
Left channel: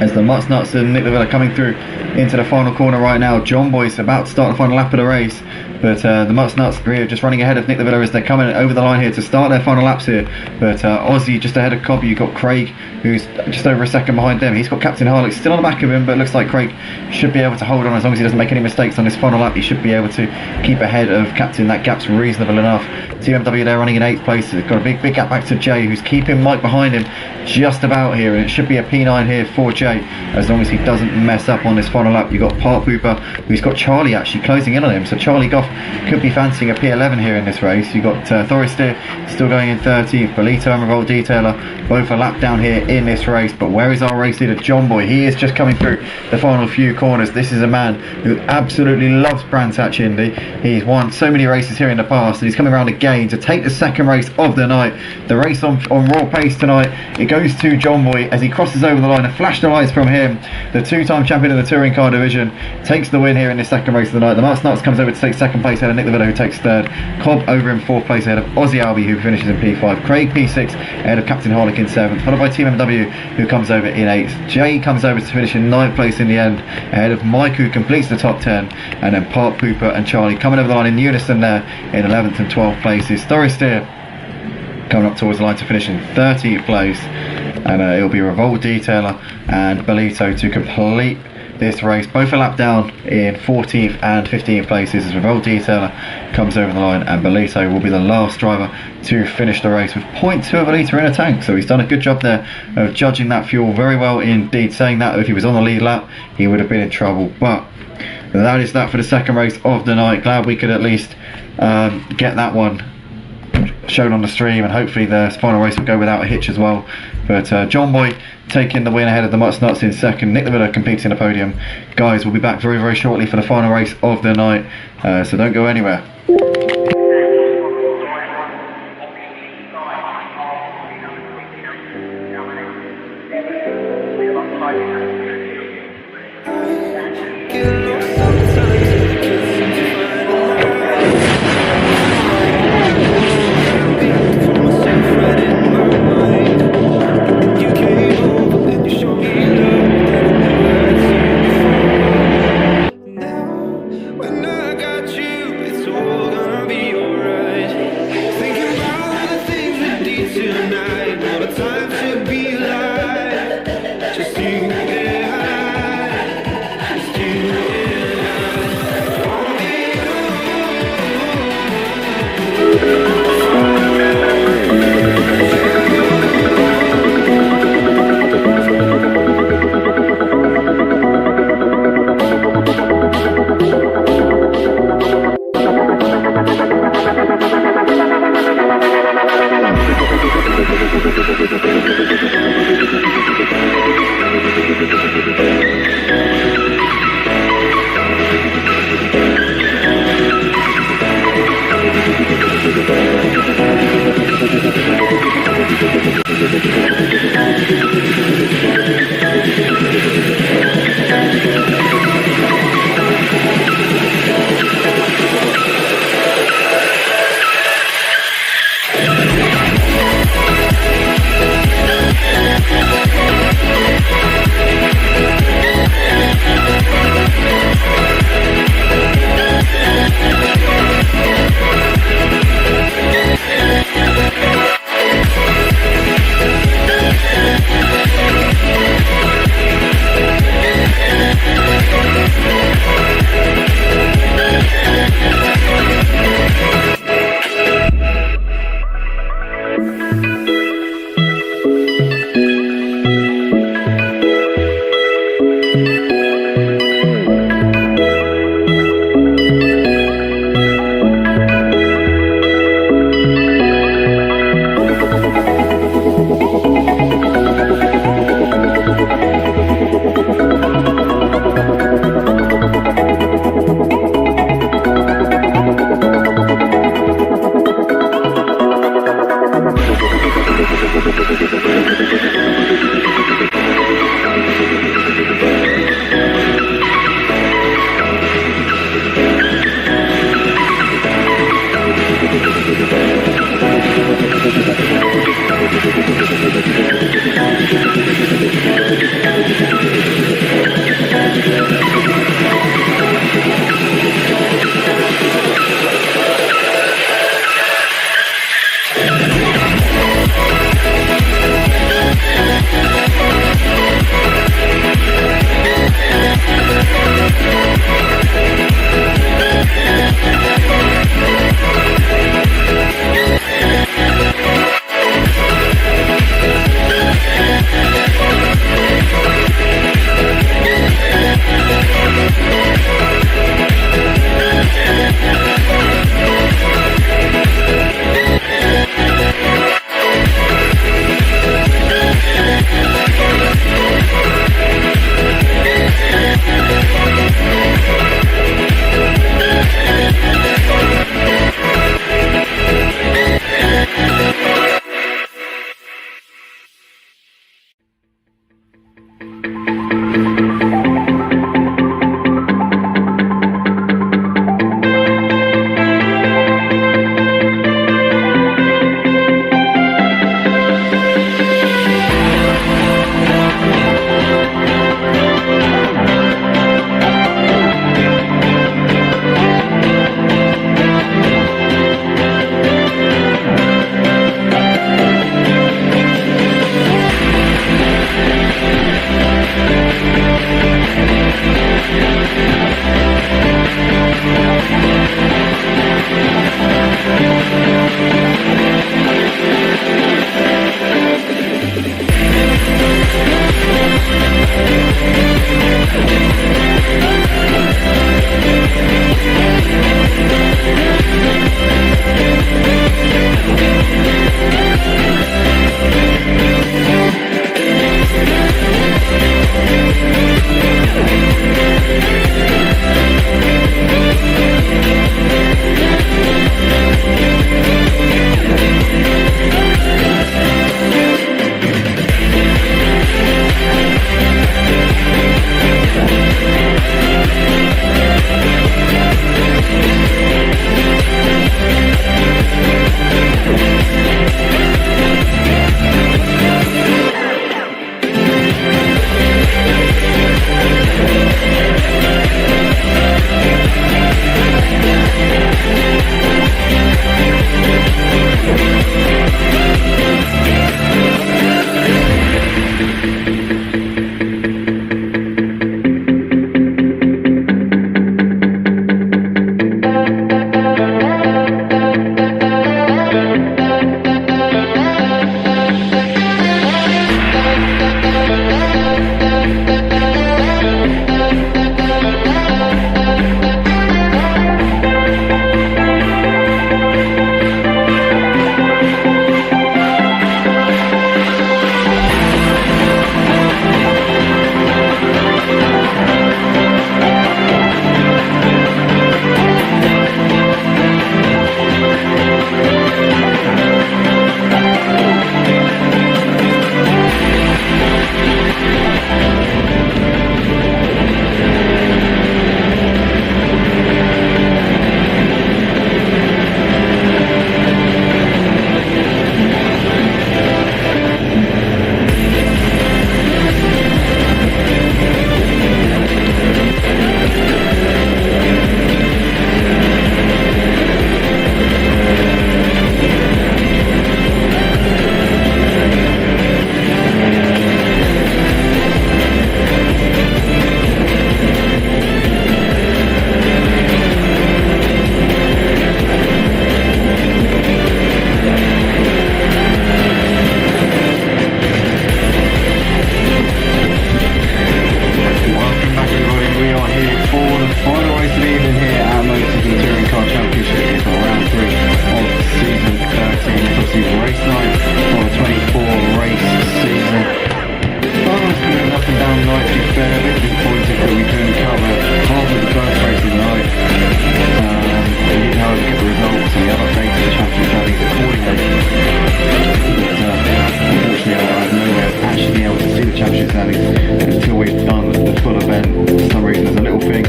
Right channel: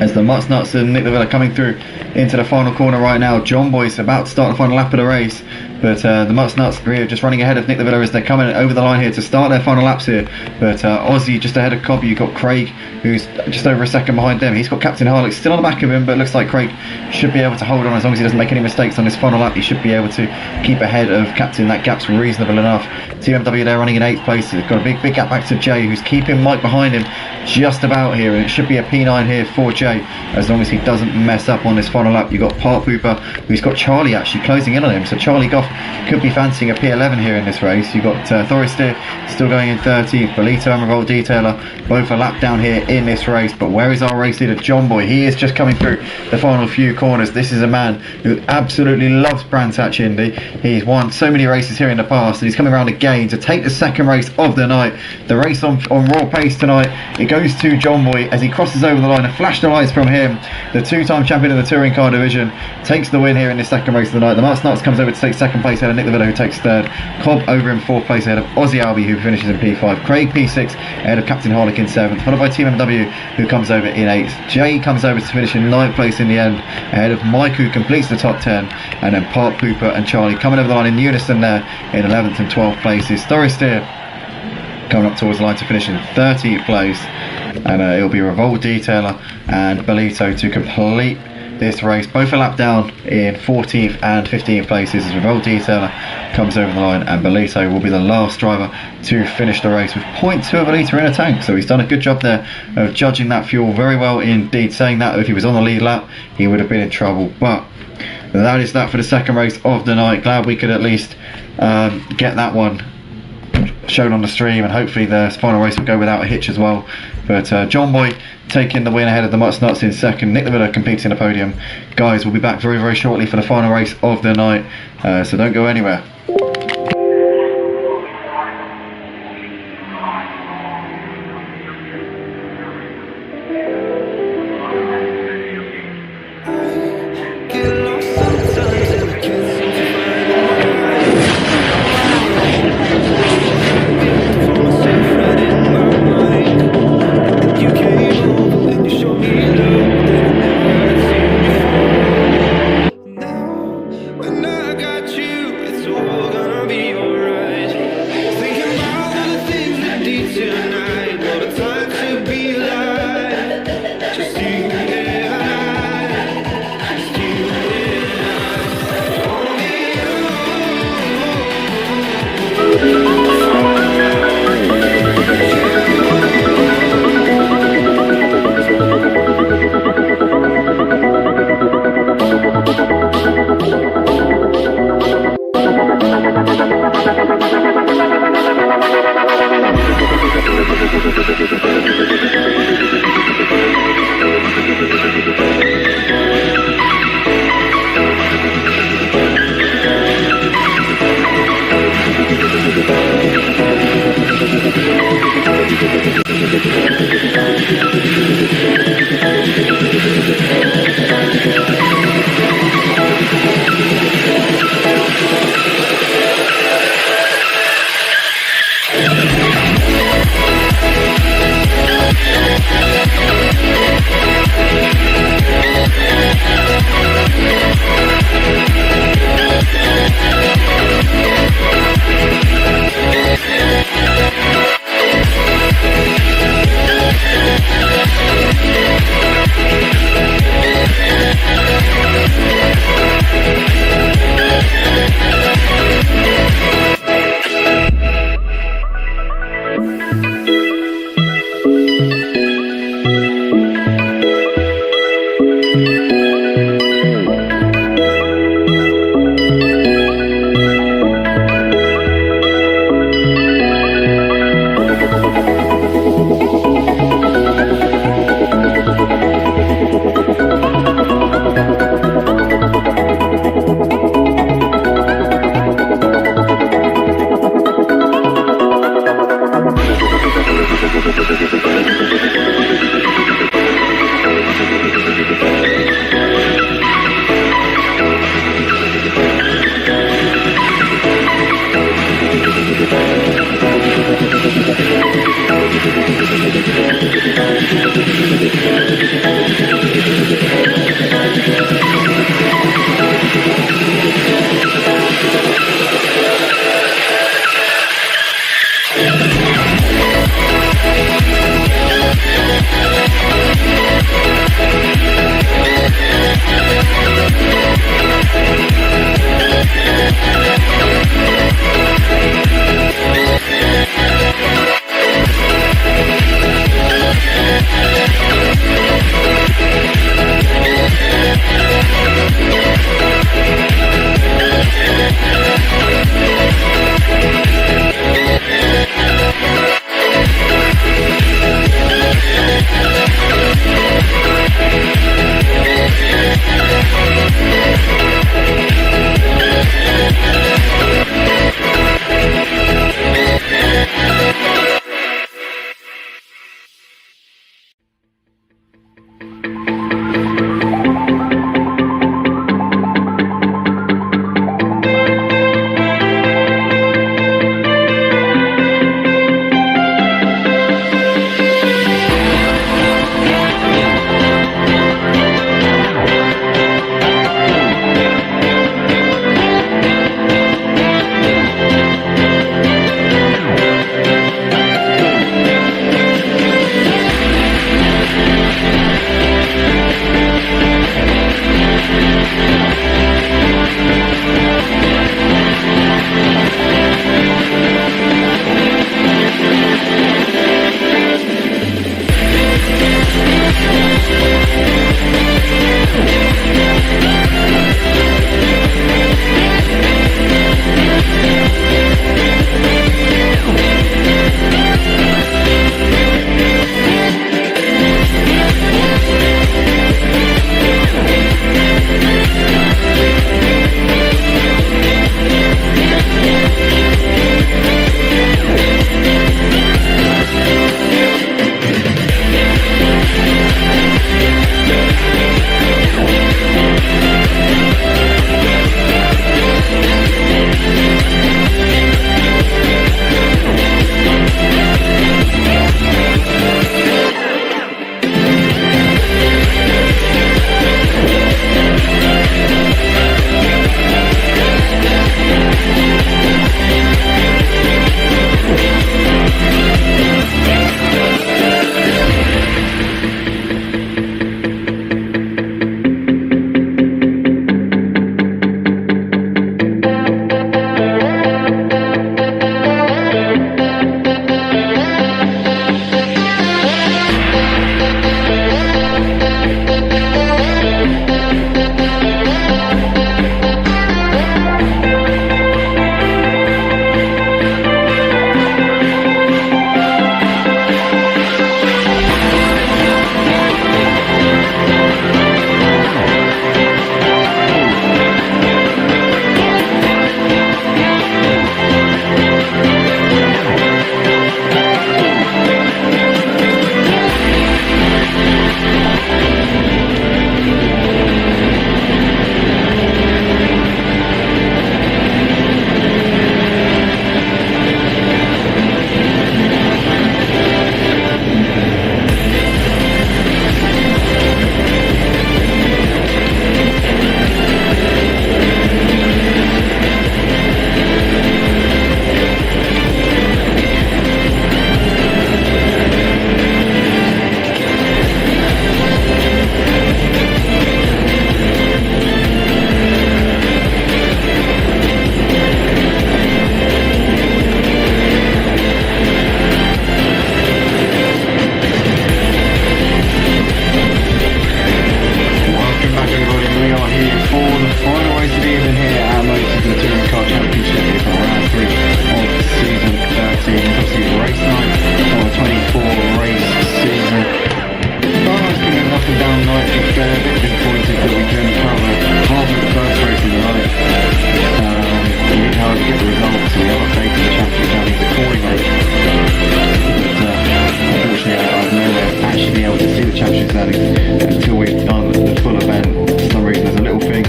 as the Nuts and Nick de Villa coming through into the final corner right now. John Boy's about to start the final lap of the race, but the Nuts are just running ahead of Nick de Villa as they're coming over the line here to start their final laps here. But Aussie just ahead of Cobb. You've got Craig, who's just over a second behind them. He's got Captain Harlock still on the back of him, but it looks like Craig should be able to hold on as long as he doesn't make any mistakes on this final lap. He should be able to keep ahead of Captain. That gap's reasonable enough. Team MW there running in 8th place. They've got a big gap back to Jay, who's keeping Mike behind him just about here, and it should be a P9 here for Jay as long as he doesn't mess up on this final lap. You've got Park Pooper, who's got Charlie actually closing in on him, so Charlie Goff could be fancying a P11 here in this race. You've got Thoris Steer still going in 13th. Belito and Revolt Detailer both a lap down here in this race, but where is our race leader John Boy? He is just coming through the final few corners. This is a man who absolutely loves Brands Hatch Indy. He's won so many races here in the past, and he's coming around again to take the second race of the night. The race on raw pace tonight, it goes to John Boy as he crosses over the line. A flash of lights from him, the 2-time champion of the touring car division, takes the win here in this second race of the night. The Nuts comes over to take second place ahead of Nick de Villa, who takes third. Cobb over in 4th place ahead of Aussie Albie, who finishes in P5. Craig P6 ahead of Captain Harlock in 7th, followed by Team MW, who comes over in 8th. Jay comes over to finish in 9th place in the end ahead of Mike, who completes the top 10, and then Park Pooper and Charlie coming over the line in unison there in 11th and 12th places. Thoris Steer coming up towards the line to finish in 13th place, and it'll be Revolt Detailer and Belito to complete this race. Both a lap down in 14th and 15th places as Revolt Detailer comes over the line, and Bolito will be the last driver to finish the race with 0.2 of a litre in a tank. So he's done a good job there of judging that fuel very well indeed, saying that if he was on the lead lap he would have been in trouble. But that is that for the second race of the night. Glad we could at least get that one shown on the stream, and hopefully the final race will go without a hitch as well. But John Boy taking the win ahead of the Mutts Nuts in second. Nick Lavilla competing in the podium. Guys, we'll be back very, very shortly for the final race of the night, so don't go anywhere. I get lost sometimes and I can't seem to find the light. I built for myself right in my mind. And then you came over and you showed me love that I never had seen before. Now, when I got you, it's all gonna be alright. Thinking about all the things we did tonight. What a time to be alive. Just you and I. Just you and I. Only the final race of the evening here at Motive for the Touring Car Championship here for round 3 of season 13. It's obviously race 9 of a 24 race season. Oh, it's been an up and down night, to be fair. A bit disappointed that we can only cover half of the first race of the night. We did, however, get the results, so we have updated the championship standings accordingly. But unfortunately, I have no way of actually being able to see the championship standings until we've done the full event. For some reason, there's a little thing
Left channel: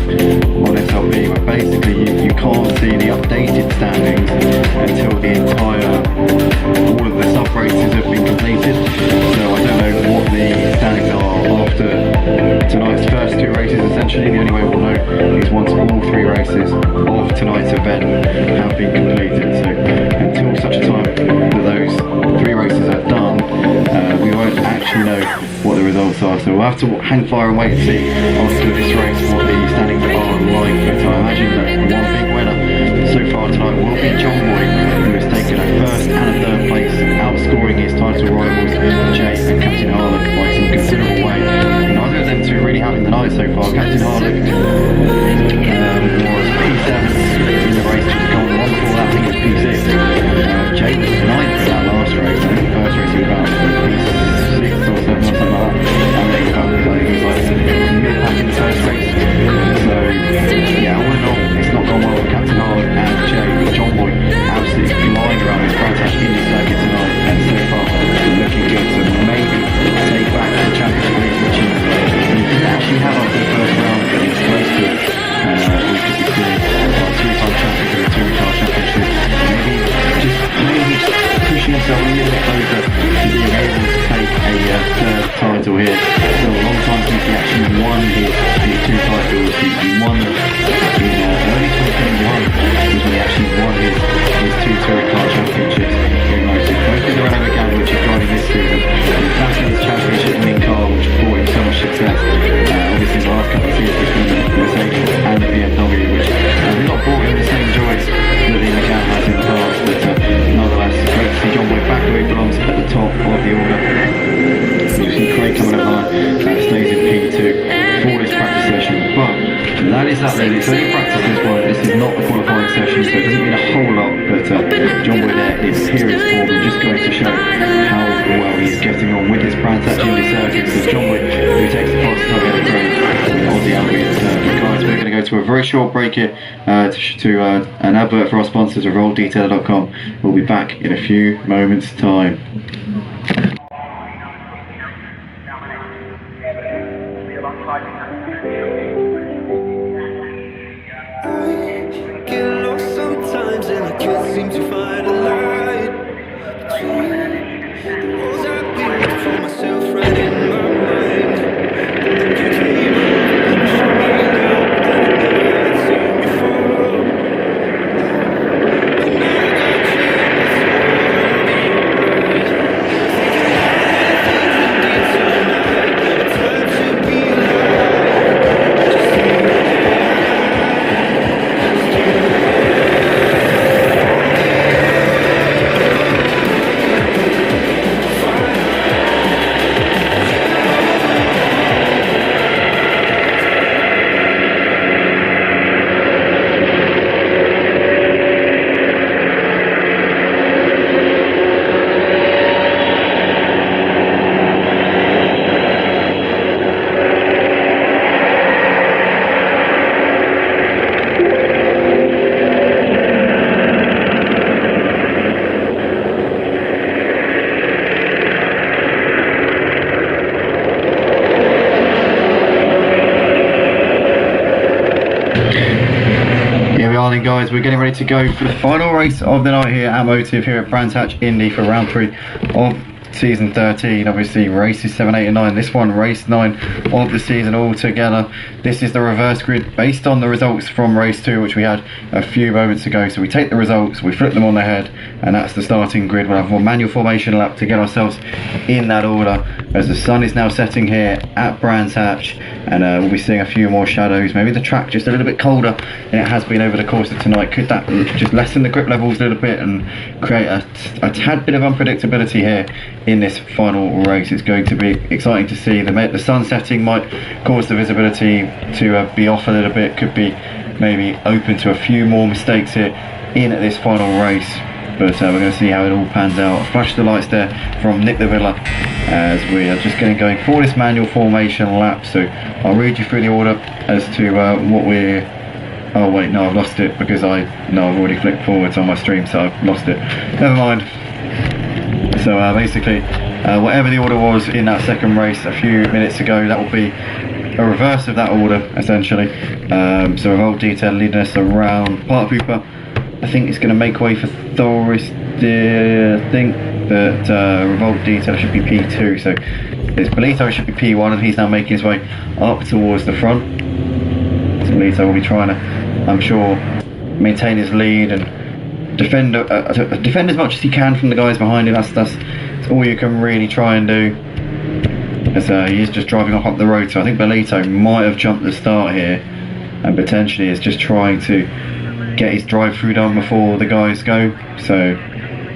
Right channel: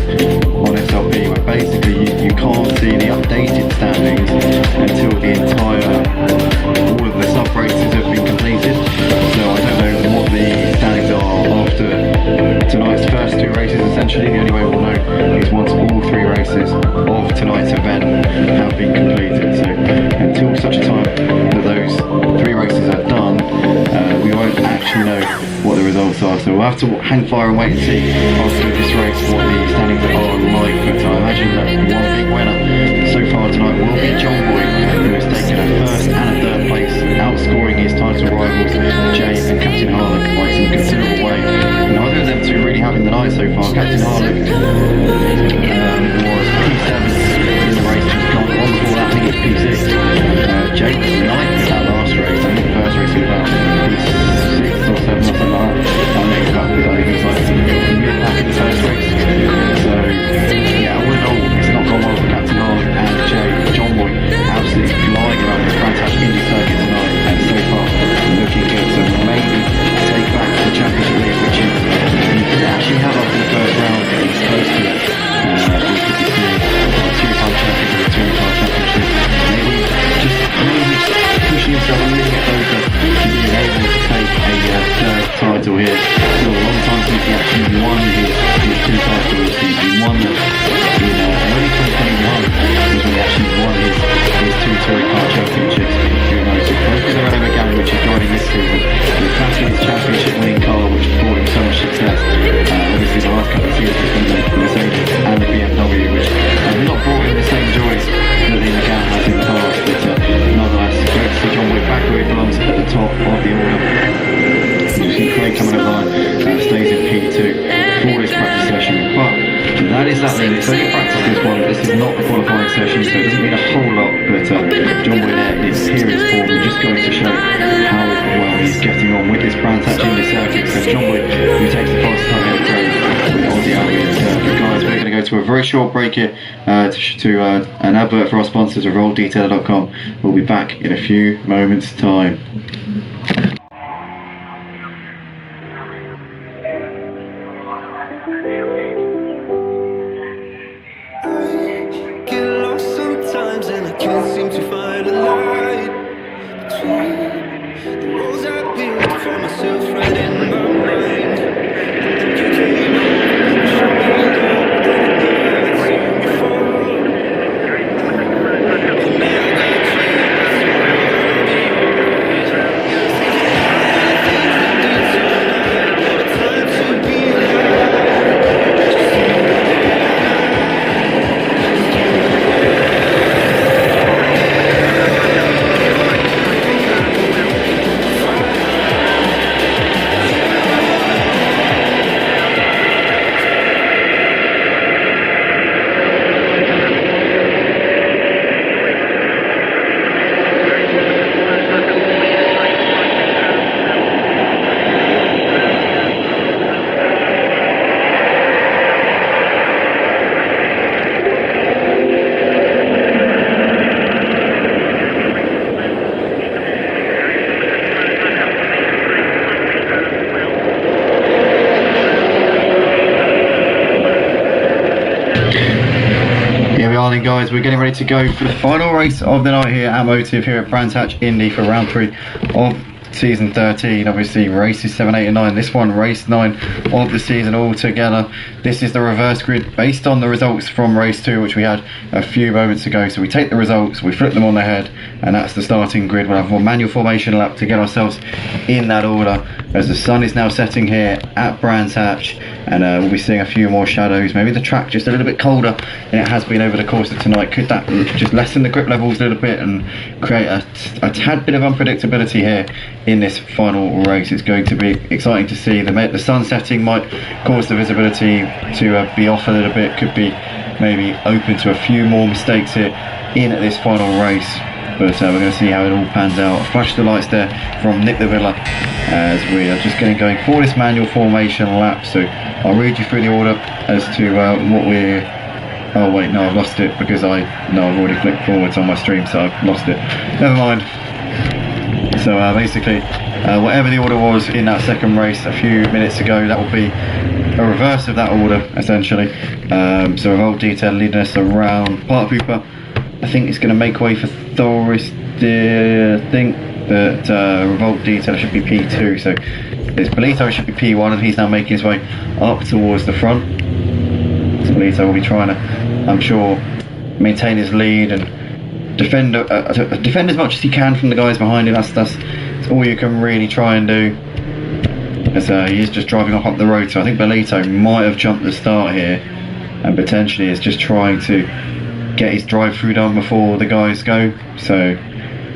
on SLP where basically you can't see the updated standings until the all of the sub races have been completed. So I don't know what the standings are after tonight's first 2 races. Essentially, the only way we'll know is once all 3 races of tonight's event have been completed. So until such a time that those 3 races are done, we won't actually know what the results are. So we'll have to hang fire and wait and see after this race what the standings are like. But I imagine that one big winner so far tonight will be John Boy, who has taken a first and a third place, outscoring his title rivals Jay and Captain Harlock by some considerable way. Neither of them two really having the night so far. Captain Harlock was P7 in the race just gone. The one before that, I think it was P6. Jay was 9th in that last race. I think the first race he was about P6 or 7 or something like that. I think he was like mid-pack in the first race. So yeah, all in all, it's not gone well for Captain Harlock and Jay, but John Boy absolutely flying around this Brantash Indy circuit tonight, and so far looking good to maybe take back the Championship League, which he didn't actually have after the first round, but he was close to it. And we could be seeing our 2-time champions of the Touring Car Championship maybe just pushing himself a little bit closer to being able to take a third title here. Still a long time since he actually won his 2 titles. He won them in early 2021 was when he actually won his 2 Touring Car Championships here at Motive, both in the Renault Megane, which he's driving this season. He's back in his championship winning car, which brought him so much success. Obviously the last couple of seasons he's been in the Mercedes and the BMW, which have not brought him the same joys that the Megane has in the past. But nonetheless, great to see John Boy back where he belongs at the top of the order. You see Clegg coming over the line, stays in P2 for this practice session, but that is that then. It's only practice this one. This is not a qualifying session, so it doesn't mean a whole lot, but John Boy there in serious form, and just going to show how well he's getting on with this Brantash Indy circuit. So John Boy, who takes the fastest time ahead of Craig with Aussie Albion. But guys, we're going to go to a very short break here to an advert for our sponsors, RollDetailer.com. We'll be back in a few moments' time. Get lost sometimes and I can't seem to find a light between the walls I built for myself right in my mind. And then you came over and you showed me love that I never had seen before. Now, when I got you, it's all gonna be alright. Thinking about all the things we did tonight. What a time to be alive. Just you and I. Here we are then guys, we're getting ready to go for the final race of the night here at Motive here at Brantash Indy for round 3 of season 13. Obviously races 7, 8 and 9. This one race 9 of the season altogether. This is the reverse grid based on the results from race 2, which we had a few moments ago. So we take the results, we flip them on their head, and that's the starting grid. We'll have a manual formation lap to get ourselves in that order. as the sun is now setting here at Brands Hatch, and we'll be seeing a few more shadows. Maybe the track just a little bit colder than it has been over the course of tonight. Could that just lessen the grip levels a little bit and create a tad bit of unpredictability here in this final race? It's going to be exciting to see. The sun setting might cause the visibility to be off a little bit, could be maybe open to a few more mistakes here in this final race. But we're going to see how it all pans out. A flash the lights there from Nick the Villa as we are just getting going for this manual formation lap. So I'll read you through the order as to what we're... Oh wait, no, I've lost it because I've already flicked forwards on my stream, so I've lost it. Never mind. So basically, whatever the order was in that second race a few minutes ago, that will be a reverse of that order, essentially. So Revolt Detail leading us around. Part Pooper, I think it's going to make way for Thorister. I think that Revolt Detail should be P2, so it's Bolito should be P1, and he's now making his way up towards the front. So Bolito will be trying to, I'm sure, maintain his lead and defend as much as he can from the guys behind him. That's all you can really try and do, as he is just driving off up the road. So I think Bolito might have jumped the start here and potentially is just trying to get his drive through done before the guys go. So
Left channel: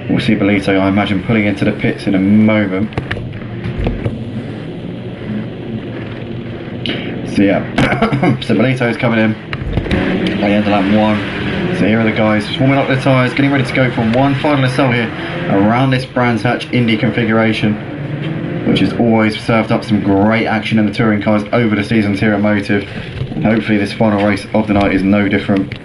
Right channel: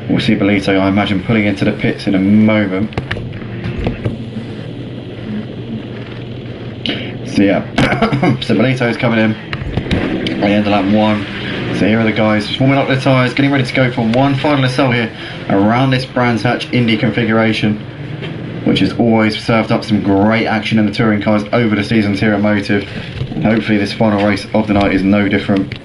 we'll see Bolito, I imagine, pulling into the pits in a moment. So yeah, so Bolito is coming in at the end of lap 1. So here are the guys just warming up their tyres, getting ready to go for one final assault here around this Brands Hatch Indy configuration, which has always served up some great action in the touring cars over the seasons here at Motive. And hopefully this final race of the night is no different.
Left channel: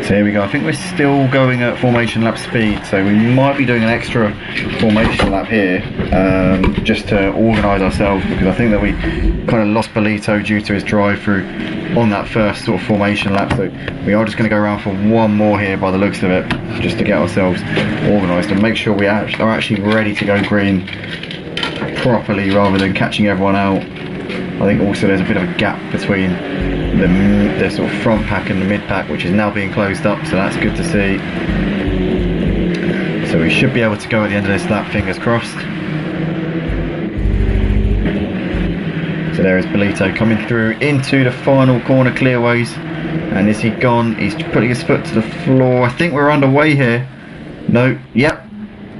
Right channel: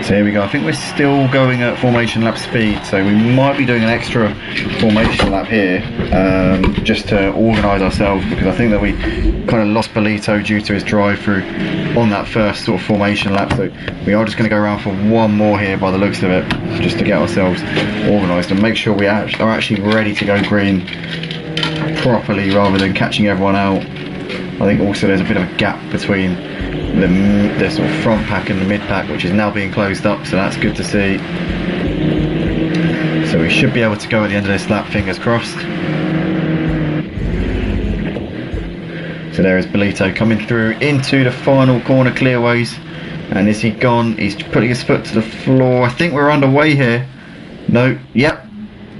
So here we go. I think we're still going at formation lap speed, so we might be doing an extra formation lap here just to organise ourselves, because I think that we kind of lost Bolito due to his drive through on that first sort of formation lap. So we are just going to go around for one more here by the looks of it, just to get ourselves organised and make sure we are actually ready to go green properly rather than catching everyone out. I think also there's a bit of a gap between the sort of front pack and the mid pack, which is now being closed up, so that's good to see. So we should be able to go at the end of this lap, fingers crossed. So there is Bolito coming through into the final corner clearways, and is he gone? He's putting his foot to the floor. I think we're underway here. No, yep.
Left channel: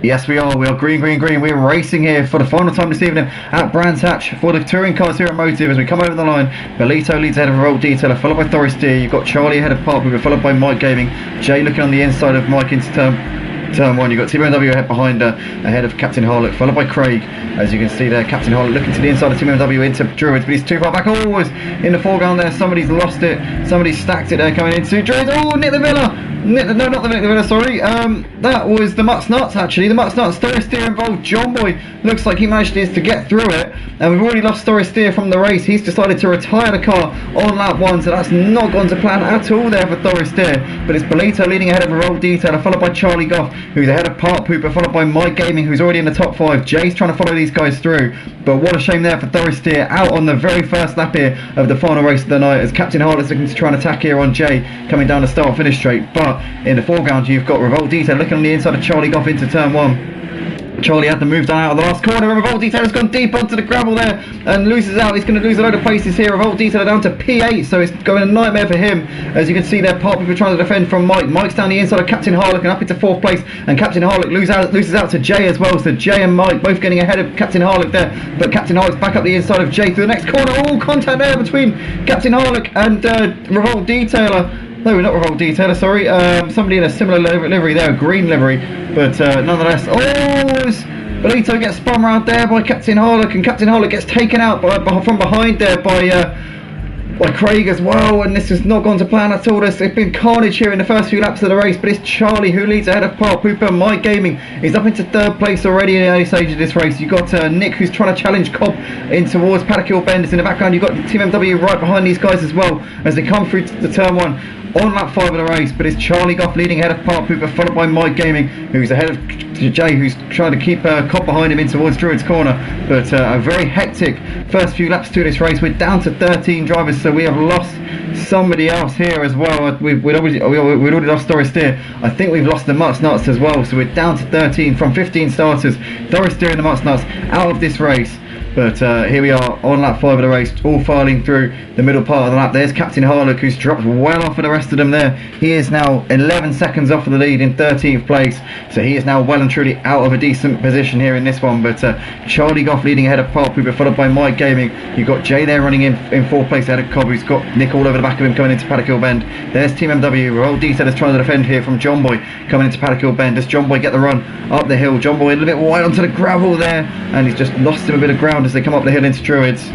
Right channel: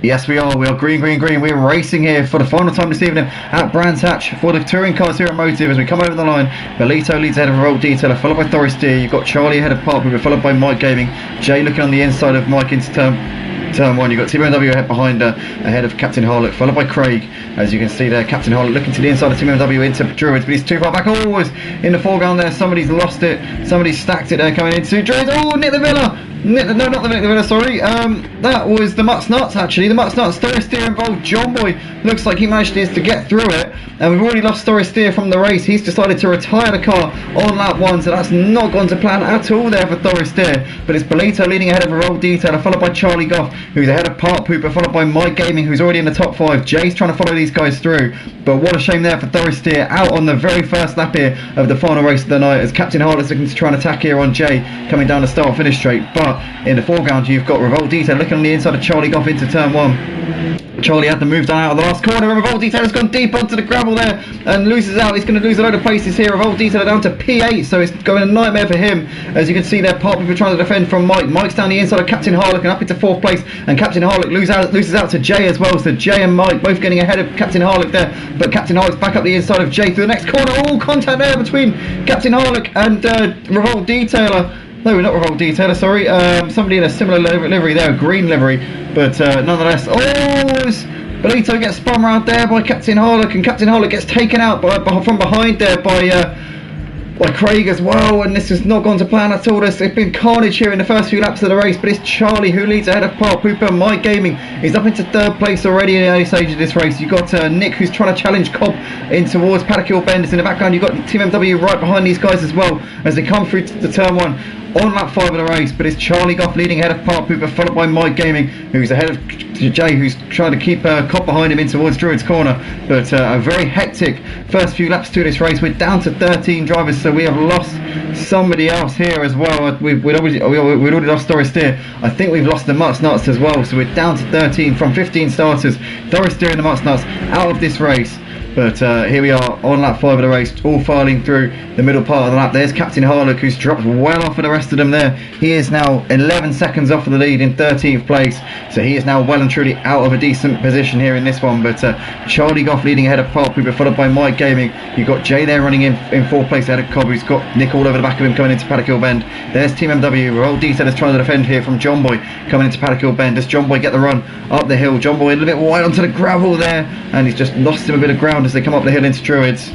Yes, we are. We are green, green, green. We're racing here for the final time this evening at Brands Hatch for the touring cars here at Motive. As we come over the line, Bolito leads ahead of Revolt Detailer, followed by Thorister. You've got Charlie ahead of Park Pooper, followed by Mike Gaming. Jay looking on the inside of Mike into turn 1. You've got TMW ahead behind ahead of Captain Harlock, followed by Craig. As you can see there, Captain Harlock looking to the inside of TMW into Druids, but he's too far back. Always in the foreground there. Somebody's lost it. Somebody's stacked it there coming into Druids. Oh, Nick the Villa. No, not the Nick the Villa, sorry. That was the Mutt's Nuts, actually. The Mutt's Nuts. Thorister involved. John Boy looks like he managed to get through it. And we've already lost Thorister from the race. He's decided to retire the car on lap 1, so that's not gone to plan at all there for Thorister. But it's Bolito leading ahead of Revolt Detailer, followed by Charlie Goff, who's ahead of Park Pooper, followed by Mike Gaming, who's already in the top 5. Jay's trying to follow these guys through, but what a shame there for Thorister, out on the very first lap here of the final race of the night, as Captain Harlock's looking to try and attack here on Jay, coming down the start finish straight. But in the foreground you've got Revolt Detail looking on the inside of Charlie Goff into turn 1. Charlie had to move down out of the last corner, and Revolt Detailer's gone deep onto the gravel there and loses out. He's going to lose a load of places here. Revolt Detailer down to P8, so it's going a nightmare for him. As you can see there, Park Pooper trying to defend from Mike. Mike's down the inside of Captain Harlock and up into 4th place, and Captain Harlock loses out to Jay as well. So Jay and Mike both getting ahead of Captain Harlock there, but Captain Harlock's back up the inside of Jay through the next corner. Oh, contact there between Captain Harlock and Revolt Detailer. No, not Revolt Detailer, sorry. Somebody in a similar livery there, a green livery, but nonetheless. Oh, Bolito gets spun around there by Captain Harlock, and Captain Harlock gets taken out from behind there by Craig as well, and this has not gone to plan at all. There's been carnage here in the first few laps of the race, but it's Charlie who leads ahead of Park Pooper. Mike Gaming is up into 3rd place already in the early stage of this race. You've got Nick who's trying to challenge Cobb in towards Paddock Hill Bend. In the background you've got Team MW right behind these guys as well as they come through to the turn 1. on lap 5 of the race, but it's Charlie Goff leading ahead of Park Pooper, followed by Mike Gaming, who's ahead of Jay, who's trying to keep Cobb behind him in towards Druid's Corner. But a very hectic first few laps to this race. We're down to 13 drivers, so we have lost somebody else here as well. We'd already lost Doris Steer. I think we've lost the Mutts Nuts as well, so we're down to 13 from 15 starters. Doris Steer and the Mutts Nuts out of this race. But here we are on lap 5 of the race, all filing through the middle part of the lap. There's Captain Harlock, who's dropped well off of the rest of them there. He is now 11 seconds off of the lead in 13th place. So he is now well and truly out of a decent position here in this one. But Charlie Goff leading ahead of Park Pooper, followed by Mike Gaming. You've got Jay there running in 4th place ahead of Cobb, who's got Nick all over the back of him coming into Paddock Hill Bend. There's Team MW. Revolt Detail is trying to defend here from John Boy coming into Paddock Hill Bend. Does John Boy get the run up the hill? John Boy a little bit wide onto the gravel there, and he's just lost him a bit of ground as they come up the hill into Druids.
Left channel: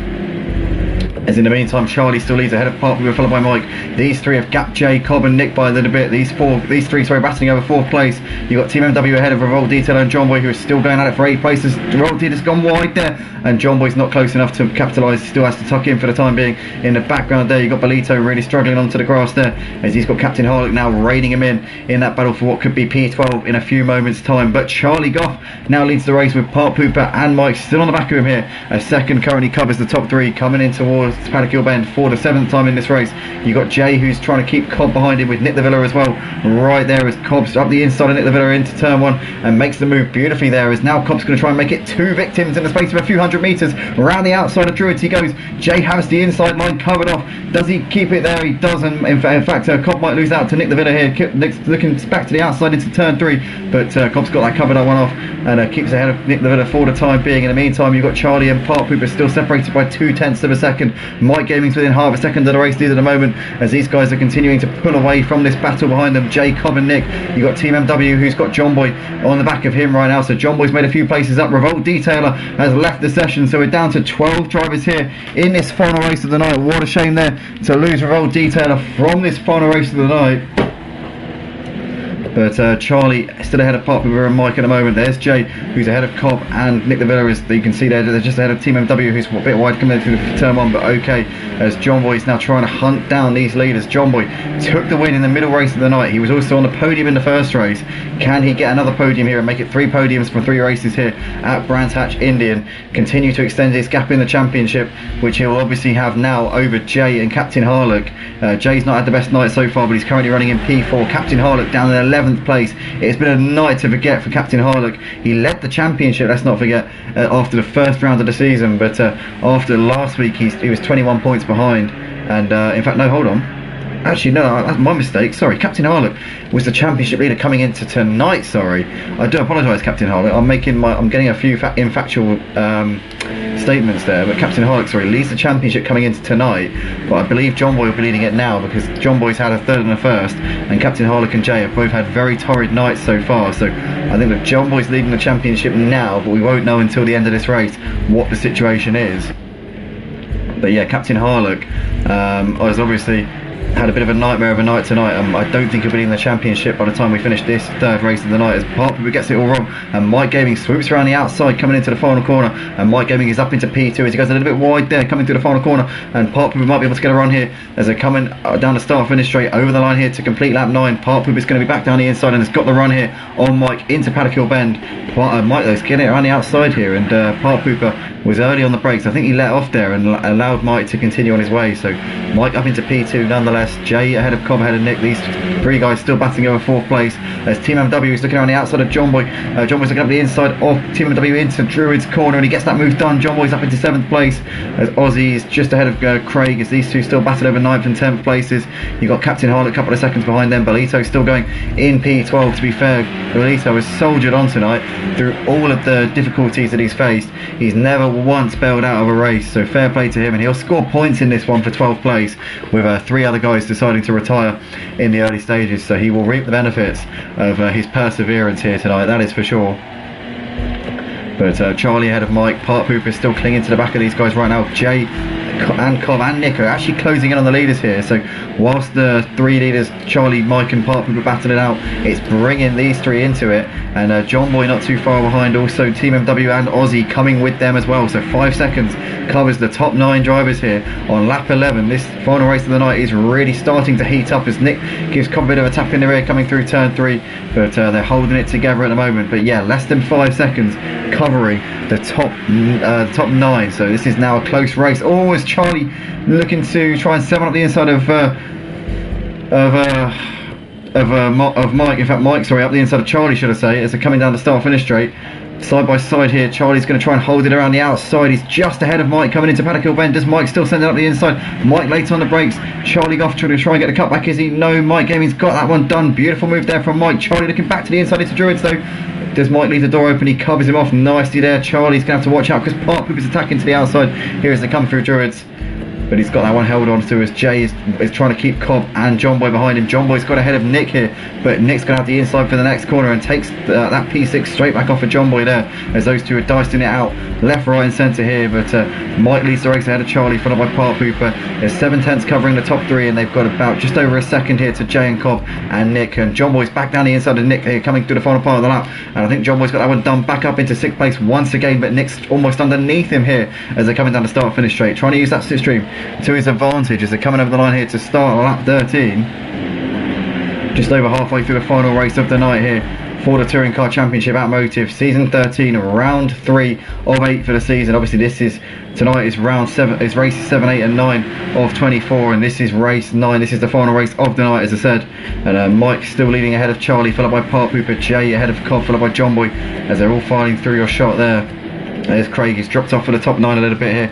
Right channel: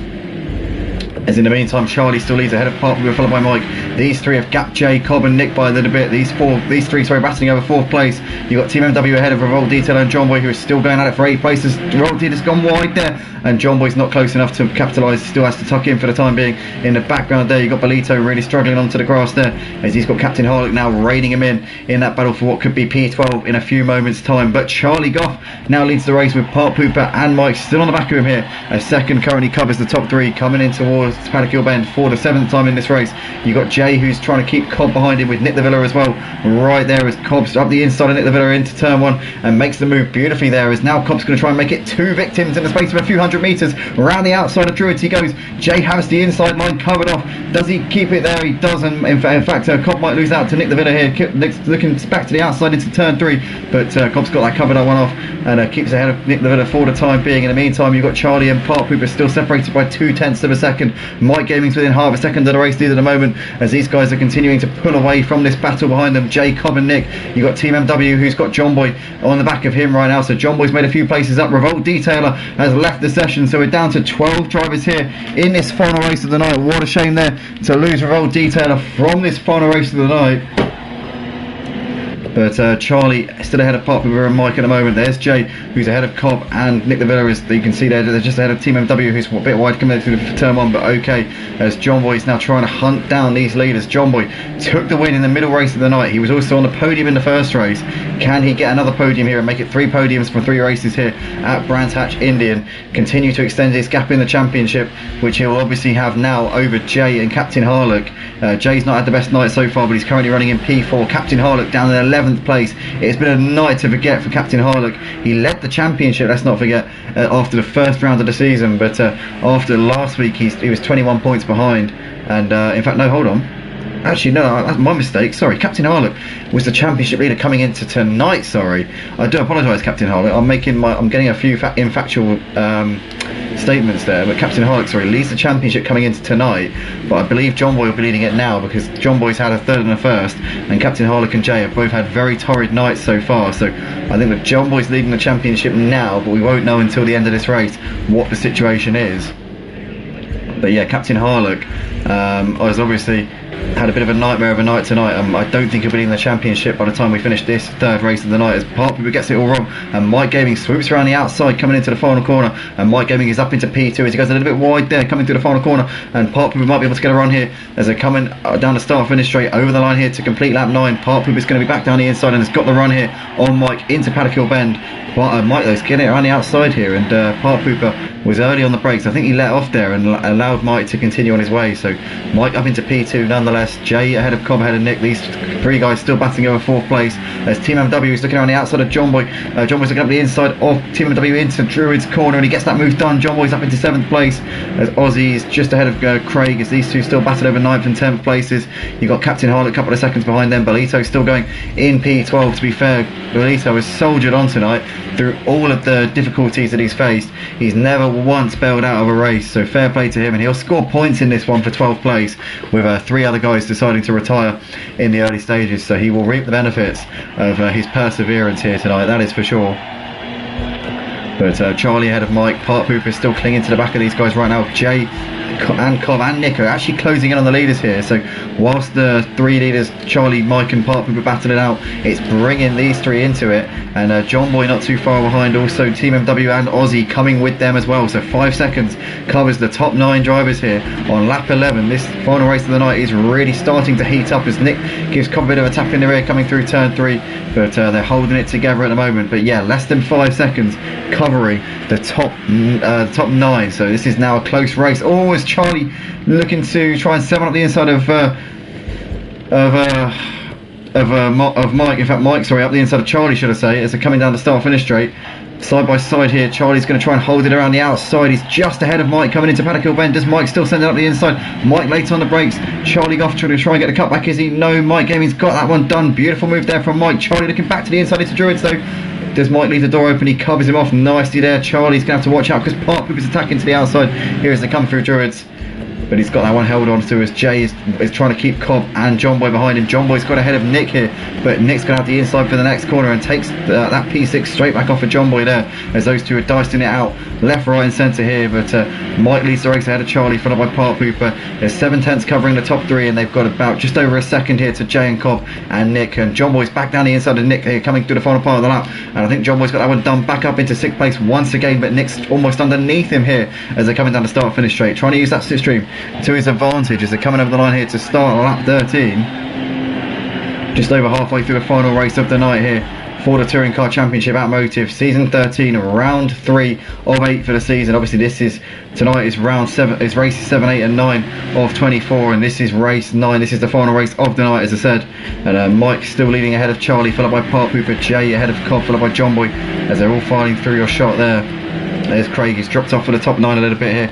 As in the meantime, Charlie still leads ahead of Park, followed by Mike. These three have gapped Jay, Cobb and Nick by a little bit. These three battling over 4th place. You've got Team MW ahead of Revolt Detail and John Boy, who is still going at it for 8 places. Revolt Detail's gone wide there, and John Boy's not close enough to capitalise. He still has to tuck in for the time being. In the background there, you've got Bolito really struggling onto the grass there, as he's got Captain Harlock now reining him in that battle for what could be P12 in a few moments' time. But Charlie Goff now leads the race with Park Pooper and Mike still on the back of him here. A second currently covers the top 3 coming in towards Paddock Hill Bend for the 7th time in this race. You've got Jay, who's trying to keep Cobb behind him with Nick the Villa as well. Right there as Cobb's up the inside of Nick the Villa into turn 1 and makes the move beautifully there, as now Cobb's going to try and make it 2 victims in the space of a few hundred metres. Around the outside of Druids he goes. Jay has the inside line covered off. Does he keep it there? He doesn't. In fact, Cobb might lose out to Nick the Villa here. Nick's looking back to the outside into turn 3, but Cobb's got that covered that one off and keeps ahead of Nick the Villa for the time being. In the meantime, you've got Charlie and Park Pooper still separated by 0.2 of a second. Mike Gaming's within half a second of the race lead at the moment, as these guys are continuing to pull away from this battle behind them. Jay, Cobb and Nick. You've got Team MW, who's got John Boy on the back of him right now, so John Boy's made a few places up. Revolt Detailer has left the session, so we're down to 12 drivers here in this final race of the night. What a shame there to lose Revolt Detailer from this final race of the night. But Charlie still ahead of Park Pooper and Mike at the moment. There's Jay, who's ahead of Cobb, and Nick the Villa, as you can see there, they're just ahead of Team MW, who's a bit wide coming through turn 1, but okay, as John Boy is now trying to hunt down these leaders. John Boy took the win in the middle race of the night. He was also on the podium in the first race. Can he get another podium here and make it 3 podiums from 3 races here at Brands Hatch Indy and continue to extend his gap in the championship, which he'll obviously have now over Jay and Captain Harlock. Jay's not had the best night so far, but he's currently running in P4. Captain Harlock down in 11th place. It's been a night to forget for Captain Harlock. He led the championship, let's not forget, after the first round of the season, but after last week he was 21 points behind, and in fact, no, hold on. Actually, no, that's my mistake. Sorry, Captain Harlock was the championship leader coming into tonight. Sorry, I do apologise, Captain Harlock. I'm getting a few infactual statements there. But Captain Harlock, sorry, leads the championship coming into tonight. But I believe John Boy will be leading it now, because John Boy's had a 3rd and a 1st, and Captain Harlock and Jay have both had very torrid nights so far. So I think that John Boy's leading the championship now, but we won't know until the end of this race what the situation is. But yeah, Captain Harlock was obviously had a bit of a nightmare of a night tonight. I don't think he'll be in the championship by the time we finish this 3rd race of the night, as Park Pooper gets it all wrong, and Mike Gaming swoops around the outside coming into the final corner, and Mike Gaming is up into P2 as he goes a little bit wide there coming through the final corner, and Park Pooper might be able to get a run here as they're coming down the start finish straight over the line here to complete lap 9. Park Pooper's going to be back down the inside and has got the run here on Mike into Paddock Hill Bend. Mike though is getting it around the outside here, and Park Pooper was early on the brakes. I think he let off there and allowed Mike to continue on his way, so Mike up into P2 nonetheless. Jay ahead of Cobb, ahead of Nick. These 3 guys still battling over 4th place, as Team MW is looking around the outside of John Boy. John Boy's looking up the inside of Team MW into Druid's Corner, and he gets that move done. John Boy's up into 7th place, as Ozzy is just ahead of Craig, as these two still battle over 9th and 10th places. You've got Captain Harlock a couple of seconds behind them. Bolito still going in P12. To be fair, Bolito has soldiered on tonight through all of the difficulties that he's faced. He's never once bailed out of a race, so fair play to him, and he'll score points in this one for 12th place, with 3 other guys deciding to retire in the early stages, so he will reap the benefits of his perseverance here tonight, that is for sure. But Charlie ahead of Mike. Park Pooper is still clinging to the back of these guys right now. Jay and Cobb and Nick are actually closing in on the leaders here. So whilst the three leaders, Charlie, Mike and Park, were battling it out, it's bringing these three into it. And John Boy not too far behind, also Team MW and Aussie coming with them as well. So 5 seconds covers the top 9 drivers here on lap 11. This final race of the night is really starting to heat up as Nick gives Cobb a bit of a tap in the rear coming through turn 3, but they're holding it together at the moment. But yeah, less than 5 seconds covering the top 9. So this is now a close race. Oh, is Charlie looking to try and 7 up the inside of Mike. In fact, Mike, sorry, up the inside of Charlie, should I say, as they're coming down the start-finish straight. Side by side here, Charlie's going to try and hold it around the outside. He's just ahead of Mike coming into Paddock Hill Bend. Does Mike still send it up the inside? Mike late on the brakes. Charlie off trying to try and get the cut back. Is he? No, Mike Gaming's got that one done. Beautiful move there from Mike. Charlie looking back to the inside into Druids though. Does Mike leave the door open? He covers him off nicely there. Charlie's going to have to watch out because Park Poop is attacking to the outside here as they come through Druids. But he's got that one held on to as Jay is trying to keep Cobb and John Boy behind him. John Boy's got ahead of Nick here, but Nick's going to have the inside for the next corner and takes that P6 straight back off of John Boy there as those two are dicing it out left, right and centre here. But Mike leads the race ahead of Charlie, followed by Park Pooper. There's 7 tenths covering the top 3 and they've got about just over a second here to Jay and Cobb and Nick. And John Boy's back down the inside of Nick here coming through the final part of the lap. And I think John Boy's got that one done back up into 6th place once again, but Nick's almost underneath him here as they're coming down the start finish straight, trying to use that slipstream to his advantage as they're coming over the line here to start lap 13. Just over halfway through the final race of the night here for the Touring Car Championship Automotive Season 13, round 3 of 8 for the season. Obviously this is, tonight is round 7, it's races 7, 8 and 9 of 24, and this is race 9. This is the final race of the night, as I said. And Mike's still leading ahead of Charlie, followed by Park Pooper. Jay ahead of Cobb, followed by John Boy as they're all filing through your shot there. There's Craig, he's dropped off for the top 9 a little bit here.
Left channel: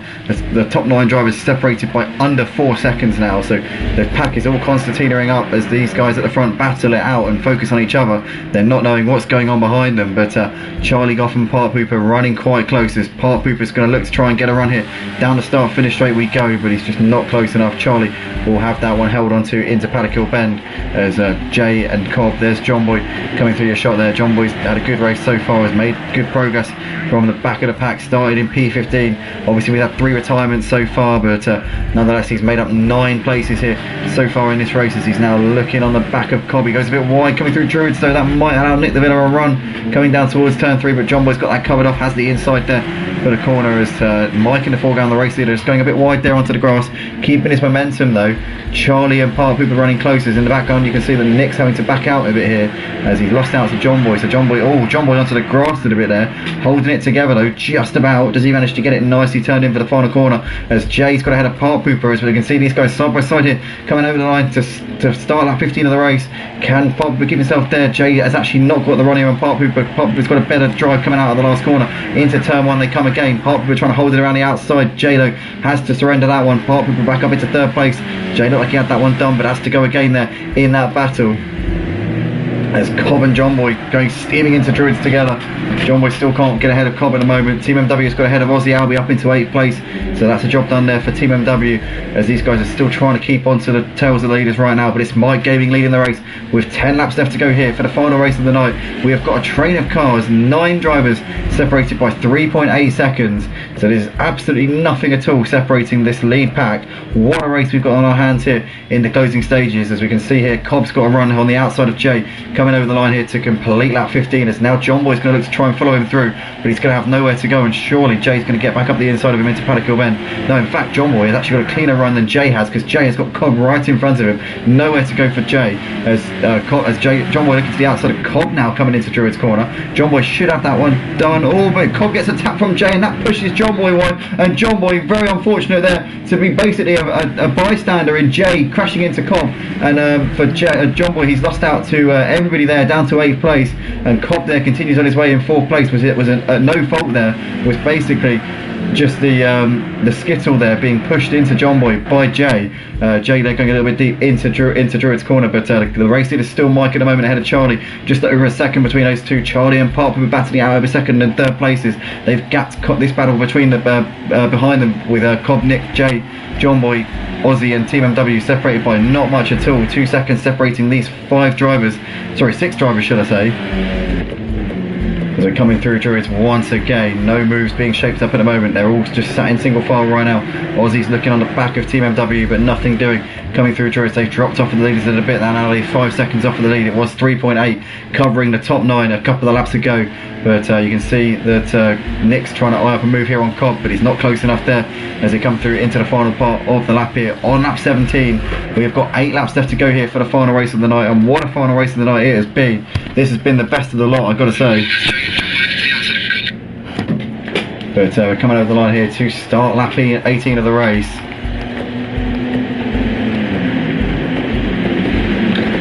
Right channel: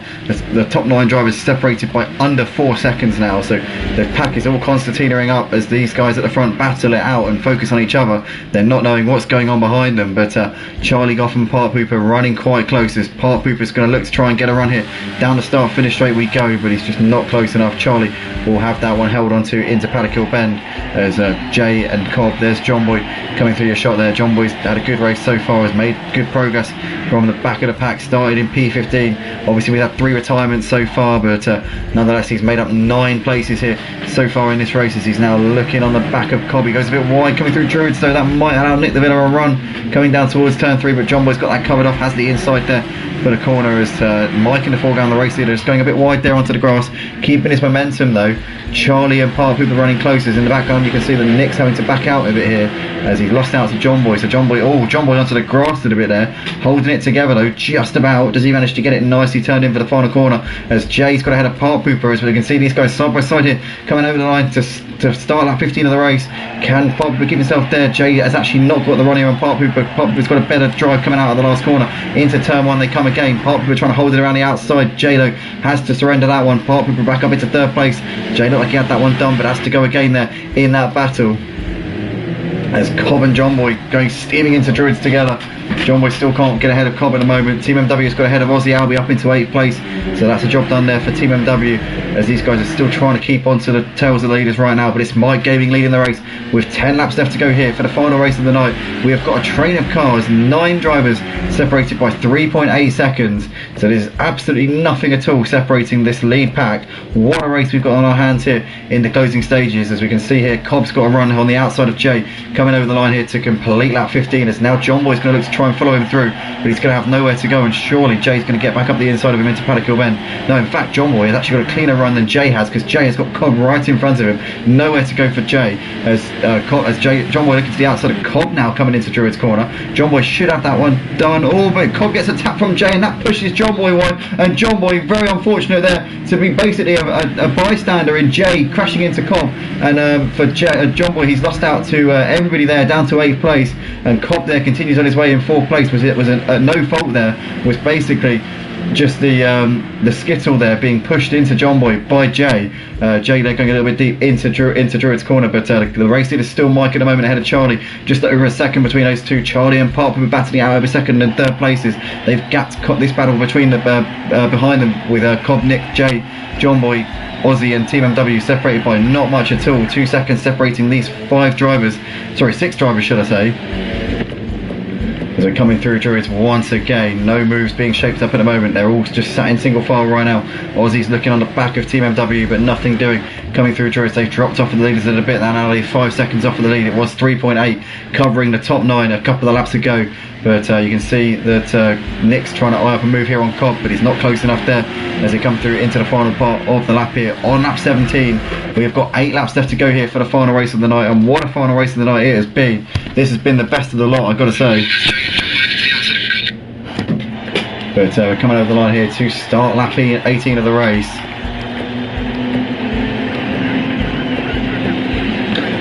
The top 9 drivers separated by under 4 seconds now, so the pack is all concertinaing up as these guys at the front battle it out and focus on each other. They're not knowing what's going on behind them, but Charlie Goff and Park Pooper running quite close as Park Pooper's going to look to try and get a run here. Down the start finish straight we go, but he's just not close enough. Charlie will have that one held onto into Paddock Hill Bend as Jay and Cobb. There's John Boy coming through your shot there. John Boy's had a good race so far, has made good progress from the back of the pack, started in P15. Obviously we've had 3 retirements so far, but nonetheless he's made up 9 places here so far in this race as he's now looking on the back of Cobb. He goes a bit wide coming through Druids, so that might allow Nick the Villa a run coming down towards turn 3, but John Boy's got that covered off, has the inside there for the corner as Mike in the foreground, the race leader, is going a bit wide there onto the grass, keeping his momentum though. Charlie and Park Pooper running closest. In the background you can see that Nick's having to back out a bit here as he's lost out to John Boy. So John Boy onto the grass a little bit there, holding it together though, just about. Does he manage to get it nicely turned in for the final corner as Jay's got ahead of Park Pooper, as we can see these guys side by side here coming over the line to start lap 15 of the race. Can Park Pooper keep himself there? Jay has actually not got the run here on Park Pooper. Park Pooper's got a better drive coming out of the last corner into turn 1. They come again. Park Pooper trying to hold it around the outside. Jay though has to surrender that one. Park Pooper back up into 3rd place. Jay looked like he had that one done, but has to go again there in that battle as Cobb and John Boy going steaming into Druids together. John Boy still can't get ahead of Cobb at the moment. Team MW's got ahead of Aussie Albie up into 8th place, so that's a job done there for Team MW as these guys are still trying to keep on to the tails of the leaders right now. But it's Mike Gaming leading the race with 10 laps left to go here for the final race of the night. We have got a train of cars, 9 drivers separated by 3.8 seconds, so there's absolutely nothing at all separating this lead pack. What a race we've got on our hands here in the closing stages. As we can see here, Cobb's got a run on the outside of Jay coming over the line here to complete lap 15 as now John Boy's going to look to try and follow him through, but he's going to have nowhere to go, and surely Jay's going to get back up the inside of him into Paddock Hill Bend. No, in fact John Boy has actually got a cleaner run than Jay has, because Jay has got Cobb right in front of him. Nowhere to go for Jay as John Boy looking to the outside of Cobb now coming into Druids corner. John Boy should have that one done. Oh, but Cobb gets a tap from Jay and that pushes John Boy wide, and John Boy very unfortunate there to be basically a bystander in Jay crashing into Cobb. And for John Boy, he's lost out to everybody there down to 8th place, and Cobb there continues on his way in 4th place. Was a no fault there, was basically just the skittle there being pushed into John Boy by Jay. Jay there going a little bit deep into Druids corner, but the race leader is still Mike at the moment ahead of Charlie, just over a second between those two. Charlie and Park were battling out over 2nd and 3rd places. They've gapped this battle between behind them with Cobb, Nick, Jay, John Boy, Aussie and Team MW separated by not much at all. 2 seconds separating these 6 drivers should I say. as we're coming through Druids once again. No moves being shaped up at the moment. They're all just sat in single file right now. Aussies looking on the back of Team MW, but nothing doing. Coming through Druids, they've dropped off of the leaders a little bit. They're now only 5 seconds off of the lead. It was 3.8, covering the top 9 a couple of laps ago. But you can see that Nick's trying to eye up a move here on Cobb, but he's not close enough there as they come through into the final part of the lap here on lap 17. We have got 8 laps left to go here for the final race of the night, and what a final race of the night it has been. This has been the best of the lot, I've got to say. But we're coming over the line here to start lap 18 of the race.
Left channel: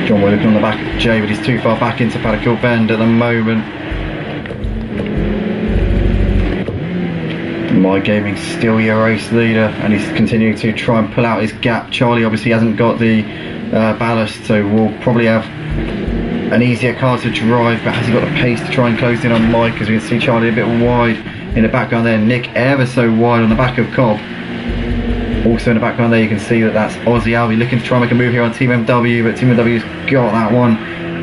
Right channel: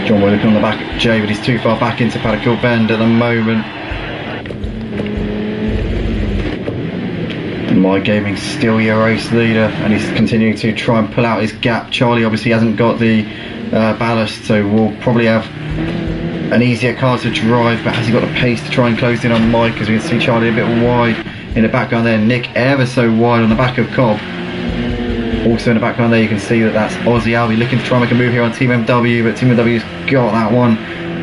John Boy looking on the back at Jay, but he's too far back into Paddock Bend at the moment. My Gaming still your race leader, and he's continuing to try and pull out his gap. Charlie obviously hasn't got the ballast, so we'll probably have an easier car to drive, but has he got the pace to try and close in on Mike? As we can see Charlie a bit wide in the background there, Nick ever so wide on the back of Cobb. Also in the background there you can see that that's Aussie Albie looking to try and make a move here on Team MW, but Team MW's got that one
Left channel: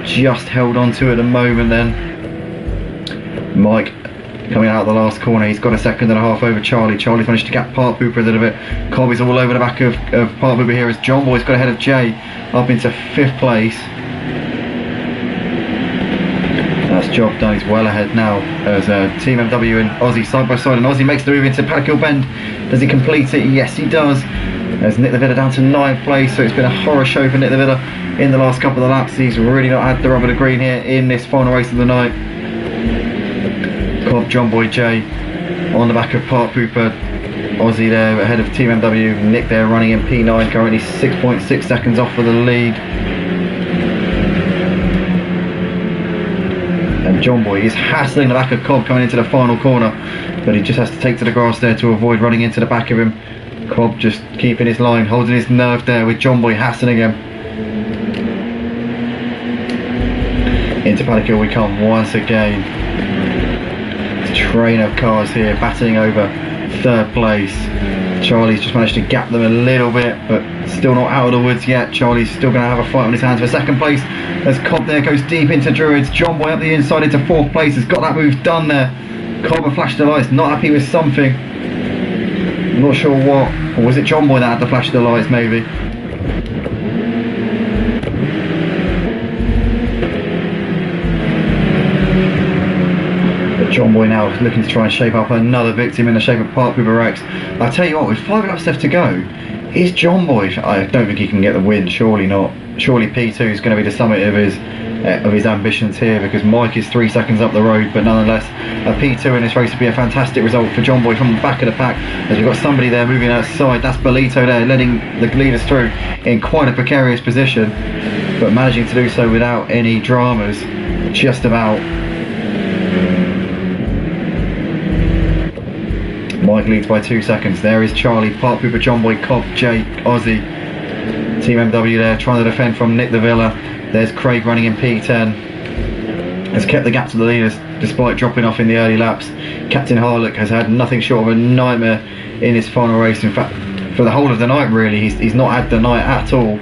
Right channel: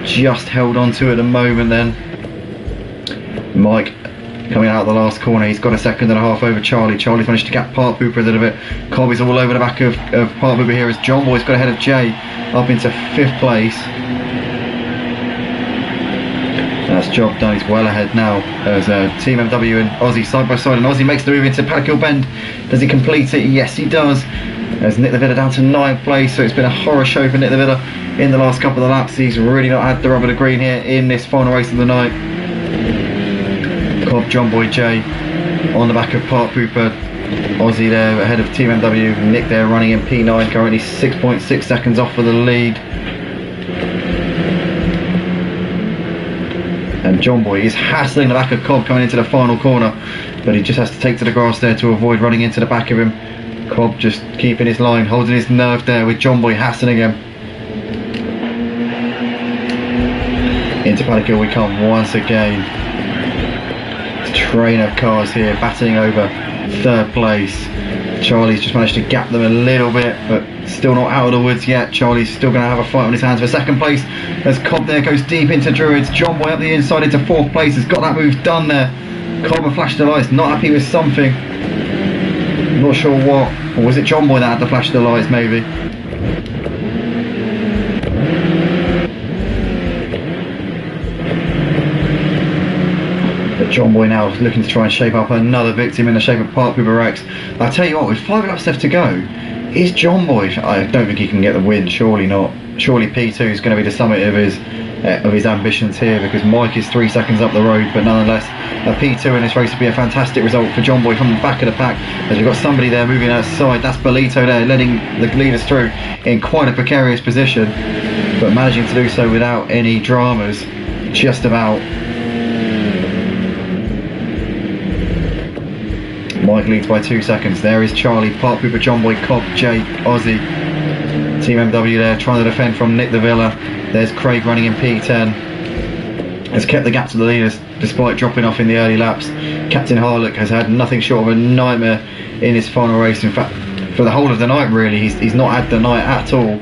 just held on to at the moment then. Mike coming out of the last corner, he's got a second and a half over Charlie. Charlie's managed to gap Part Pooper a little bit. Cobb is all over the back of Part Pooper here as John Boy's got ahead of Jay up into 5th place. That's job done, he's well ahead now as Team MW and Aussie side by side, and Aussie makes the move into Paddock Bend. Does he complete it? Yes he does, as Nick the Villa down to 9th place, so it's been a horror show for Nick the Villa in the last couple of laps. He's really not had the rubber to green here in this final race of the night. Cobb, John Boy, Jay on the back of Part Pooper, Aussie there ahead of Team MW, Nick there running in P9, currently 6.6 seconds off for the lead. And John Boy is hassling the back of Cobb coming into the final corner, but he just has to take to the grass there to avoid running into the back of him. Cobb just keeping his line, holding his nerve there with John Boy hassling him. Into Paddock we come once again. Train of cars here battling over 3rd place. Charlie's just managed to gap them a little bit, but still not out of the woods yet. Charlie's still going to have a fight on his hands for 2nd place as Cobb there goes deep into Druids. John Boy up the inside into 4th place, has got that move done there. Cobb have flashed the lights, not happy with something, not sure what, or was it John Boy that had to flash the lights maybe? John Boy now looking to try and shape up another victim in the shape of Part Pooper Rex. I tell you what, with 5 laps left to go, is John Boy, I don't think he can get the win, surely not. Surely P2 is going to be the summit of his ambitions here, because Mike is 3 seconds up the road, but nonetheless a P2 in this race would be a fantastic result for John Boy from the back of the pack, as we've got somebody there moving outside. That's Bolito there letting the leaders through in quite a precarious position, but managing to do so without any dramas, just about. Mike leads by 2 seconds. There is Charlie, Part Pooper, John Boy, Cobb, Jake, Aussie. Team MW there trying to defend from Nick the Villa. There's Craig running in P10. Has kept the gap to the leaders despite dropping off in the early laps. Captain Harlock has had nothing short of a nightmare in his final race. In fact, for the whole of the night really, he's not had the night at all.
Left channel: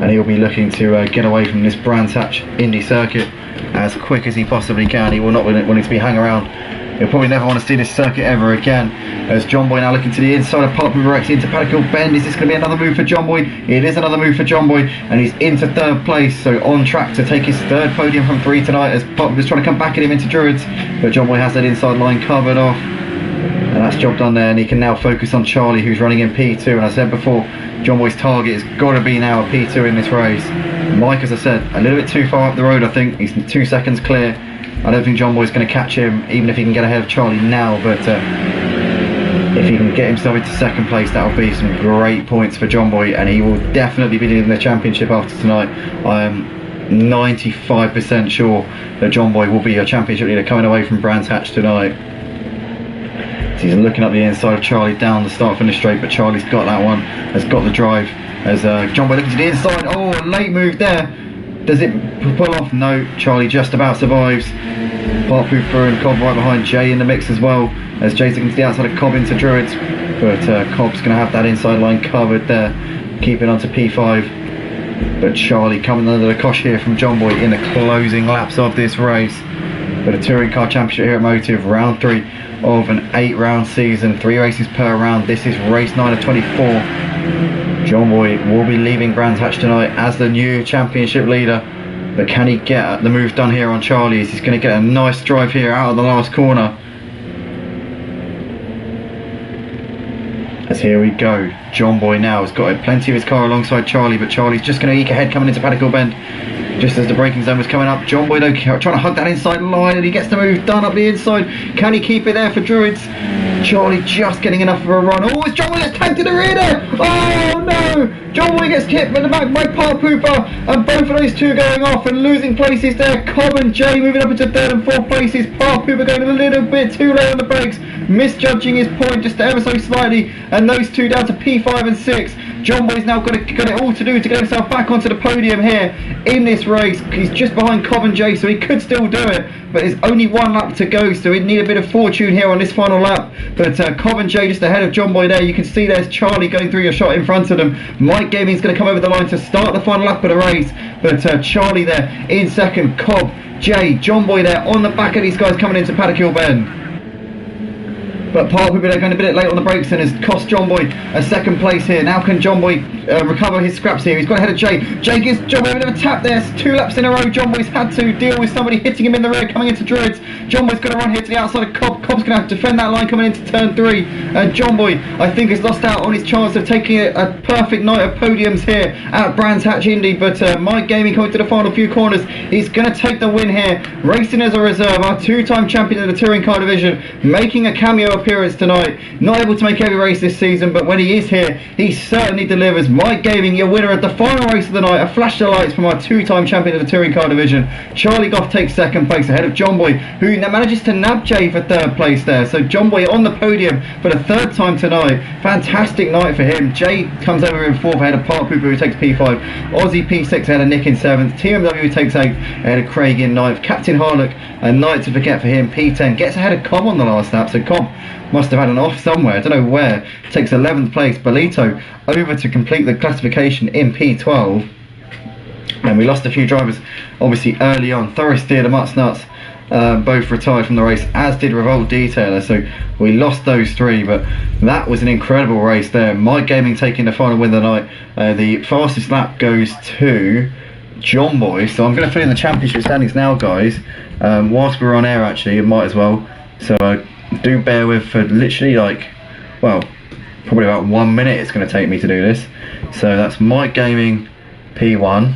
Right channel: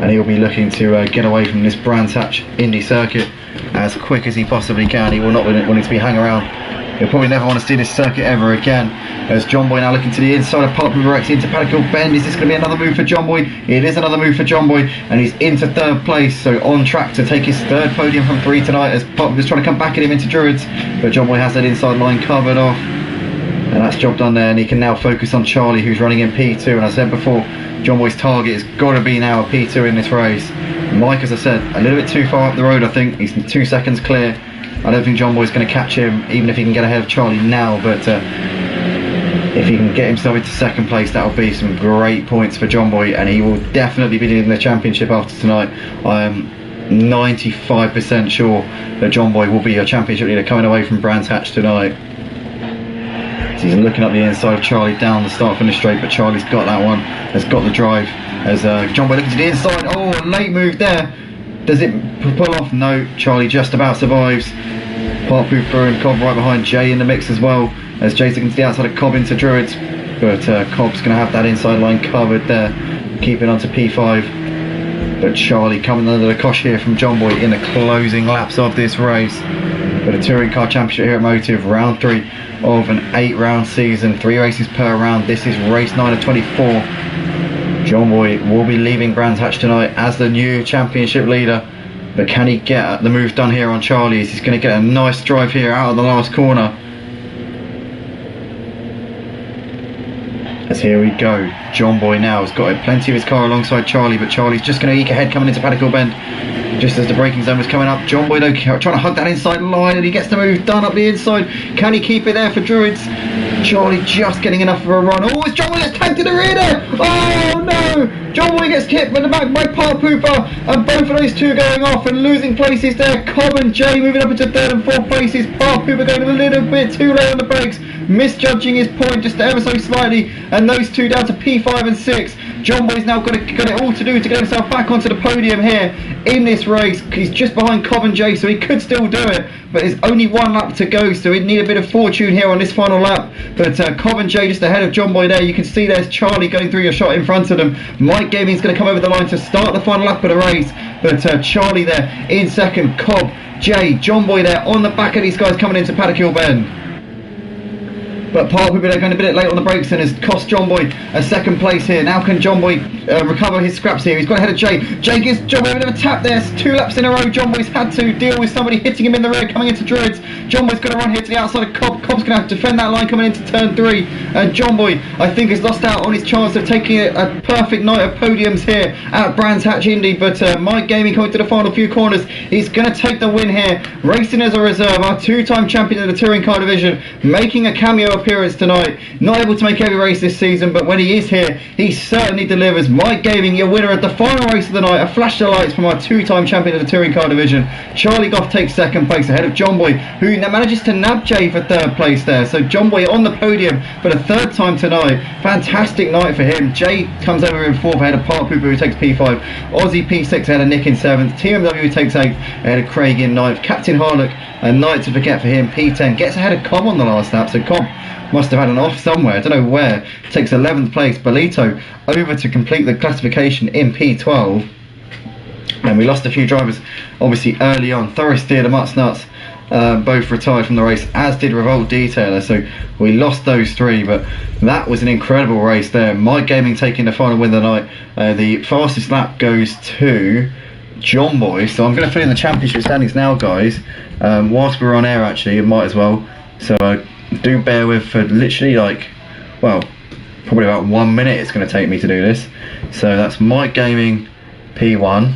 And he'll be looking to get away from this Brands Hatch Indy circuit as quick as he possibly can. He will not want to be hanging around. He'll probably never want to see this circuit ever again. As John Boy now looking to the inside of Part Pooper Rex into Paddock Bend. Is this going to be another move for John Boy? It is another move for John Boy, and he's into 3rd place, so on track to take his 3rd podium from 3 tonight, as Part Pooper's trying to come back at him into Druids, but John Boy has that inside line covered off, and that's job done there, and he can now focus on Charlie, who's running in P2. And as I said before, John Boy's target has got to be now a P2 in this race. Mike, as I said, a little bit too far up the road. I think he's 2 seconds clear. I don't think John Boy's going to catch him, even if he can get ahead of Charlie now, but if he can get himself into 2nd place, that'll be some great points for John Boy, and he will definitely be leading the championship after tonight. I am 95% sure that John Boy will be a championship leader coming away from Brands Hatch tonight. So he's looking up the inside of Charlie down the start finish straight, but Charlie's got that one, has got the drive, as John Boy looking to the inside. Oh, a late move there. Does it pull off? No, Charlie just about survives. Part Pooper and Cobb right behind Jay in the mix as well, as Jay's looking to the outside of Cobb into Druids, but Cobb's going to have that inside line covered there, keeping on to P5. But Charlie coming under the cosh here from John Boy in the closing laps of this race. for the Touring Car Championship here at Motive, round 3 of an 8-round season, 3 races per round. This is race 9 of 24. John Boy will be leaving Brands Hatch tonight as the new championship leader, but can he get the move done here on Charlie's? He's going to get a nice drive here out of the last corner. As here we go, John Boy now has got plenty of his car alongside Charlie, but Charlie's just going to eke ahead coming into Paddock Hill Bend just as the braking zone was coming up. John Boy though trying to hug that inside line, and he gets the move done up the inside. Can he keep it there for Druids? Charlie just getting enough of a run. Oh, it's John Boy gets tagged to the rear there. Oh no! John Boy gets hit from the back by Park Pooper, and both of those two going off and losing places there. Cobb and Jay moving up into 3rd and 4th places. Park Pooper going a little bit too late on the brakes, misjudging his point just ever so slightly, and those two down to P5 and 6. John Boy's now got it all to do to get himself back onto the podium here in this race. He's just behind Cobb and Jay, so he could still do it, but there's only 1 lap to go, so he'd need a bit of fortune here on this final lap. But Cobb and Jay just ahead of John Boy there. You can see there's Charlie going through your shot in front of them. Mike Gaming's going to come over the line to start the final lap of the race, but Charlie there in second, Cobb, Jay, John Boy there on the back of these guys coming into Paddock Hill Bend. But Park Pooper going a bit late on the brakes and has cost John Boy a 2nd place here. Now can John Boy recover his scraps here? He's got ahead of Jay. Jay gives John Boy a bit of a tap there. 2 laps in a row. John Boy's had to deal with somebody hitting him in the rear coming into Druids. John Boy's going to run here to the outside of Cobb. Cobb's going to have to defend that line coming into turn 3. And John Boy, I think, has lost out on his chance of taking a perfect night of podiums here at Brands Hatch Indy. But Mike Gaming coming to the final few corners. He's going to take the win here. Racing as a reserve, our 2-time champion of the Touring Car Division, making a cameo appearance tonight. Not able to make every race this season, but when he is here, he certainly delivers. Mike Gaming, your winner of the final race of the night. A flash of lights from our 2-time champion of the Touring Car Division. Charlie Goff takes 2nd place ahead of John Boy, who manages to nab Jay for 3rd place there. So John Boy on the podium for the 3rd time tonight. Fantastic night for him. Jay comes over in 4th ahead of Park Pooper, who takes P5. Aussie P6 ahead of Nick in 7th. TMW who takes 8th ahead of Craig in 9th. Captain Harlock, a night to forget for him, P10. Gets ahead of Cobb on the last lap, so Cobb must have had an off somewhere, I don't know where. Takes 11th place. Bolito over to complete the classification in P12. And we lost a few drivers obviously early on. Thorsteer, the Mutts Nuts, both retired from the race, as did Revolt Detailer, so we lost those 3, but that was an incredible race there. Mike Gaming taking the final win of the night. The fastest lap goes to John Boy, so I'm going to fill in the championship standings now, guys. Whilst we're on air, actually, it might as well, so do bear with for literally probably about 1 minute it's going to take me to do this. So that's Mike Gaming P1,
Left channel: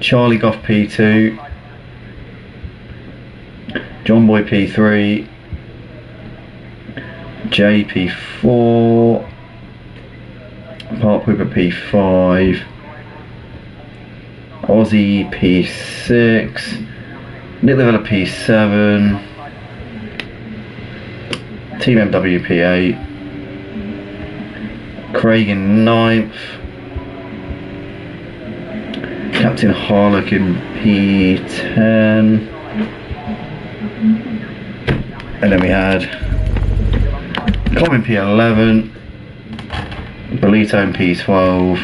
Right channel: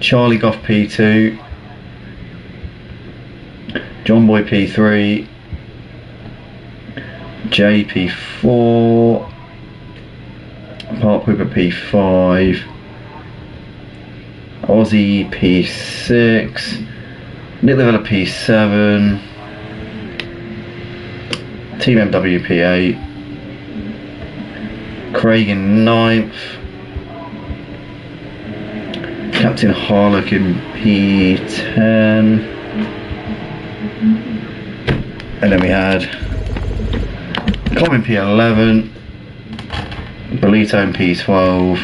Charlie Goff P2, John Boy P3, Jay P4, Park Pooper P5, Aussie P6, Nick Lavella P7, Team MW P8, Craig in 9th, Captain Harlock in P10, and then we had Cobb in P11, Bolito in P12,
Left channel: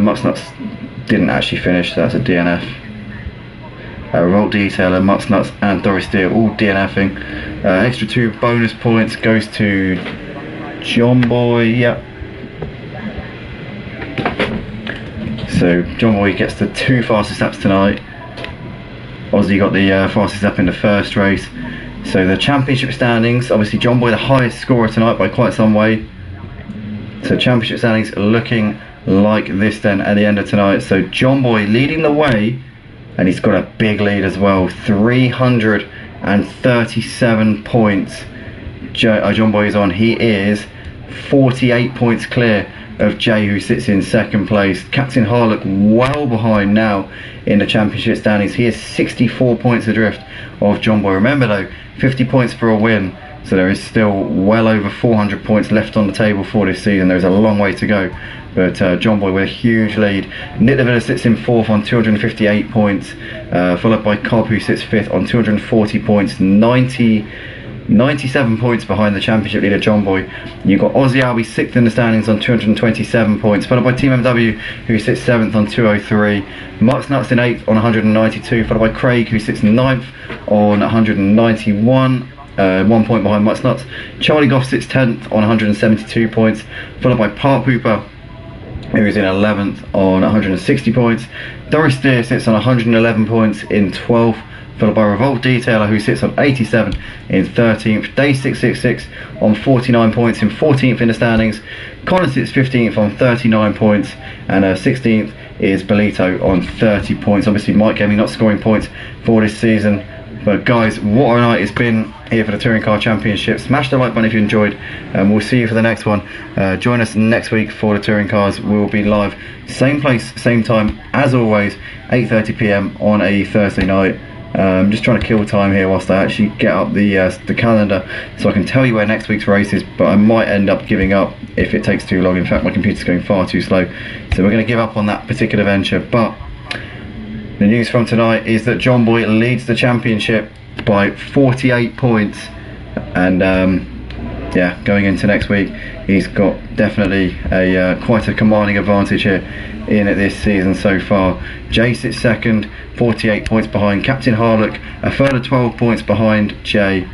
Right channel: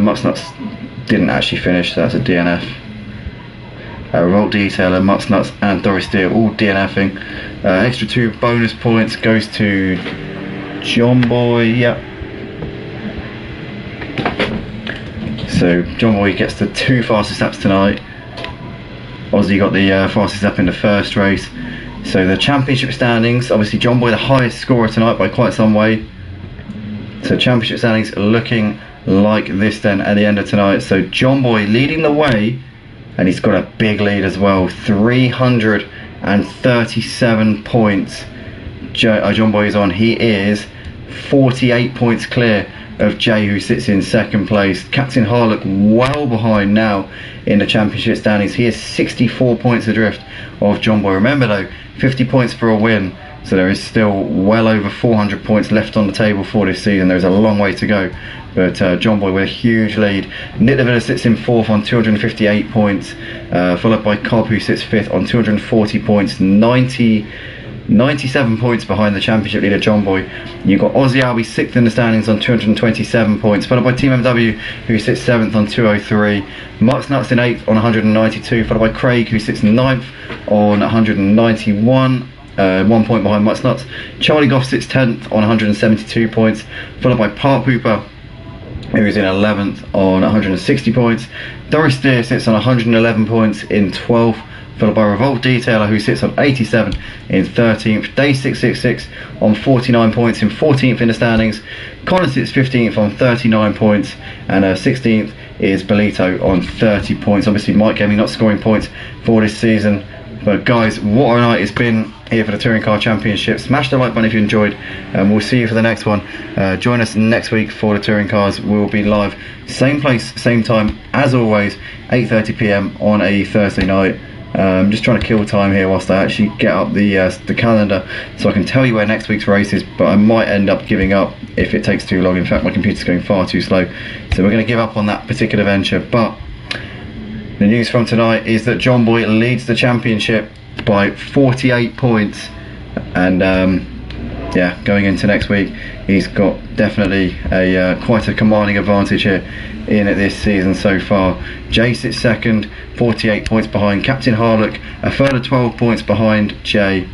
Mutts Nuts didn't actually finish, so that's a DNF. Revolt Detailer, Mutts Nuts and Doris Deer all DNFing. Extra 2 bonus points goes to John Boy, yep. So John Boy gets the 2 fastest laps tonight. Aussie got the fastest lap in the first race. So the championship standings, obviously John Boy the highest scorer tonight by quite some way. So championship standings are looking like this then at the end of tonight. So John Boy leading the way, and he's got a big lead as well, 337 points. John Boy is on. He is 48 points clear of Jay, who sits in 2nd place. Captain Harlock well behind now in the championship standings. He is 64 points adrift of John Boy. Remember though, 50 points for a win, so there is still well over 400 points left on the table for this season. There's a long way to go, but John Boy with a huge lead. Nick Lavilla sits in 4th on 258 points, followed by Cobb, who sits 5th on 240 points. 90 97 points behind the championship leader John Boy. You've got Aussie Albie 6th in the standings on 227 points, followed by Team MW, who sits 7th on 203. Mutt's Nuts in 8th on 192, followed by Craig, who sits 9th on 191. 1 point behind Mutt's Nuts. Charlie Goff sits 10th on 172 points, followed by Part Pooper, who is in 11th on 160 points. Doris Steer sits on 111 points in 12th, followed by Revolt Detailer, who sits on 87 in 13th. Day666 on 49 points in 14th in the standings. Connor sits 15th on 39 points, and 16th is Belito on 30 points. Obviously Mike Gaming not scoring points for this season. But guys, what a night it's been here for the Touring Car Championship. Smash the like button if you enjoyed, and we'll see you for the next one. Join us next week for the Touring Cars. We'll be live, same place, same time, as always, 8:30 PM on a Thursday night. Just trying to kill time here whilst I actually get up the calendar so I can tell you where next week's race is, but I might end up giving up if it takes too long. In fact, my computer's going far too slow, so we're going to give up on that particular venture. But the news from tonight is that John Boy leads the championship by 48 points, and yeah, going into next week, he's got definitely a quite a commanding advantage here in this season so far. Jay sits second, 48 points behind Captain Harlock, a further 12 points behind Jay.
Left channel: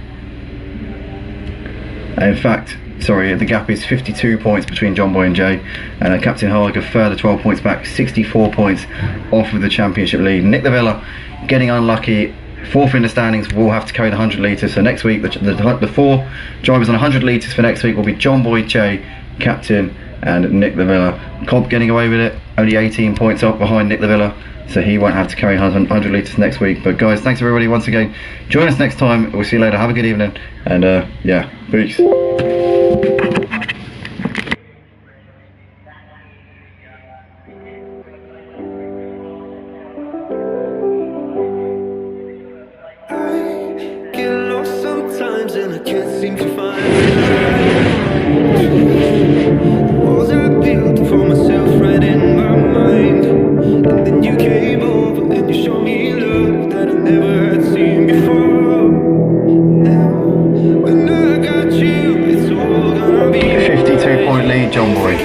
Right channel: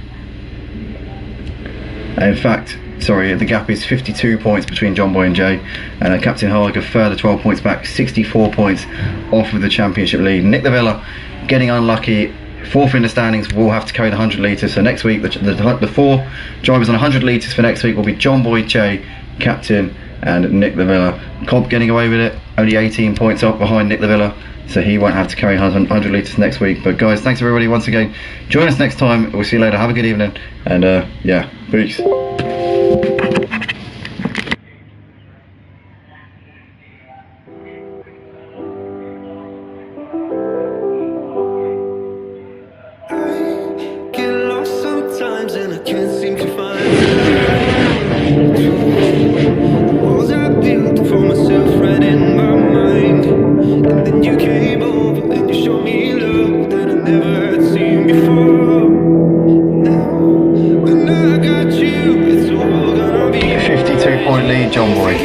In fact, sorry, the gap is 52 points between John Boy and Jay, and Captain Harlock a further 12 points back, 64 points off of the championship lead. Nick the Villa getting unlucky, 4th in the standings, will have to carry the 100 litres. So next week, the 4 drivers on 100 litres for next week will be John Boy, Jay, Captain, and Nick the Villa. Cobb getting away with it, only 18 points up behind Nick the Villa, so he won't have to carry 100 litres next week. But guys, thanks everybody once again. Join us next time. We'll see you later. Have a good evening, and yeah, peace. I get lost sometimes and I can't seem to find the light. The walls I built for myself right in my mind, and then you came over and you showed me love that I never had seen before. Now when I got you, it's all gonna be 52 point lead, John Boy.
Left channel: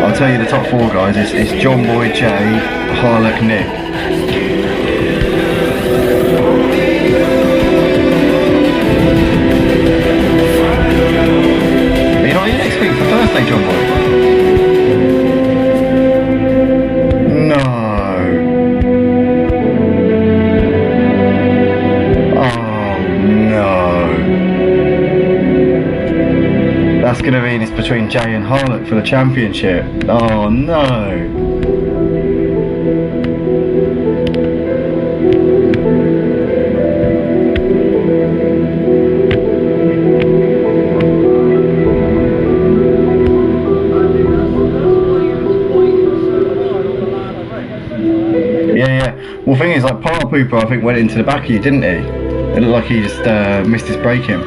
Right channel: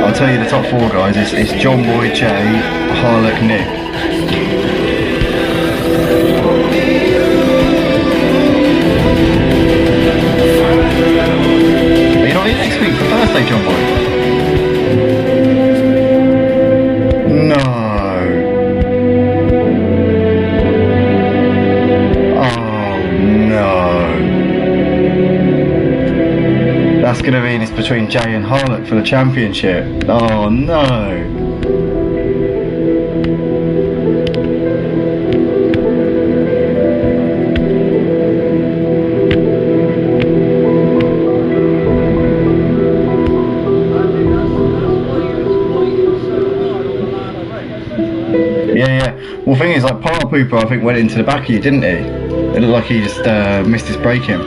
I'll tell you the top 4 guys. It's John Boy, Jay, Harlock, Nick. Are you not here next week for Thursday, John Boy? No. Oh no. That's going to mean it's between Jay and Harlock for the championship. Oh no. Yeah. Well, the thing is, like, Part Pooper, I think, went into the back of you, didn't he? It looked like he just missed his braking.